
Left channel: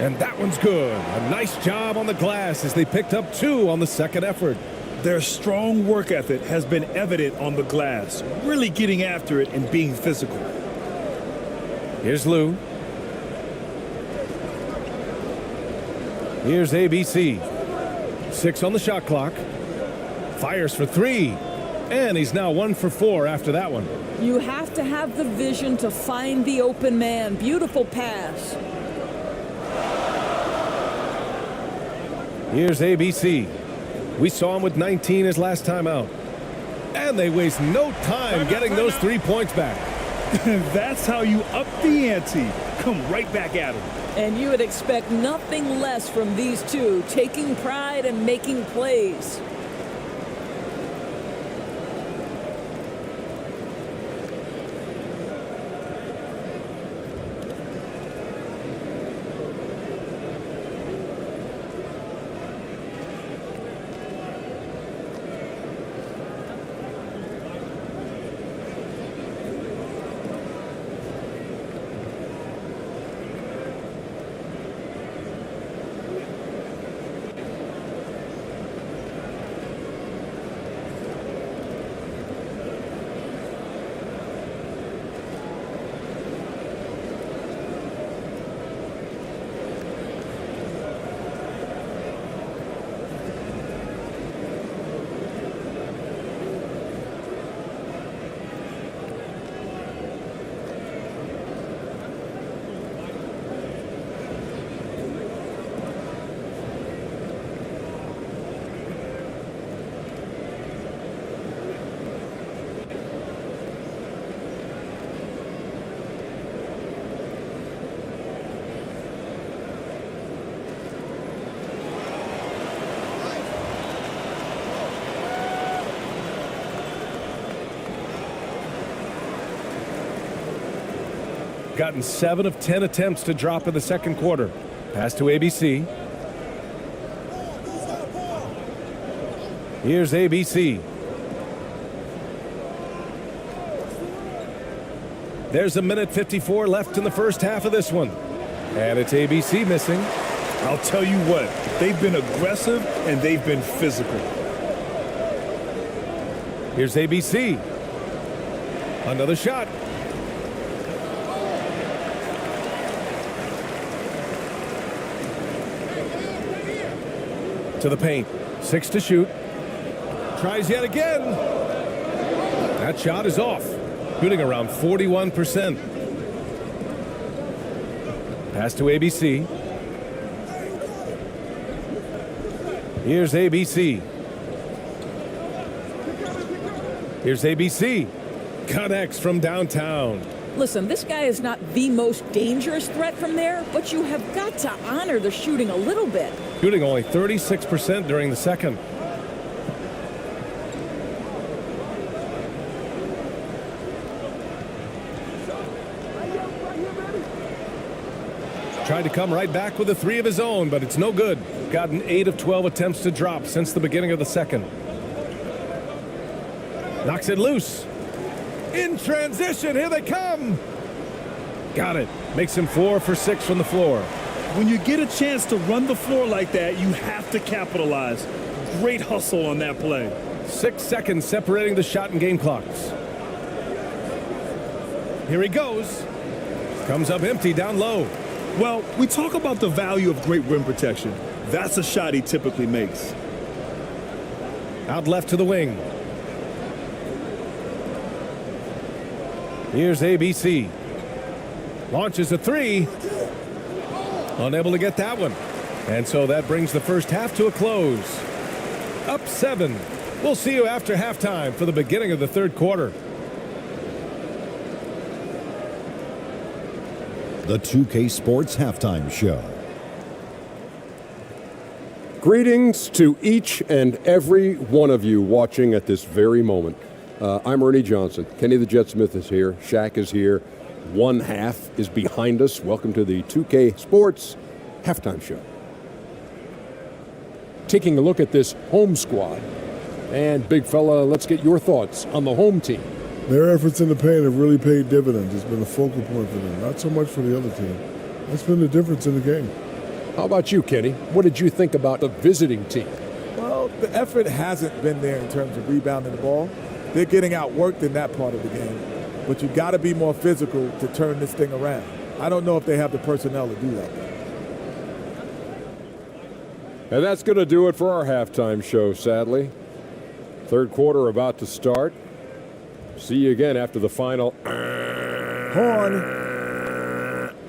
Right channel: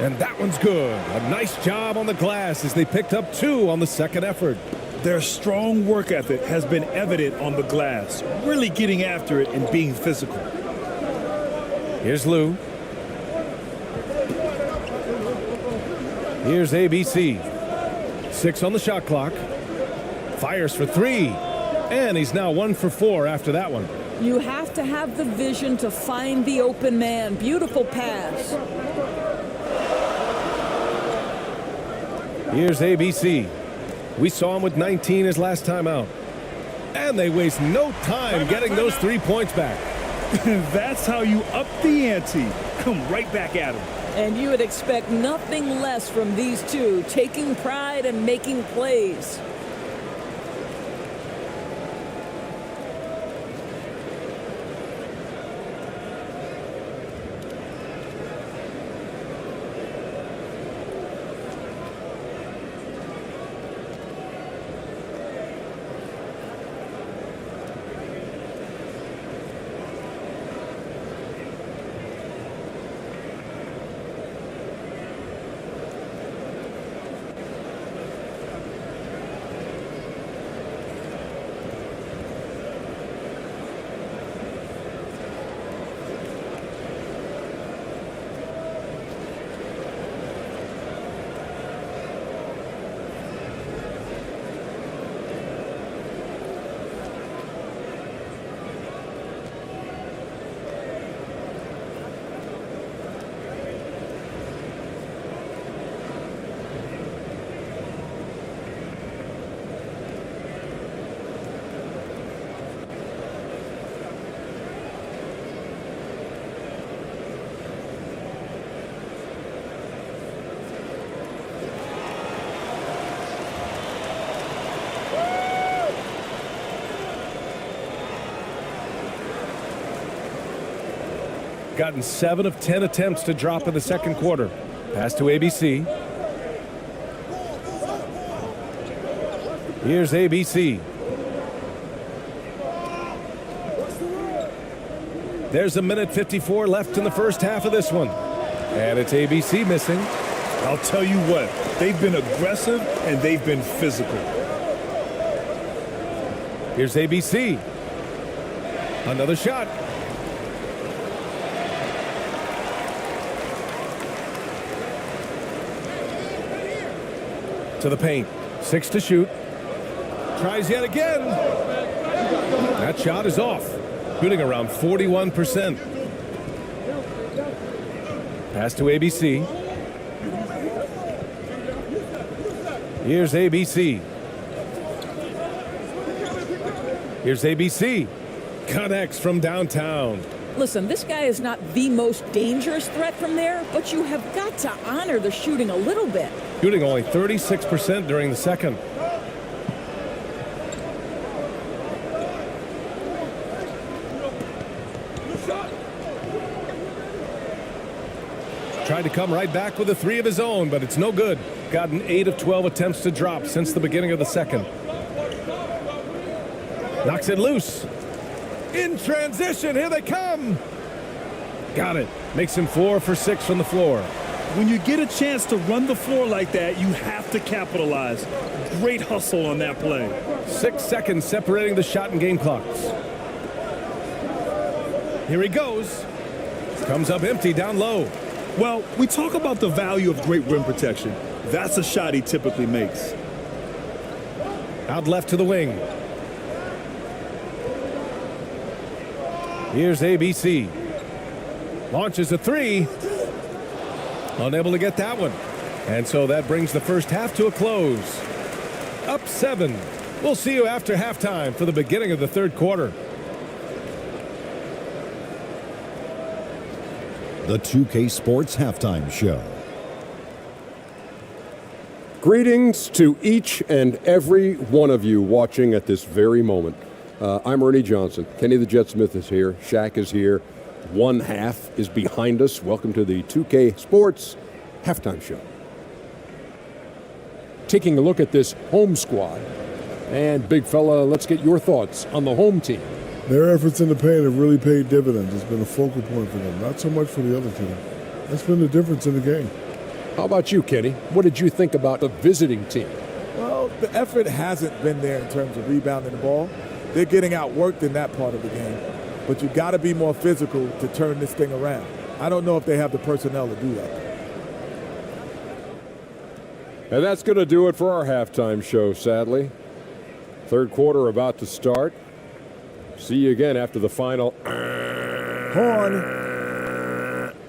And that one's good. A nice job on the glass as they picked up 2 on the second effort. Their strong work ethic has been evident on the glass, really getting after it and being physical. Here's Lou. Here's ABC. 6 on the shot clock. Fires for 3. And he's now 1 for 4 after that one. You have to have the vision to find the open man. Beautiful pass. Here's ABC. We saw him with 19 his last time out. And they waste no time getting those 3 points back. That's how you up the ante. Come right back at him. And you would expect nothing less from these two, taking pride and making plays. Gotten 7 of 10 attempts to drop in the second quarter. Pass to ABC. Here's ABC. There's 1:54 left in the first half of this one. And it's ABC missing. I'll tell you what, they've been aggressive and they've been physical. Here's ABC. Another shot. To the paint. 6 to shoot. Tries yet again. That shot is off. Shooting around 41%. Pass to ABC. Here's ABC. Here's ABC. Connects from downtown. Listen, this guy is not the most dangerous threat from there, but you have got to honor the shooting a little bit. Shooting only 36% during the second. Tried to come right back with a 3 of his own, but it's no good. Gotten 8 of 12 attempts to drop since the beginning of the second. Knocks it loose. In transition, here they come. Got it. Makes him 4 for 6 from the floor. When you get a chance to run the floor like that, you have to capitalize. Great hustle on that play. 6 seconds separating the shot and game clocks. Here he goes. Comes up empty down low. Well, we talk about the value of great rim protection. That's a shot he typically makes. Out left to the wing. Here's ABC. Launches a 3. Unable to get that one. And so that brings the first half to a close. Up 7. We'll see you after halftime for the beginning of the third quarter. The 2K Sports Halftime Show. Greetings to each and every one of you watching at this very moment. I'm Ernie Johnson. Kenny the Jet Smith is here. Shaq is here. One half is behind us. Welcome to the 2K Sports Halftime Show. Taking a look at this home squad. And big fella, let's get your thoughts on the home team. Their efforts in the paint have really paid dividends. It's been a focal point for them, not so much for the other team. That's been the difference in the game. How about you, Kenny? What did you think about the visiting team? Well, the effort hasn't been there in terms of rebounding the ball. They're getting outworked in that part of the game. But you got to be more physical to turn this thing around. I don't know if they have the personnel to do that, though. And that's going to do it for our halftime show, sadly. Third quarter about to start. See you again after the final. Horn.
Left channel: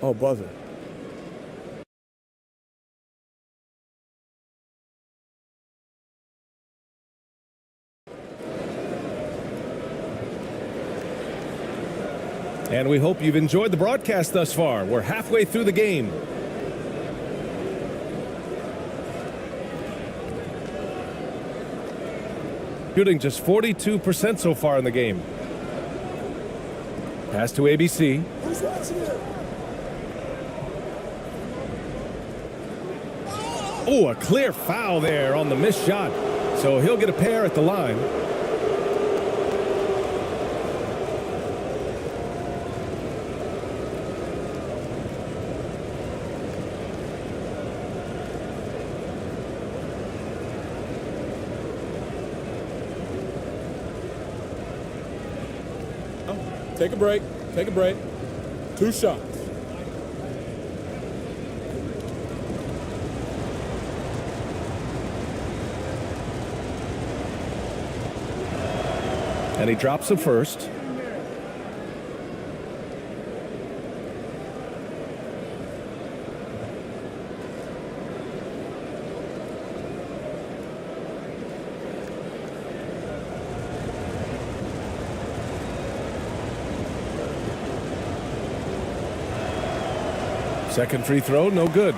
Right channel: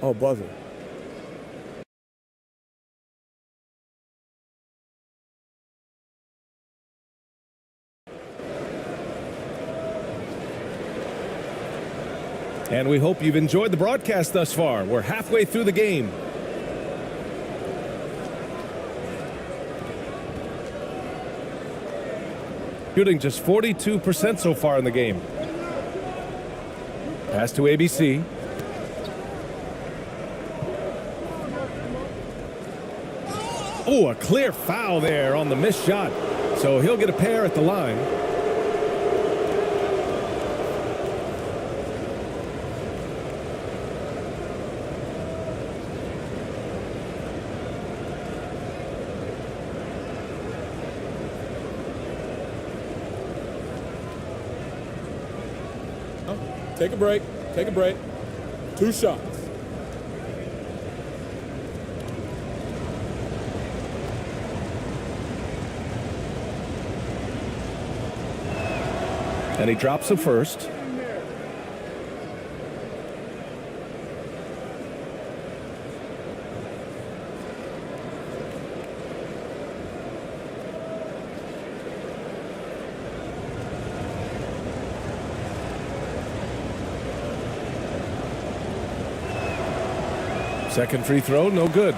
Oh, buzzer. And we hope you've enjoyed the broadcast thus far. We're halfway through the game. Shooting just 42% so far in the game. Pass to ABC. Oh, a clear foul there on the missed shot. So he'll get a pair at the line. Take a break. Take a break. 2 shots. And he drops the first. Second free throw, no good.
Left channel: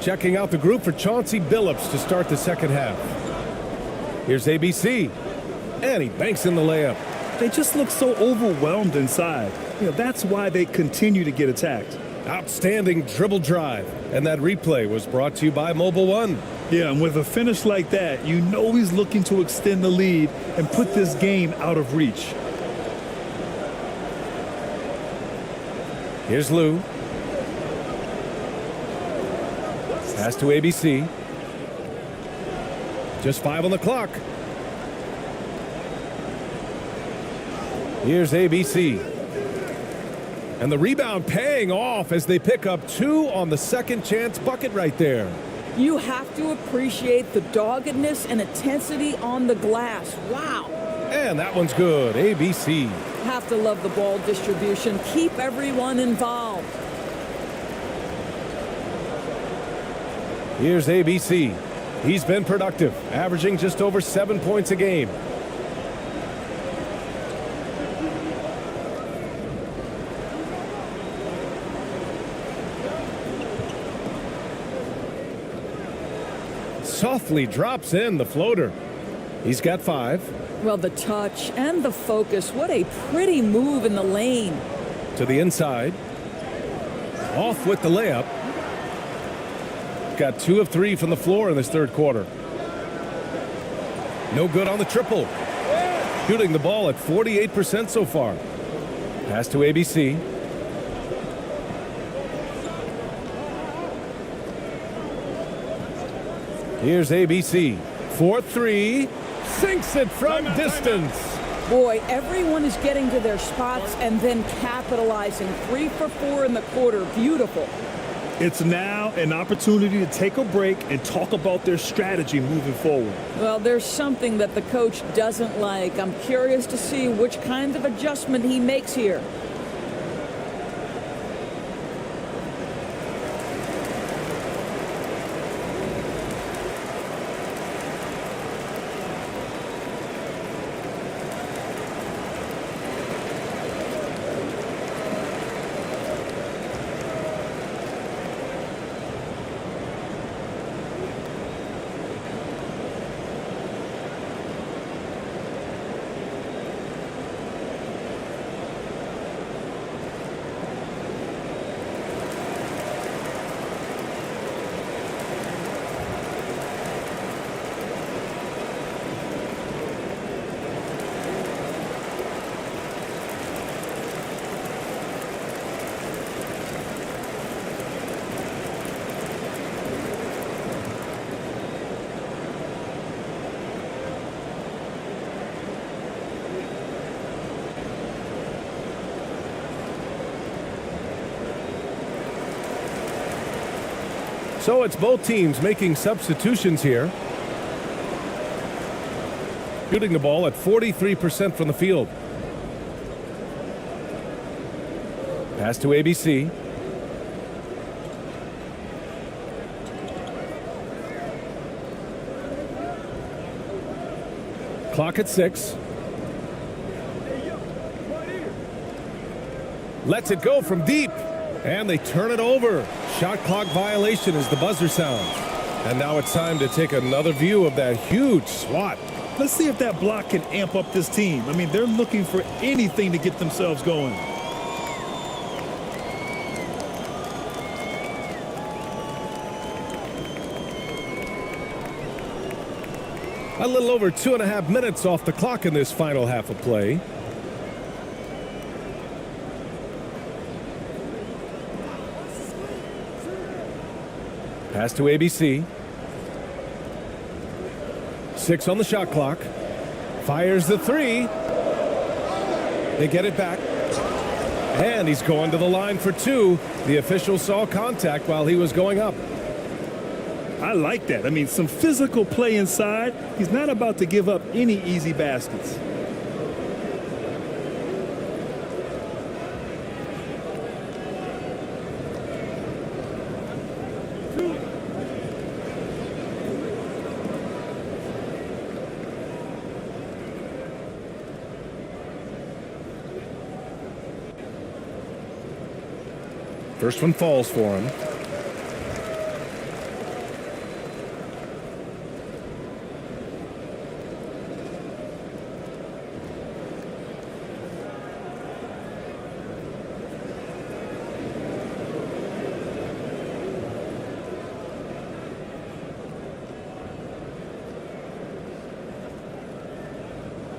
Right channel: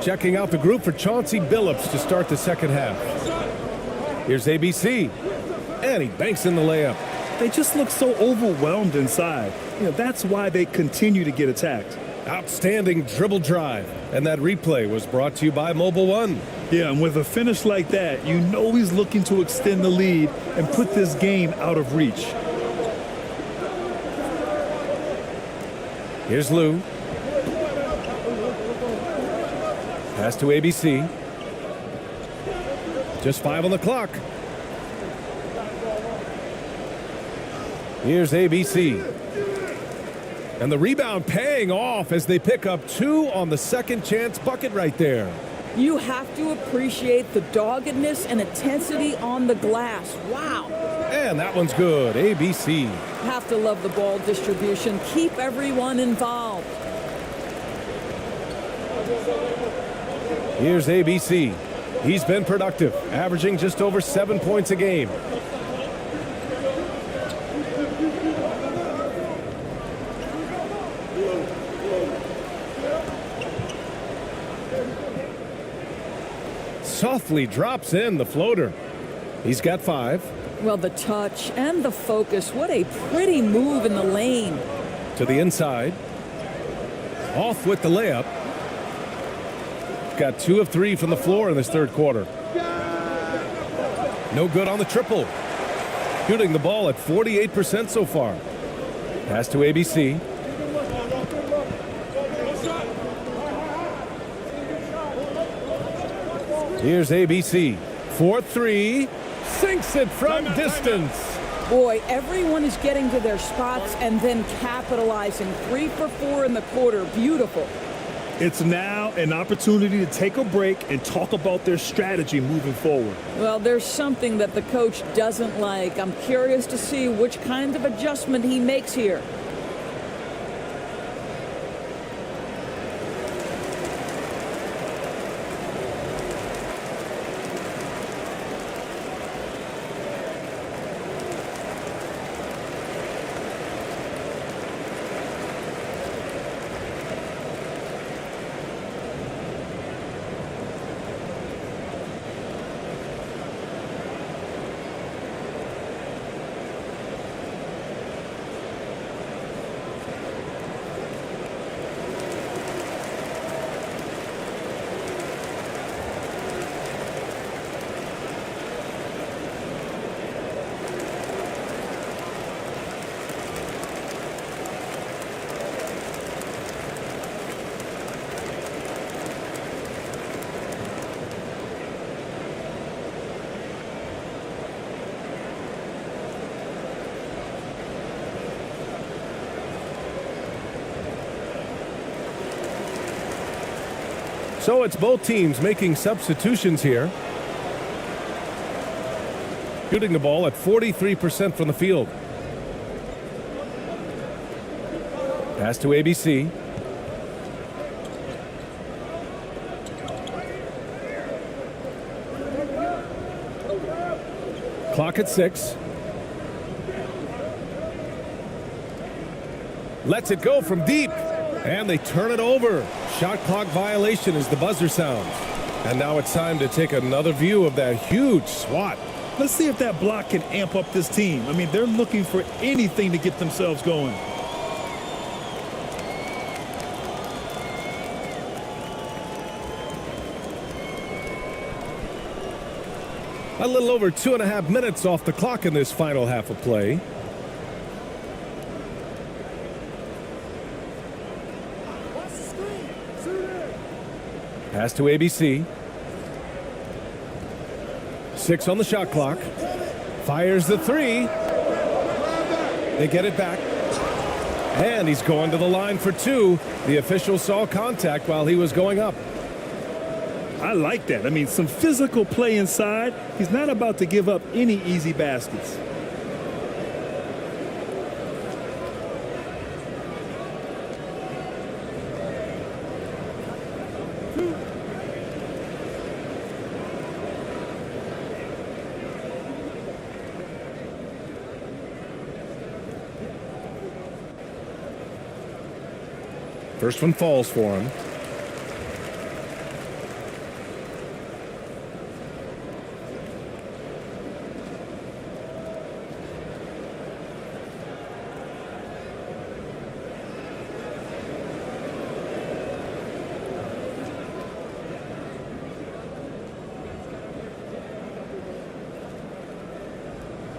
Checking out the group for Chauncey Billups to start the second half. Here's ABC, and he banks in the layup. They just look so overwhelmed inside. That's why they continue to get attacked. Outstanding dribble drive, and that replay was brought to you by Mobile One. Yeah, and with a finish like that, you know he's looking to extend the lead and put this game out of reach. Here's Lou. Pass to ABC. Just 5 on the clock. Here's ABC. And the rebound paying off as they pick up 2 on the second chance bucket right there. You have to appreciate the doggedness and intensity on the glass. Wow. And that one's good. ABC. Have to love the ball distribution. Keep everyone involved. Here's ABC. He's been productive, averaging just over 7 points a game. Softly drops in the floater. He's got 5. Well, the touch and the focus. What a pretty move in the lane. To the inside. Off with the layup. Got 2 of 3 from the floor in this third quarter. No good on the triple. Shooting the ball at 48% so far. Pass to ABC. Here's ABC. 4-3. Sinks it from distance. Boy, everyone is getting to their spots and then capitalizing. 3 for 4 in the quarter. Beautiful. It's now an opportunity to take a break and talk about their strategy moving forward. Well, there's something that the coach doesn't like. I'm curious to see which kind of adjustment he makes here. So it's both teams making substitutions here. Shooting the ball at 43% from the field. Pass to ABC. Clock at 6. Lets it go from deep. And they turn it over. Shot clock violation as the buzzer sounds. And now it's time to take another view of that huge swat. Let's see if that block can amp up this team. I mean, they're looking for anything to get themselves going. A little over 2.5 minutes off the clock in this final half of play. Pass to ABC. 6 on the shot clock. Fires the 3. They get it back. And he's going to the line for 2. The official saw contact while he was going up. I like that. I mean, some physical play inside. He's not about to give up any easy baskets. First one falls for him.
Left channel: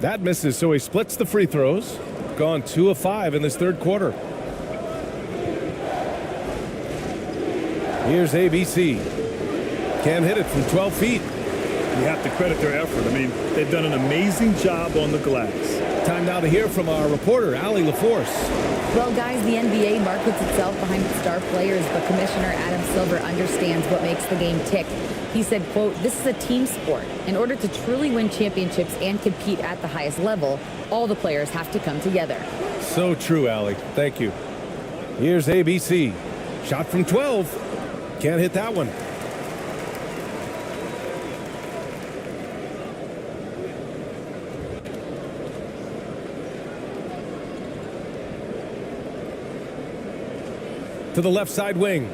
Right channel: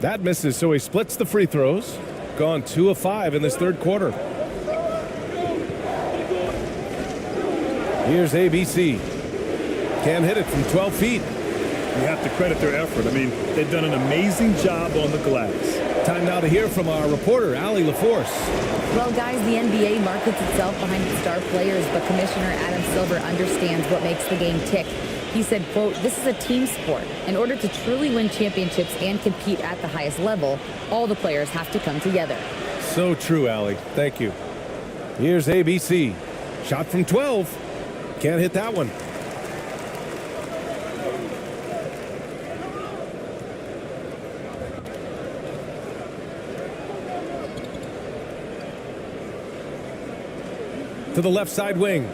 That misses, so he splits the free throws. Gone 2 of 5 in this third quarter. Here's ABC. Can't hit it from 12 feet. You have to credit their effort. I mean, they've done an amazing job on the glass. Time now to hear from our reporter, Allie LaForce. Well, guys, the NBA markets itself behind its star players, but Commissioner Adam Silver understands what makes the game tick. He said, quote, "This is a team sport. In order to truly win championships and compete at the highest level, all the players have to come together." So true, Allie. Thank you. Here's ABC. Shot from 12. Can't hit that one. to the left side wing.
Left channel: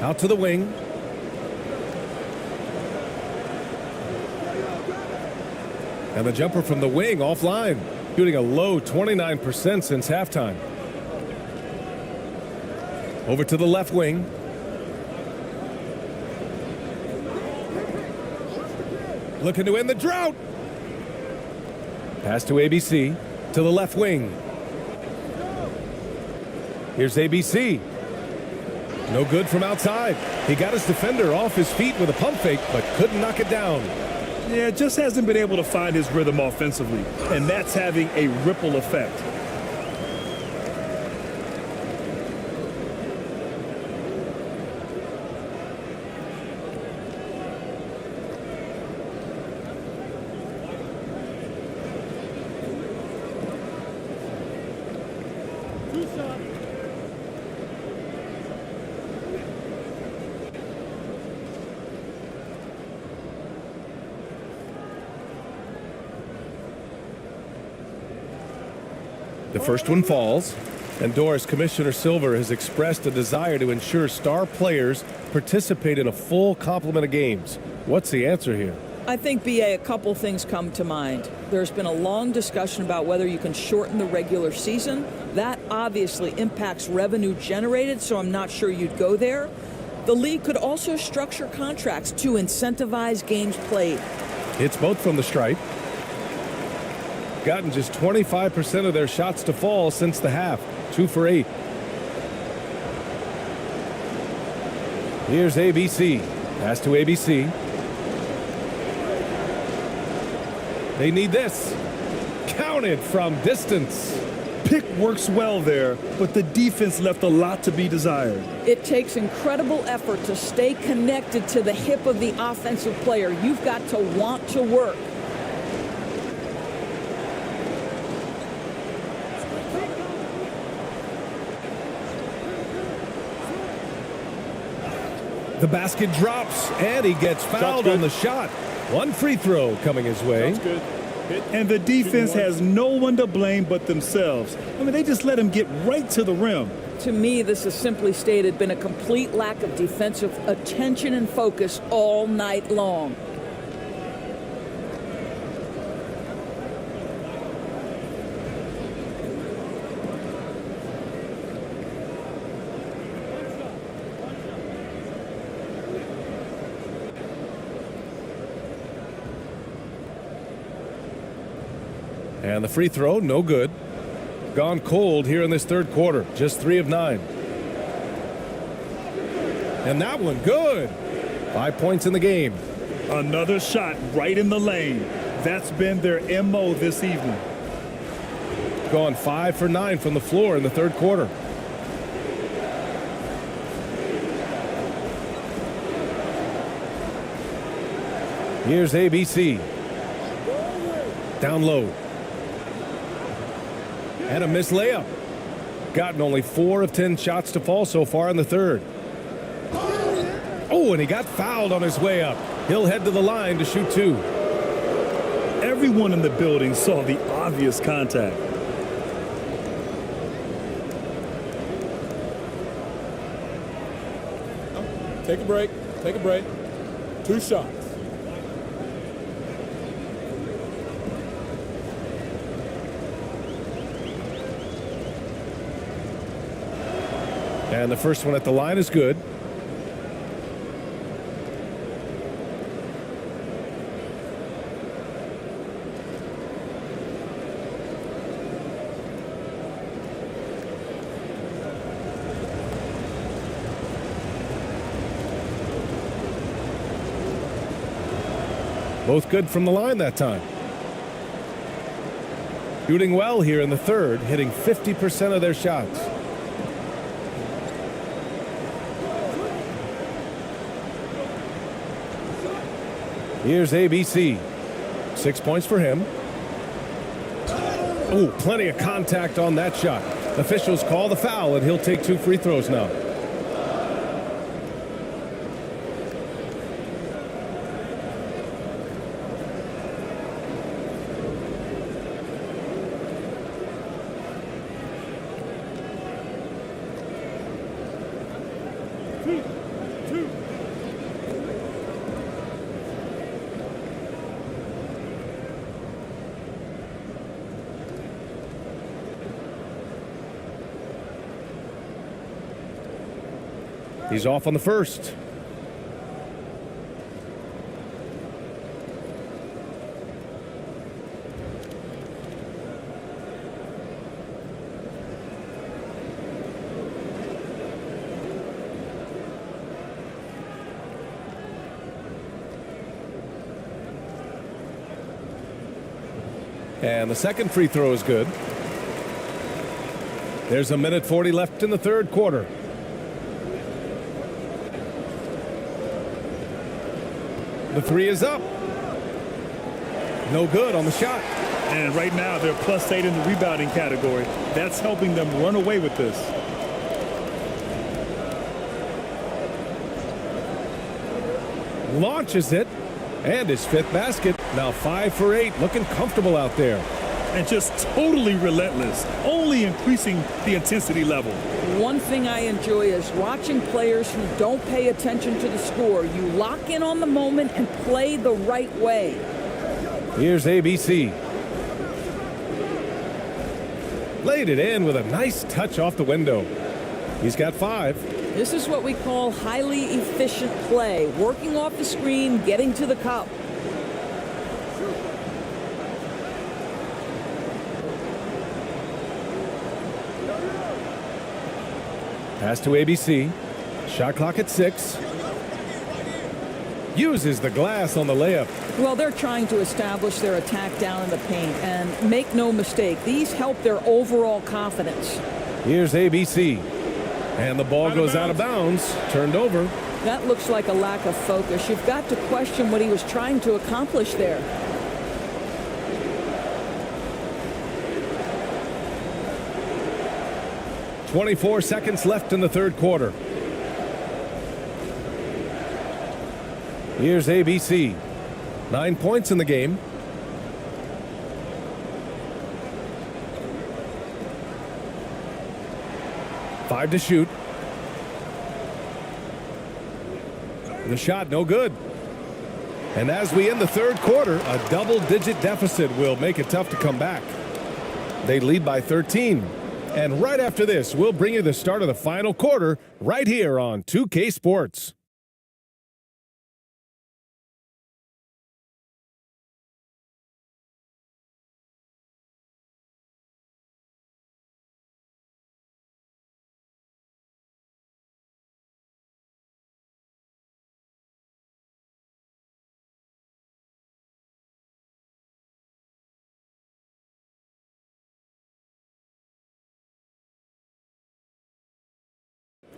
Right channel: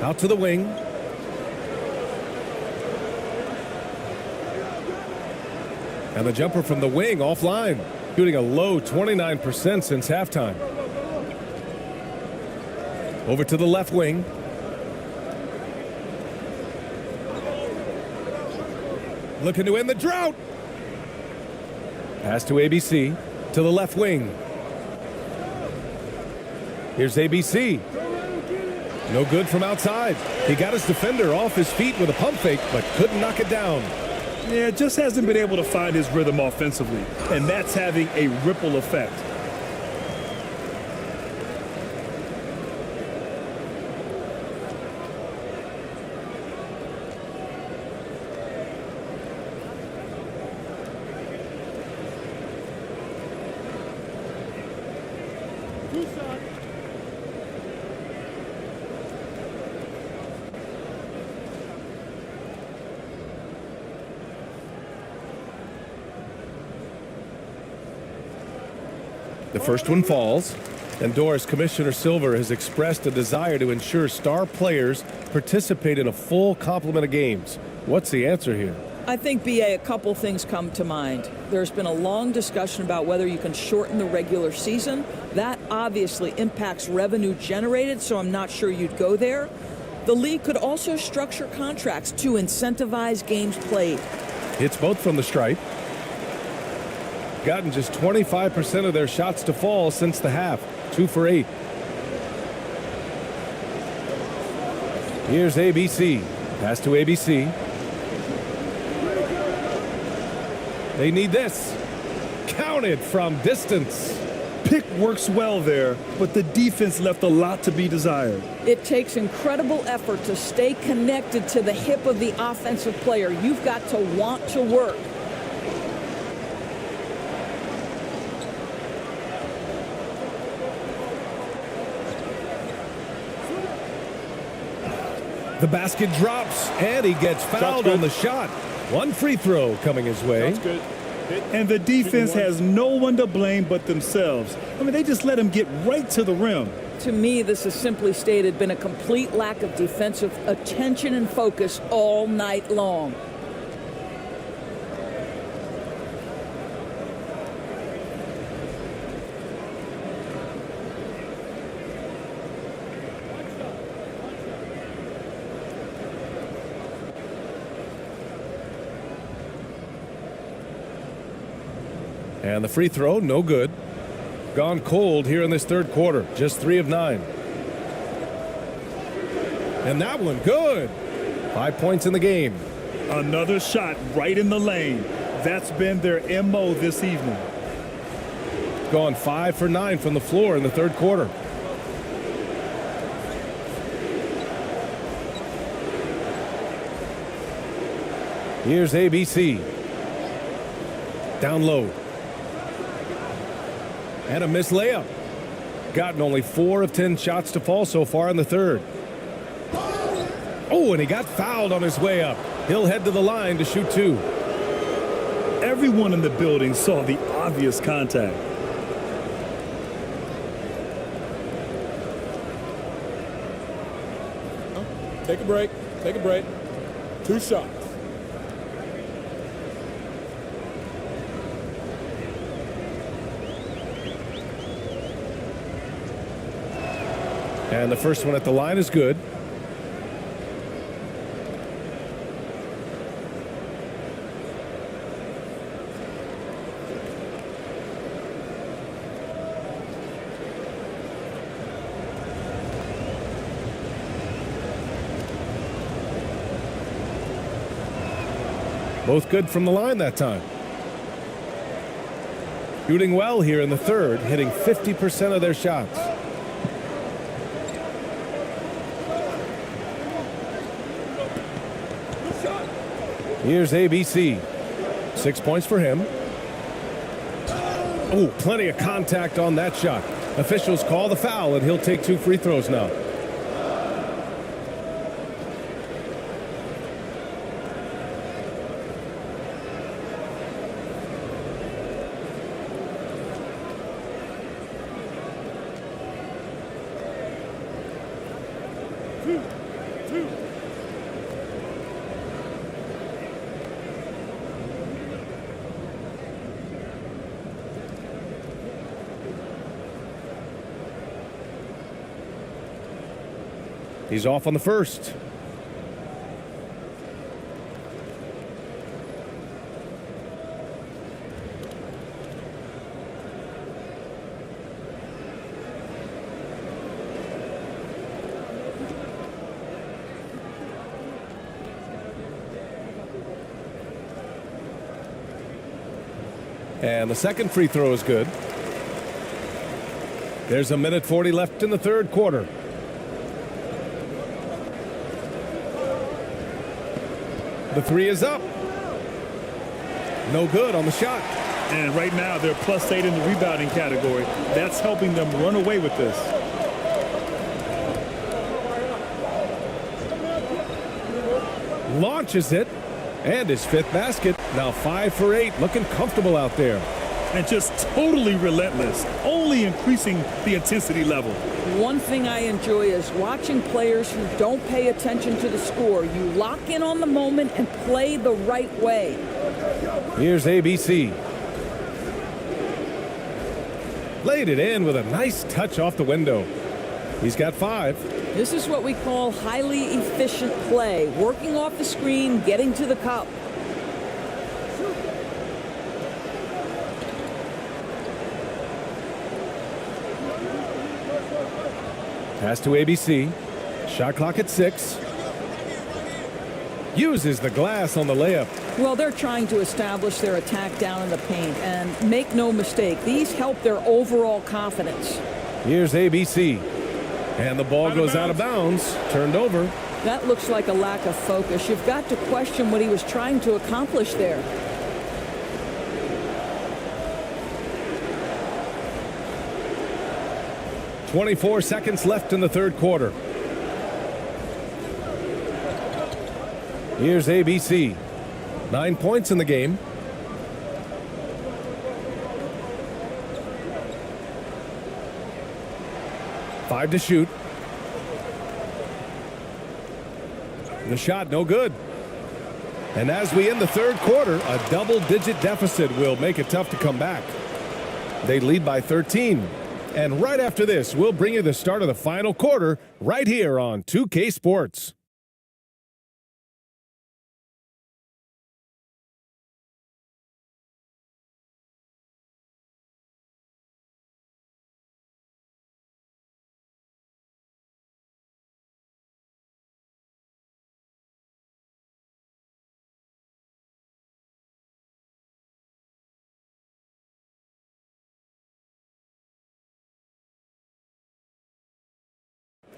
Out to the wing. And the jumper from the wing offline, shooting a low 29% since halftime. Over to the left wing. Looking to end the drought. Pass to ABC, to the left wing. Here's ABC. No good from outside. He got his defender off his feet with a pump fake, but couldn't knock it down. Yeah, just hasn't been able to find his rhythm offensively, and that's having a ripple effect. The first one falls, and Doris, Commissioner Silver has expressed a desire to ensure star players participate in a full complement of games. What's the answer here? I think, BA, a couple things come to mind. There's been a long discussion about whether you can shorten the regular season. That obviously impacts revenue generated, so I'm not sure you'd go there. The league could also structure contracts to incentivize games played. It's both from the stripe. Gotten just 25% of their shots to fall since the half. 2 for 8. Here's ABC. Pass to ABC. They need this. Counted from distance. Pick works well there, but the defense left a lot to be desired. It takes incredible effort to stay connected to the hip of the offensive player. You've got to want to work. The basket drops, and he gets fouled on the shot. One free throw coming his way. That's good. And the defense has no one to blame but themselves. I mean, they just let him get right to the rim. To me, this has simply stated been a complete lack of defensive attention and focus all night long. And the free throw, no good. Gone cold here in this third quarter. Just 3 of 9. And that one, good. 5 points in the game. Another shot right in the lane. That's been their MO this evening. Gone 5 for 9 from the floor in the third quarter. Here's ABC. Down low. And a missed layup. Gotten only 4 of 10 shots to fall so far in the third. Oh, and he got fouled on his way up. He'll head to the line to shoot 2. Everyone in the building saw the obvious contact. Take a break. Take a break. 2 shots. And the first one at the line is good. Both good from the line that time. Shooting well here in the third, hitting 50% of their shots. Here's ABC. 6 points for him. Oh, plenty of contact on that shot. Officials call the foul, and he'll take 2 free throws now. He's off on the first. And the second free throw is good. There's a minute 40 left in the third quarter. The three is up. No good on the shot. And right now they're +8 in the rebounding category. That's helping them run away with this. Launches it. And his fifth basket. Now 5 for 8. Looking comfortable out there. And just totally relentless. Only increasing the intensity level. One thing I enjoy is watching players who don't pay attention to the score. You lock in on the moment and play the right way. Here's ABC. Laid it in with a nice touch off the window. He's got 5. This is what we call highly efficient play. Working off the screen, getting to the cup. Pass to ABC. Shot clock at 6. Uses the glass on the layup. Well, they're trying to establish their attack down in the paint. And make no mistake, these help their overall confidence. Here's ABC. And the ball goes out of bounds. Turned over. That looks like a lack of focus. You've got to question what he was trying to accomplish there. .24 seconds left in the third quarter. Here's ABC. 9 points in the game. Five to shoot. The shot no good. And as we end the third quarter, a double-digit deficit will make it tough to come back. They lead by 13. And right after this, we'll bring you the start of the final quarter right here on 2K Sports.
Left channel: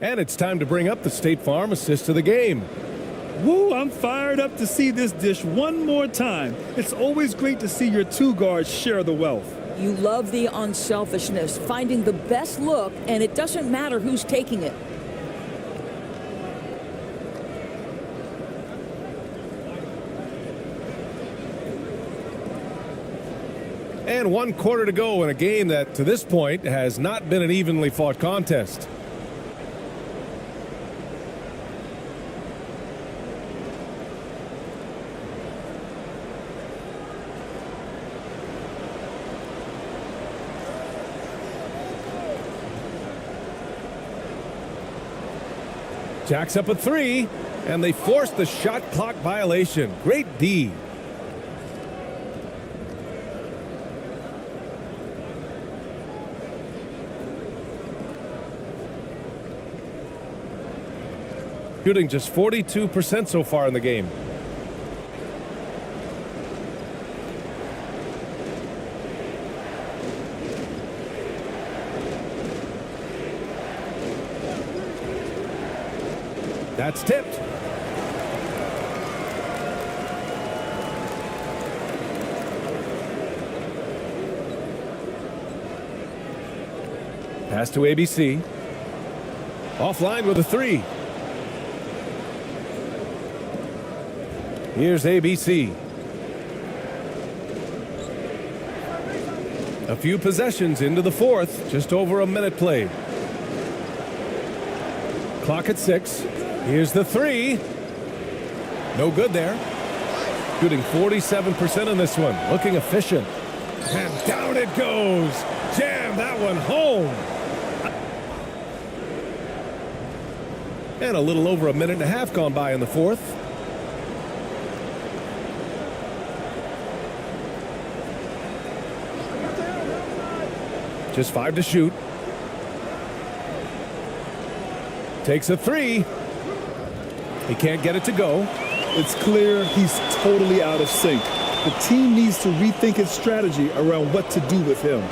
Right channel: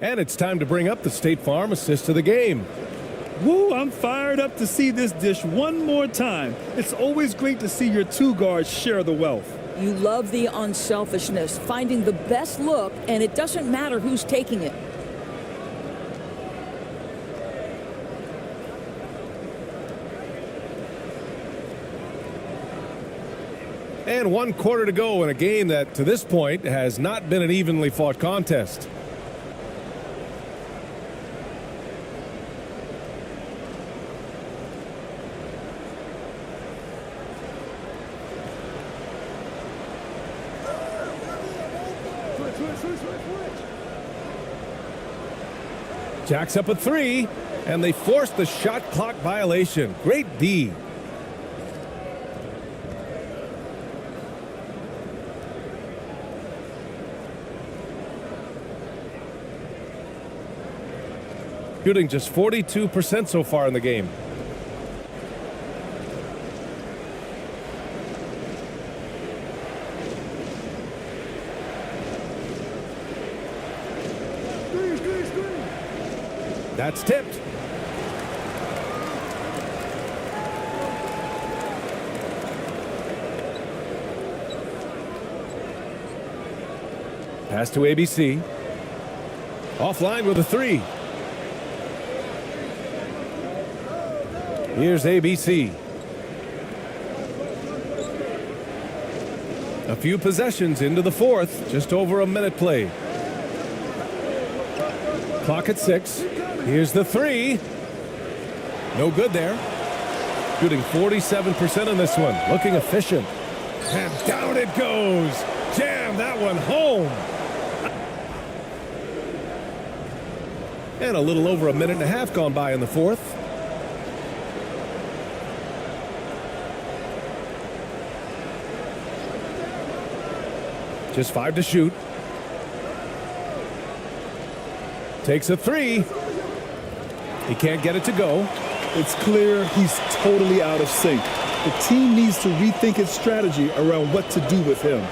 And it's time to bring up the State Farm assist of the game. Woo, I'm fired up to see this dish one more time. It's always great to see your two guards share the wealth. You love the unselfishness, finding the best look, and it doesn't matter who's taking it. And 1 quarter to go in a game that, to this point, has not been an evenly fought contest. Jacks up a 3, and they force the shot clock violation. Great D. Shooting just 42% so far in the game. That's tipped. Pass to ABC. Offline with a 3. Here's ABC. A few possessions into the fourth, just over a minute played. Clock at 6. Here's the three. No good there. Shooting 47% in this one. Looking efficient. And down it goes. Jam that one home. And a little over a minute and a half gone by in the fourth. Just 5 to shoot. Takes a three. He can't get it to go. It's clear he's totally out of sync. The team needs to rethink its strategy around what to do with him.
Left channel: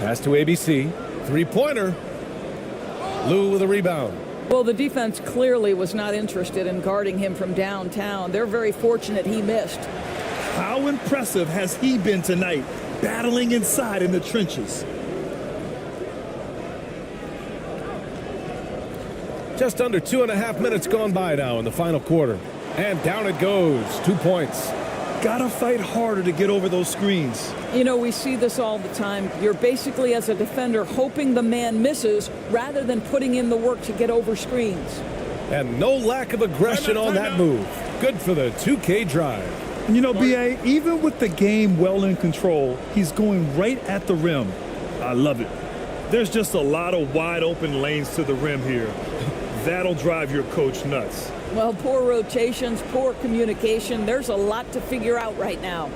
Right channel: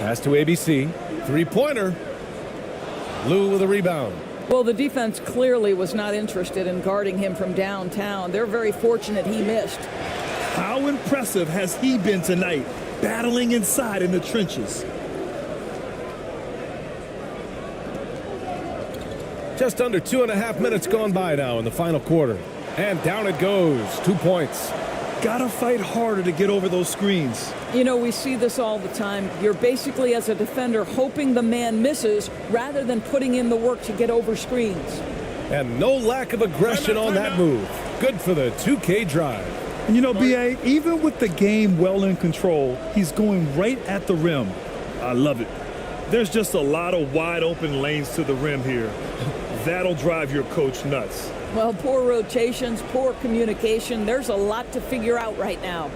Pass to ABC. Three-pointer. Lou with a rebound. Well, the defense clearly was not interested in guarding him from downtown. They're very fortunate he missed. How impressive has he been tonight, battling inside in the trenches? Just under 2.5 minutes gone by now in the final quarter. And down it goes. 2 points. Gotta fight harder to get over those screens. You know, we see this all the time. You're basically, as a defender, hoping the man misses rather than putting in the work to get over screens. And no lack of aggression on that move. Good for the 2K drive. And you know, B.A., even with the game well in control, he's going right at the rim. I love it. There's just a lot of wide open lanes to the rim here. That'll drive your coach nuts. Well, poor rotations, poor communication. There's a lot to figure out right now.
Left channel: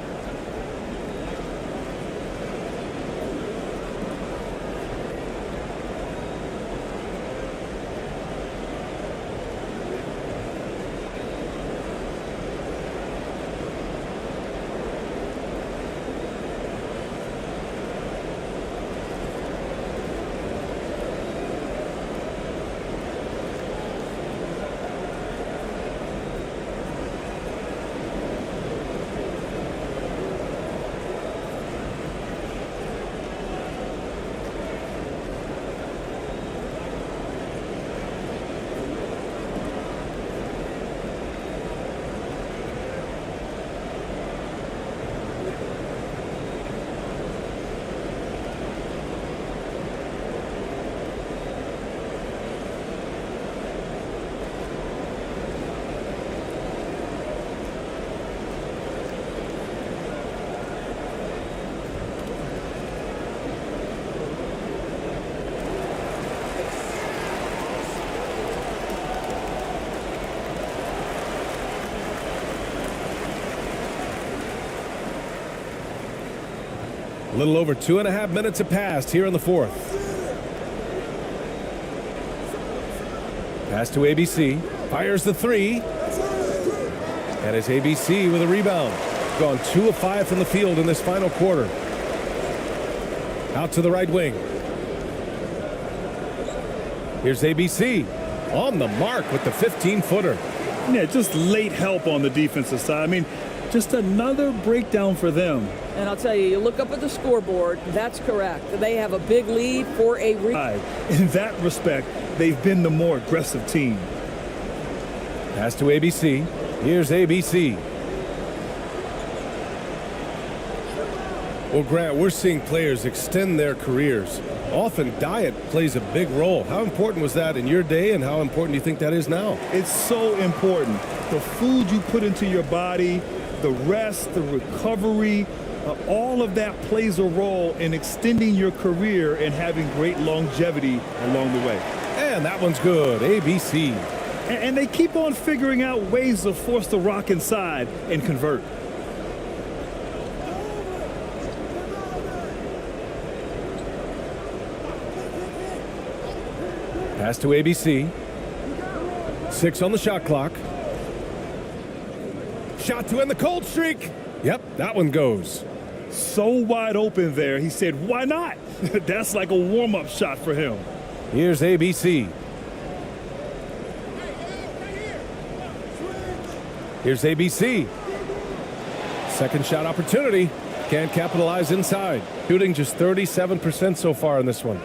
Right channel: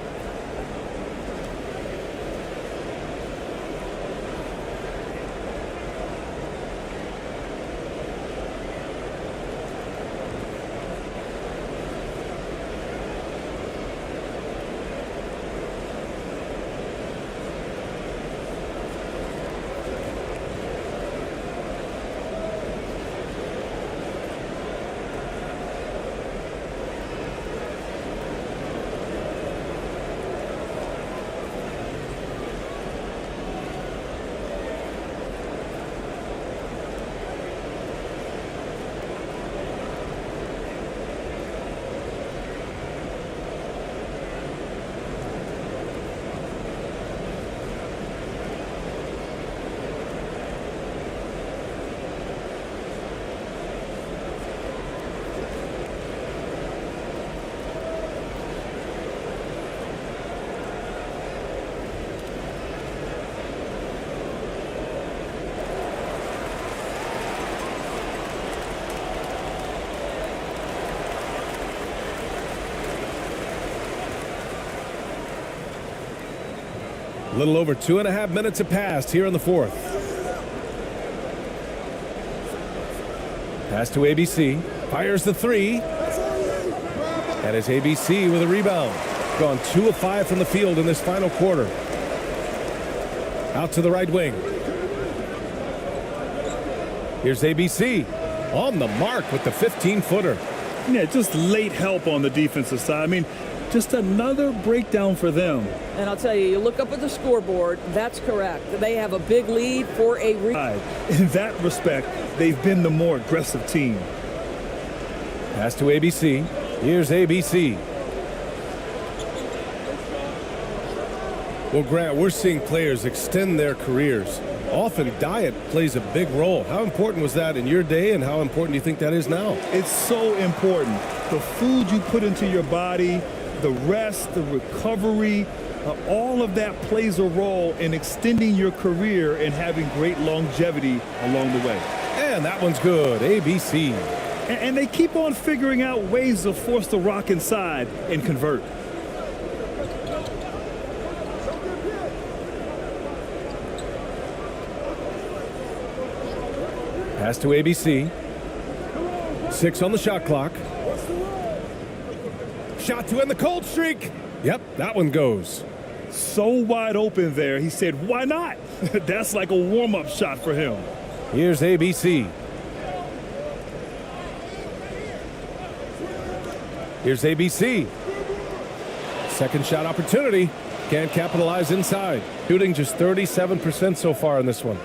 A little over 2.5 minutes have passed here in the fourth. Pass to ABC. Fires the three. And it's ABC with a rebound. Gone 2 of 5 from the field in this final quarter. Out to the right wing. Here's ABC. On the mark with the 15-footer. Yeah, just late help on the defensive side. I mean, just another breakdown for them. And I'll tell you, you look up at the scoreboard, that's correct. They have a big lead for a In that respect, they've been the more aggressive team. Pass to ABC. Here's ABC. Well, Grant, we're seeing players extend their careers. Often diet plays a big role. How important was that in your day, and how important do you think that is now? It's so important. The food you put into your body, the rest, the recovery, all of that plays a role in extending your career and having great longevity along the way. And that one's good. ABC. And they keep on figuring out ways to force the rock inside and convert. Pass to ABC. 6 on the shot clock. Shot to end the cold streak. Yep, that one goes. So wide open there. He said, why not? That's like a warm-up shot for him. Here's ABC. Here's ABC. Second shot opportunity. Can't capitalize inside. Shooting just 37% so far in this one.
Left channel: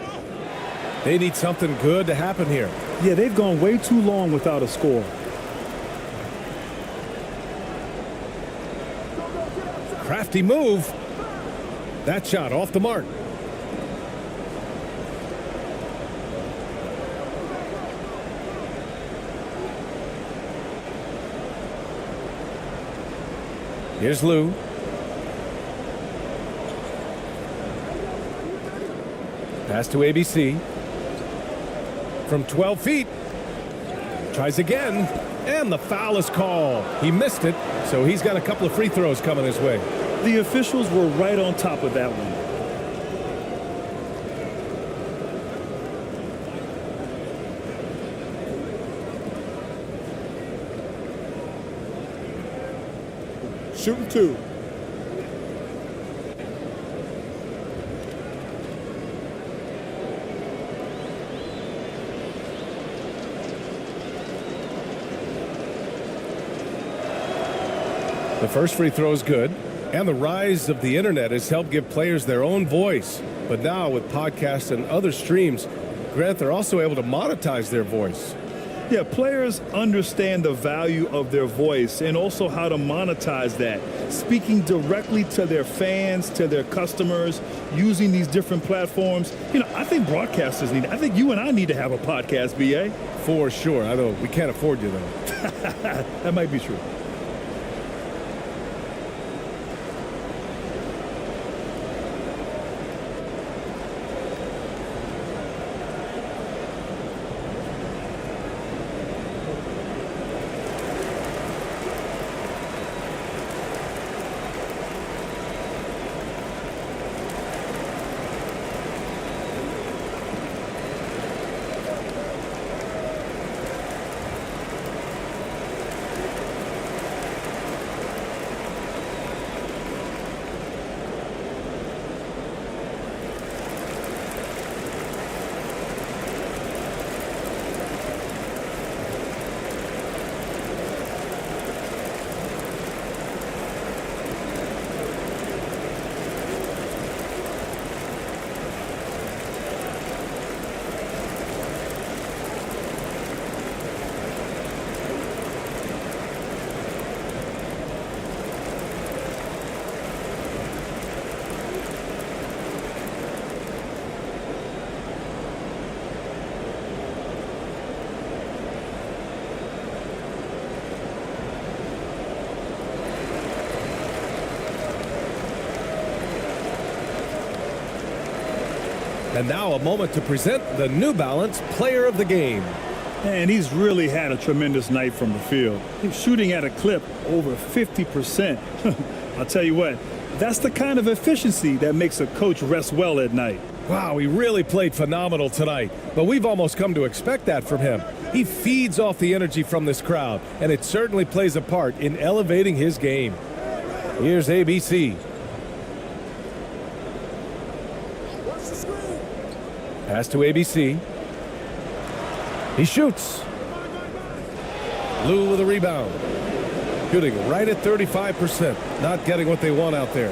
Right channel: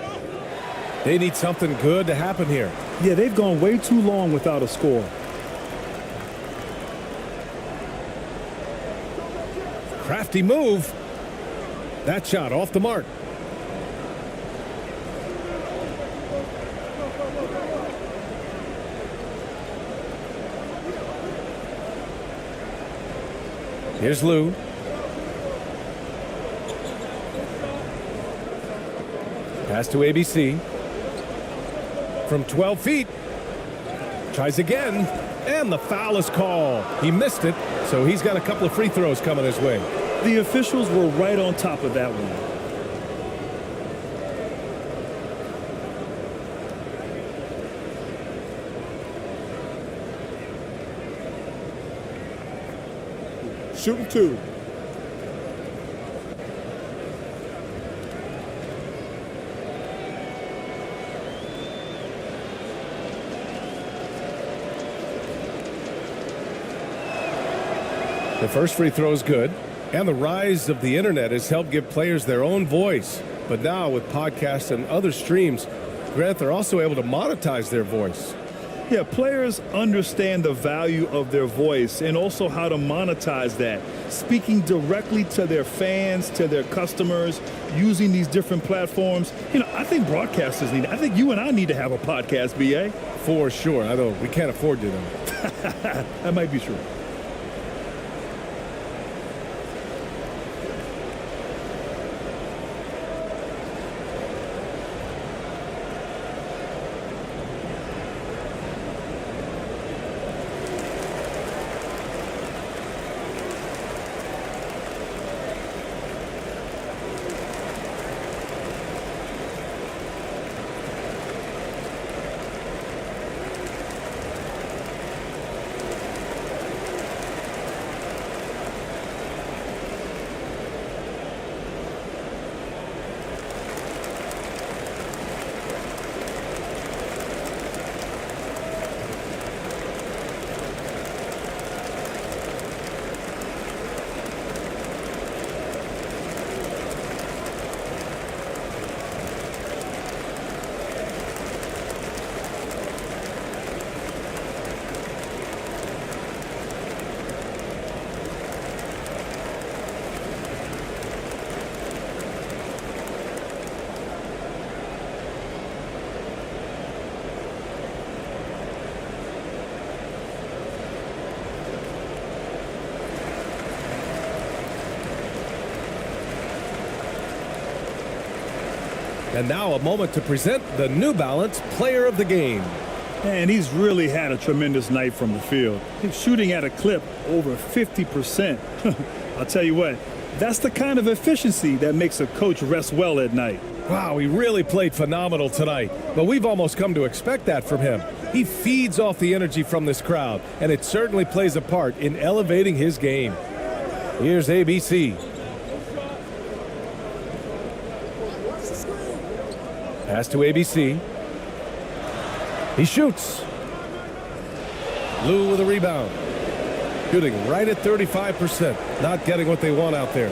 They need something good to happen here. Yeah, they've gone way too long without a score. Crafty move. That shot off the mark. Here's Lou. Pass to ABC. From 12 feet. Tries again. And the foul is called. He missed it, so he's got a couple of free throws coming his way. The officials were right on top of that one. Shooting 2. The first free throw is good, and the rise of the internet has helped give players their own voice. But now with podcasts and other streams, Grant, they're also able to monetize their voice. Yeah, players understand the value of their voice and also how to monetize that. Speaking directly to their fans, to their customers, using these different platforms. You know, I think broadcasters need, I think you and I need to have a podcast, BA. For sure. I know we can't afford you, though. That might be true. And now a moment to present the New Balance Player of the Game. And he's really had a tremendous night from the field. He's shooting at a clip over 50%. I'll tell you what, that's the kind of efficiency that makes a coach rest well at night. Wow, he really played phenomenal tonight, but we've almost come to expect that from him. He feeds off the energy from this crowd, and it certainly plays a part in elevating his game. Here's ABC. Pass to ABC. He shoots. Lou with a rebound. Shooting right at 35%. Not getting what they want out there.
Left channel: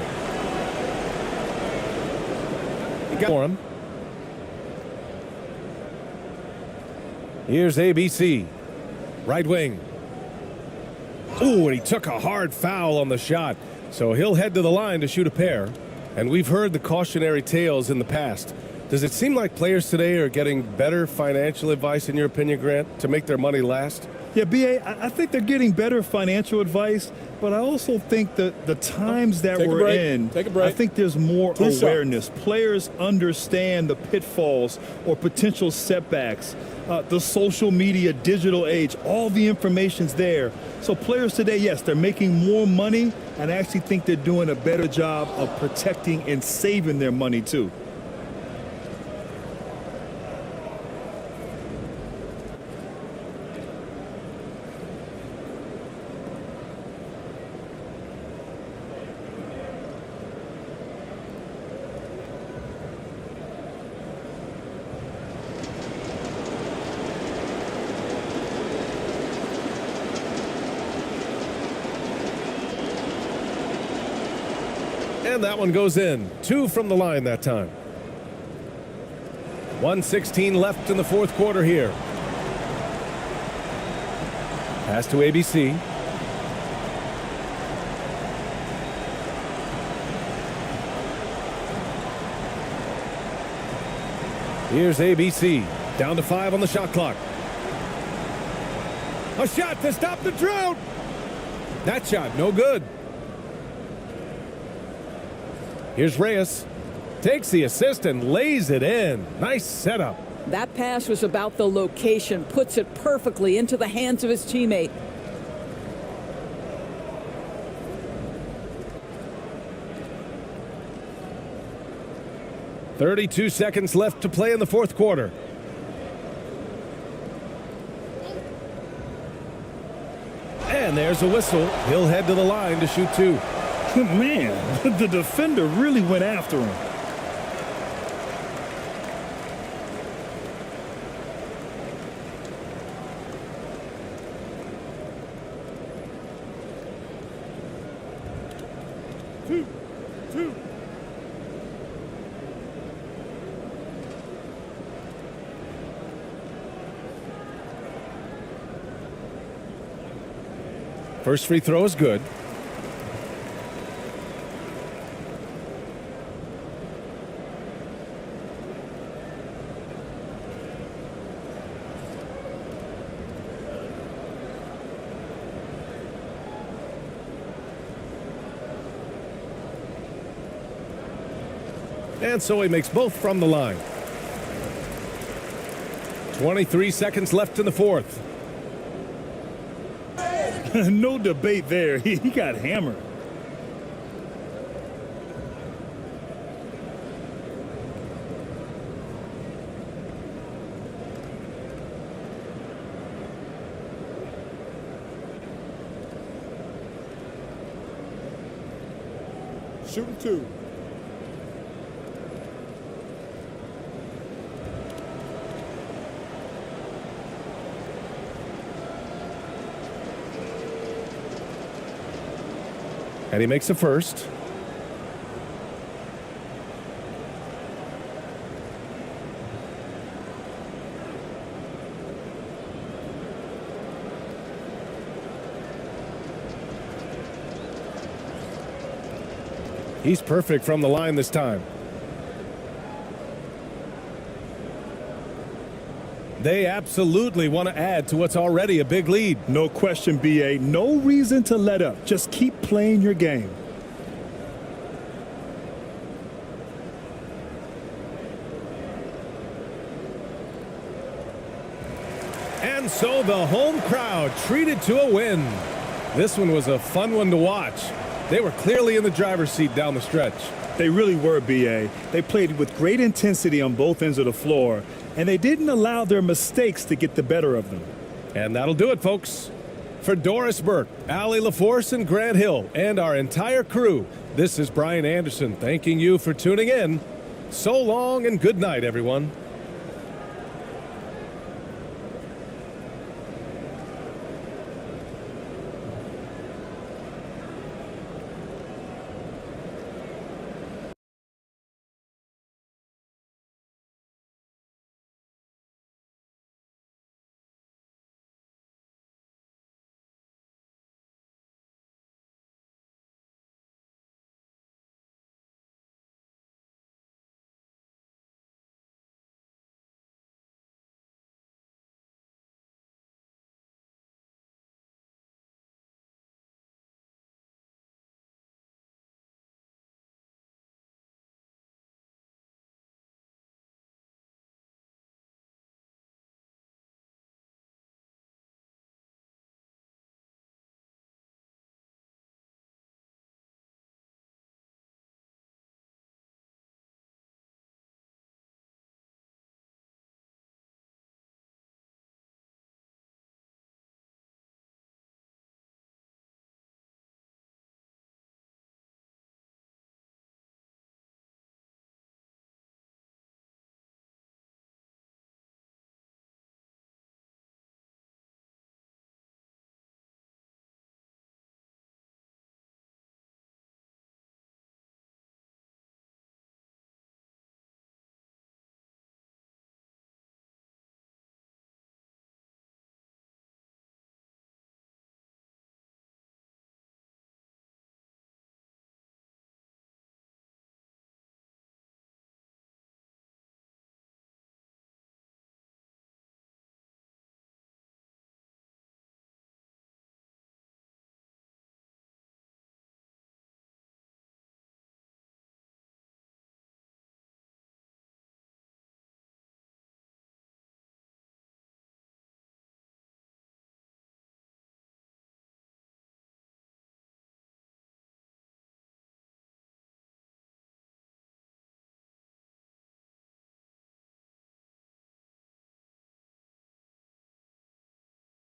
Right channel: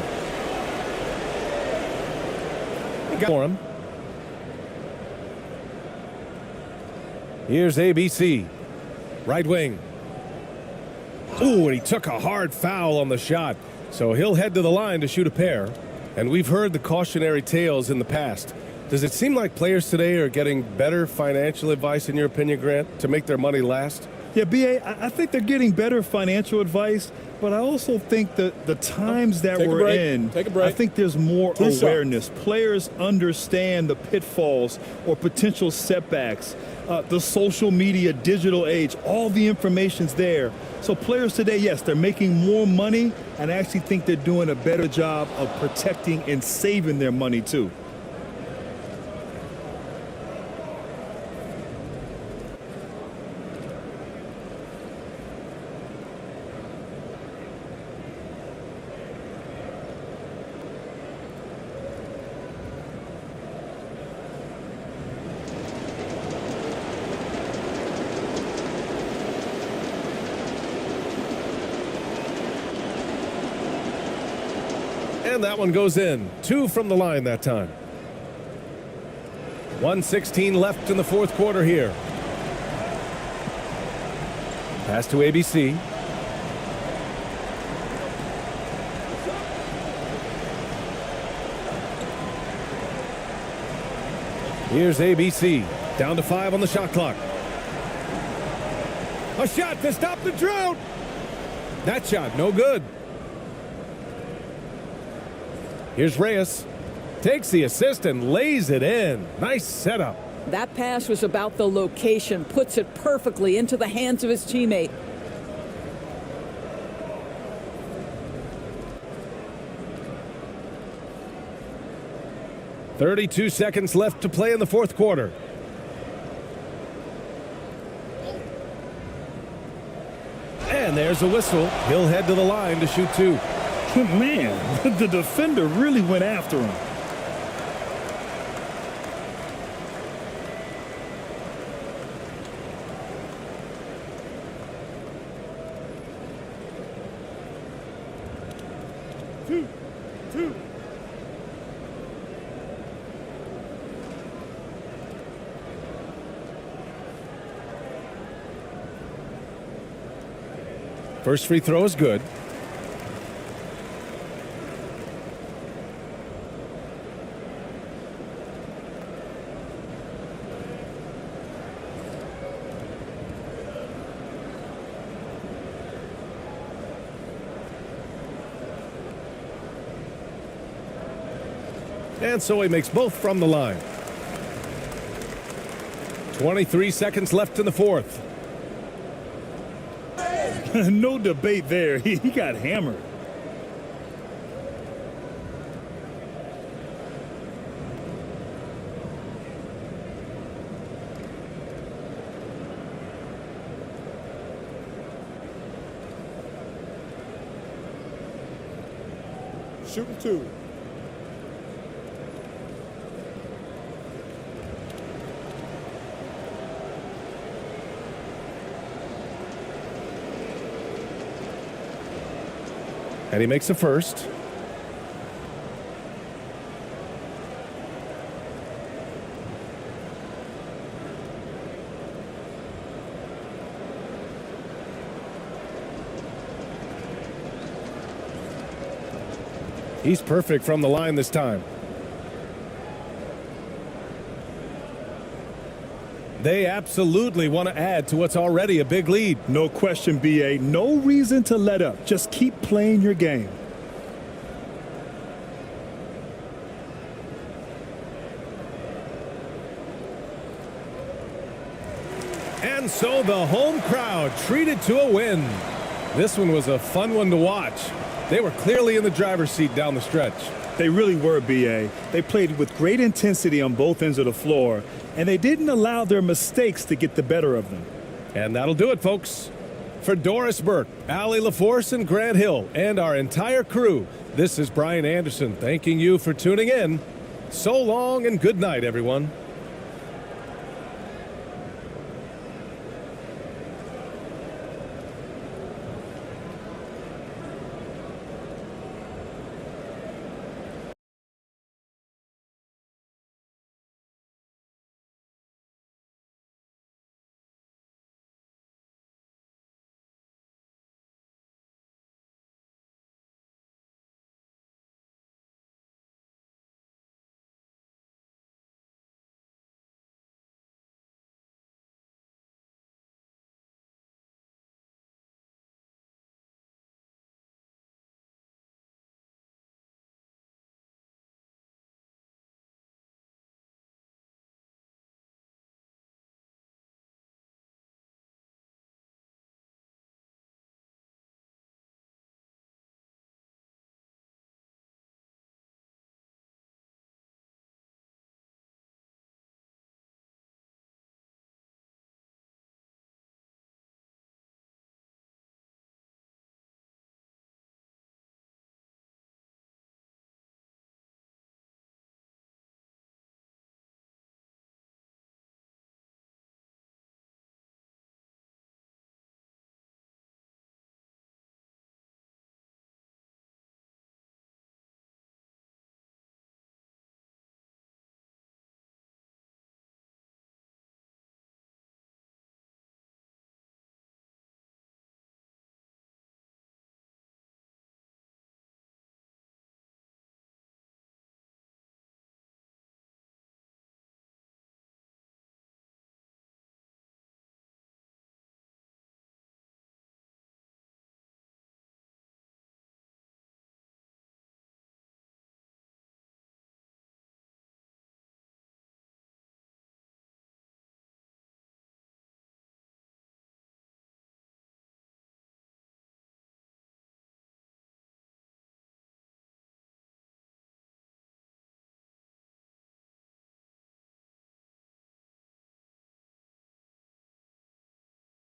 He got for him. Here's ABC. Right wing. Ooh, and he took a hard foul on the shot. So he'll head to the line to shoot a pair. And we've heard the cautionary tales in the past. Does it seem like players today are getting better financial advice, in your opinion, Grant, to make their money last? Yeah, B.A., I think they're getting better financial advice, but I also think that the times that we're in, I think there's more awareness. Players understand the pitfalls or potential setbacks, the social media, digital age, all the information's there. So players today, yes, they're making more money, and I actually think they're doing a better job of protecting and saving their money, too. And that one goes in. 2 from the line that time. 1:16 left in the fourth quarter here. Pass to ABC. Here's ABC. Down to 5 on the shot clock. A shot to stop the drought. That shot, no good. Here's Reyes. Takes the assist and lays it in. Nice setup. That pass was about the location, puts it perfectly into the hands of his teammate. "32 seconds left to play in the fourth quarter. And there's a whistle. He'll head to the line to shoot two. Man, the defender really went after him. Two. First free throw is good. And so he makes both from the line. 23 seconds left in the fourth. No debate there. He got hammered. Shooting two. And he makes a first. He's perfect from the line this time. They absolutely want to add to what's already a big lead. No question, B.A. No reason to let up. Just keep playing your game. And so the home crowd treated to a win. This one was a fun one to watch. They were clearly in the driver's seat down the stretch. They really were, B.A. They played with great intensity on both ends of the floor, and they didn't allow their mistakes to get the better of them. And that'll do it, folks. For Doris Burke, Allie LaForce, and Grant Hill, and our entire crew, this is Brian Anderson thanking you for tuning in. So long and good night, everyone.